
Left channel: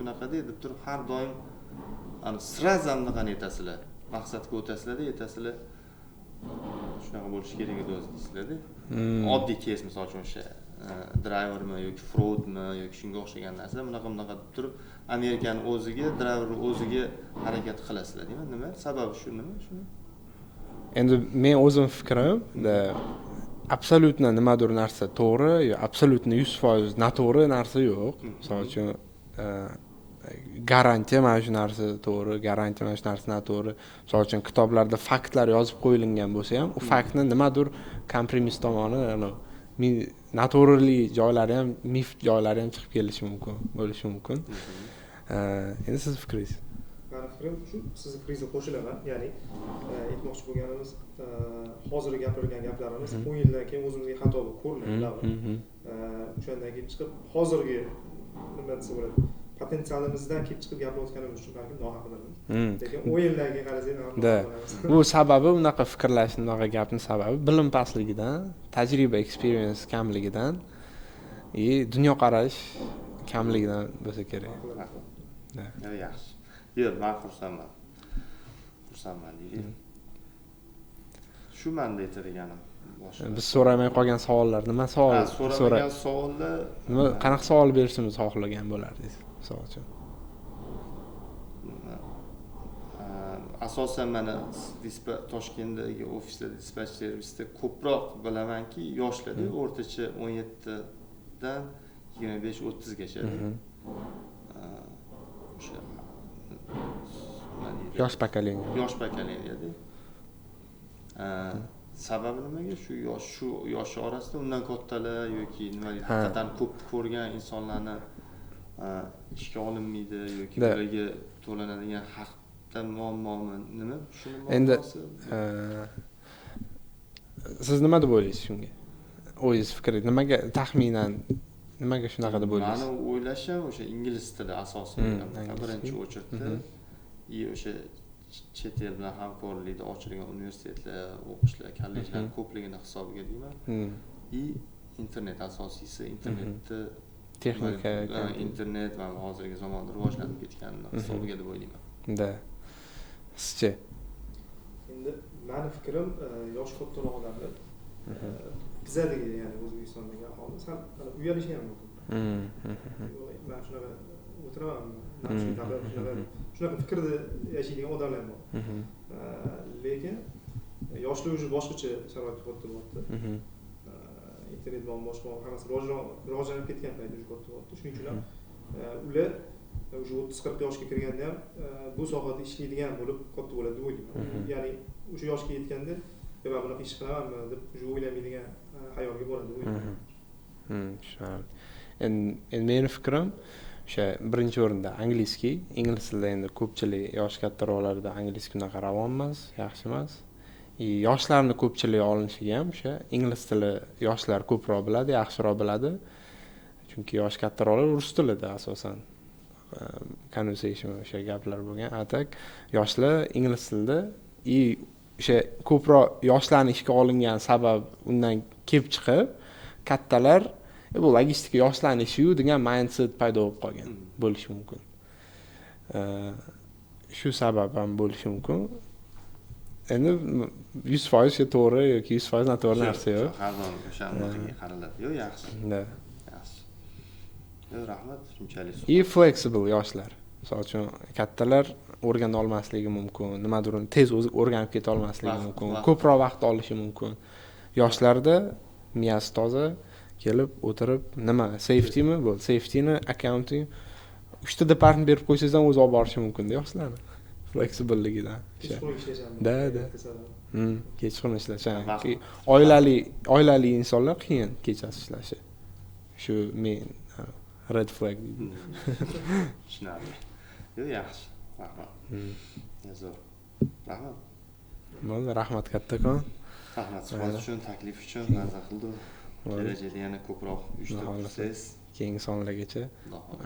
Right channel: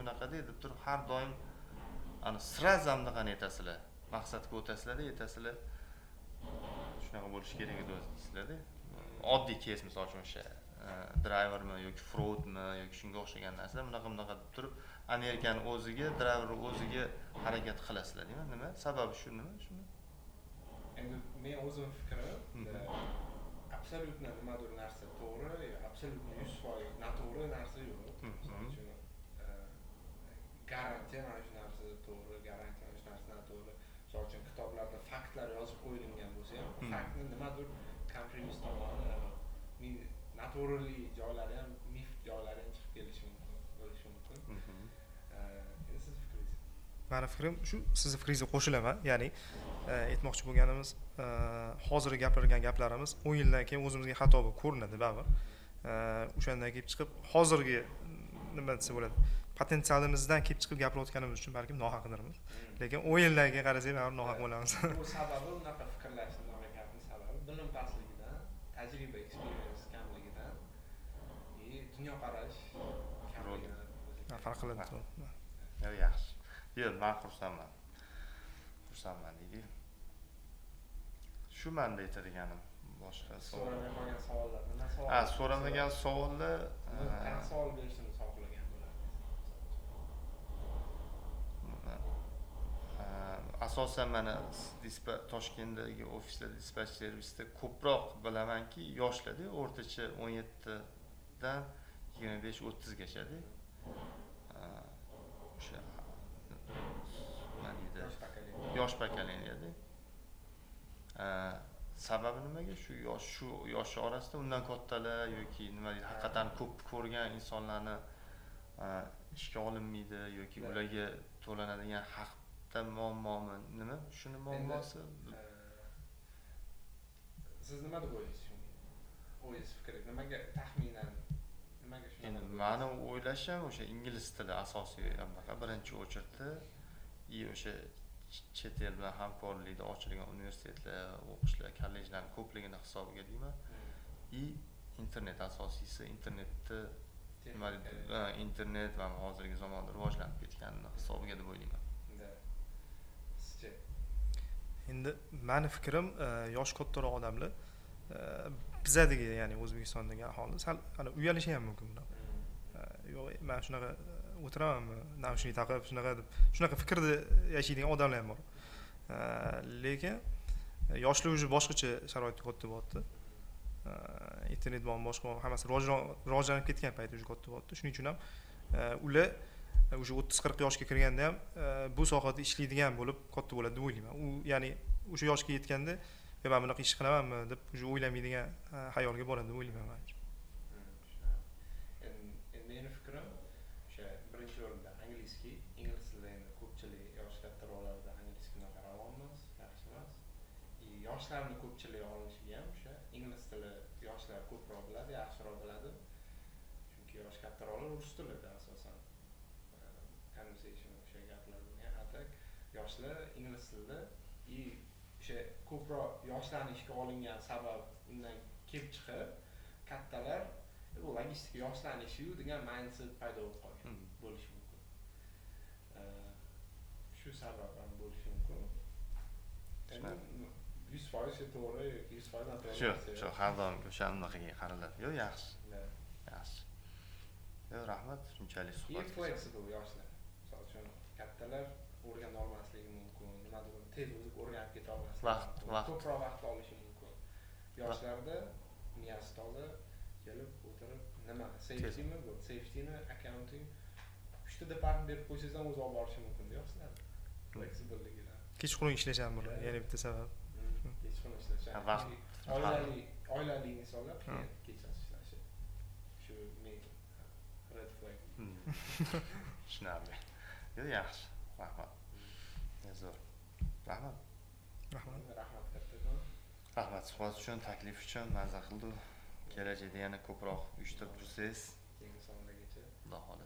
bunaqa deb turib har doim sraz hamdaqani aytasizlar. Maqsadga o'tasizlar-da, aytasizlar. Shunaqa bo'lishi kerak edi o'zi deysizlar-da. Oddiy keys misol uchun o'sha drivermi yoki fraudmi yoki shunga o'xshagan narsa bunaqa deb turib Amerikaning o'ziga, driverning o'ziga harakat qilasizlar deyman. Nima? Sababi shu nima? Shuni. Endi men o'zim fikrim, absolyutna nimadir narsa to'g'ri yo absolyutna 100% noto'g'ri narsa yo'q. Misol uchun garantiya mana shu narsa to'g'ri, garantiya mana shu narsa noto'g'ri. Misol uchun kitoblarda faktlar yozib qo'yilgan bo'lsa ham, u faktni nimadir kompromis tomoni, noto'g'rili joylari ham, mif joylari ham chiqib kelishi mumkin, bo'lishi mumkin. Endi siz fikringiz? Meni fikrim shu, sizning fikringizga qo'shilaman. Ya'ni aytmoqchi bo'lganimiz, hozir gapirgan gaplarimiz 10 yildan keyin o'zimizga xato bo'lib ko'rinadi, o'shandan kelib chiqib hozirgi nima desa bo'ladi, potensialimizdan kelib chiqib gapirayotganimiz uchun balki nohaqdirmiz. Lekin 10 yildan keyin qarasak, nohaq bo'lamiz. Bu sababi unaqa fikrlashning, unaqa gapning sababi bilim pastligidan, tajriba, experience kamligidan, dunyoqarash kamligidan bo'lsa kerak. Yaxshi. Yo'q, men xursandman. Xursandman deylik. Shu menda aytadiganim. Biz so'ramay qolgan savollar, nima savol? So'ramagan savollar, nima, qanaqa savol berishimiz xohlagan bo'lardingiz, misol uchun? Asosan mana Toshkentdagi ofislarda, dispatch servisda ko'proq bilamanki, yoshlarda o'rtacha 17 dan 25-30 gacha. O'sha yosh pokoleniyada. Sababi nimaga? Shu yosh orasida undan kattalar yoki nima haqiqatan ko'p ko'rgan insonlarni ishga olinmaydi yoki ularga to'lanadigan haqda muammomi nima? Shuni Endi, muammosi. siz nima deb o'ylaysiz shunga? O'zingiz fikri nimaga taxminan nimaga shunaqa deb o'ylaysiz? Mani o'ylashim o'sha ingliz tili asosiy birinchi o'chirtda и o'sha chet el bilan hamkorlikda ochilgan universitetlar, o'qishlar, kollejlar ko'pligini hisobiga deyman. И internet asosiysi, internetni Texnika, internet va hozirgi zamonda rivojlanib ketganini hisobiga deb o'ylayman. Da. Sizchi? Endi mani fikrim yoshi kattaroq odamlar bizadagi, ya'ni O'zbekistondagi aholi sal uyalishi ham mumkin. Yo'q, men shunaqa o'tiramanmi, namshlik taqib shunaqa fikrda yashaydigan odamlar ham bor. Lekin yoshlar уже boshqacha sharoitda katta bo'lyapti. Internet bilan boshqa hammasi rivojlanib ketgan payt уже katta bo'lyapti. Shuning uchun ham ular уже 30-40 yoshga kirganda ham bu sohada ishlaydigan bo'lib katta bo'ladi deb o'ylayman. Ya'ni o'sha yoshga yetganda men bunaqa ish qilamanmi deb уже o'ylamaydigan xayolga boradi deb o'ylayman. Tushunarli. Endi meni fikrim o'sha birinchi o'rinda angliskiy. Ingliz tilida endi ko'pchilik yosh kattaroqlarda angliskiy unaqa ravon emas, yaxshi emas. Yoshlarni ko'pchilik olinishiga ham o'sha ingliz tili yoshlar ko'proq biladi, yaxshiroq biladi. Chunki yosh kattaroqlar rus tilida asosan conversation o'sha gaplar bo'lgan. Atak yoshlar ingliz tilida o'sha ko'proq yoshlarni ishga olingan sabab undan kelib chiqib, kattalar bu logistika yoshlarni ishi-yu degan mindset paydo bo'lib qolgan bo'lishi mumkin. Shu sabab ham bo'lishi mumkin. Endi 100% to'g'ri yoki 100% noto'g'ri narsa yo'q. Har doim o'shanaqaga qaraladi. Yo'q, yaxshi. Yaxshi. Yo'q, rahmat, shunchalik. Flexible yoshlar. Misol uchun kattalar o'rgana olmasligi mumkin, nimadir tez o'rganib keta olmasligi mumkin, ko'proq vaqt olishi mumkin. Yoshlarda miyasi toza kelib o'tirib, nima, safetymi bu? Safetyni, accounting 3 ta department berib qo'ysangiz ham o'zi olib borishi mumkin-da yoshlarni. Flexibilligidan. Kechqurun ishlasham. Da. Kechqurun ishlasham. Oilali insonlar qiyin kechasi ishlashi. Shu men red flag. Tushunarli. Yo'q, yaxshi. Rahmat. Zo'r. Rahmat. Bo'ldi, rahmat kattakon. Rahmat suhbat uchun, taklif uchun, mazza qildi. Kelajakda yana ko'proq uyushtirsangiz, keyingi sonlargacha.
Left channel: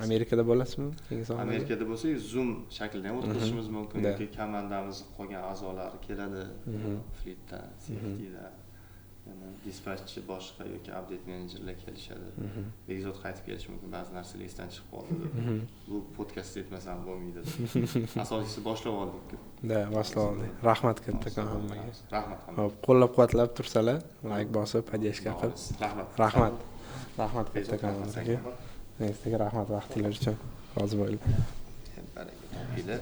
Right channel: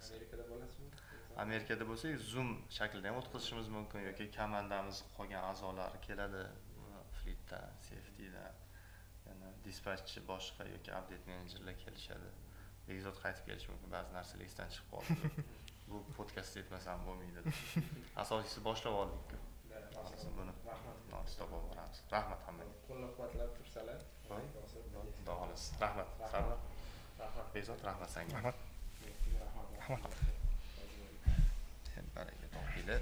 Amerikada bo'lasizmi? Keyingi sonlarda? Amerikada bo'lsa, Zoom shaklida ham o'tkazishimiz mumkin yoki komandamiz qolgan a'zolari keladi. Fleetdan, safetydan, yana dispatchchi boshqa yoki update menejerlar kelishadi. Bekzod qaytib kelishi mumkin, ba'zi narsalar esdan chiqib qoldi. Bu podkast etmasam bo'lmaydi. Asosiysi boshlab oldik-ku. Da, boshlab oldik. Rahmat kattakon hammaga. Rahmat hammaga. Xo'p, qo'llab-quvvatlab tursalar, like bosib, podeshka qilib. Rahmat. Rahmat kattakon. Sizga rahmat vaqtingiz uchun. Rozi bo'ling. Baraka topinglar.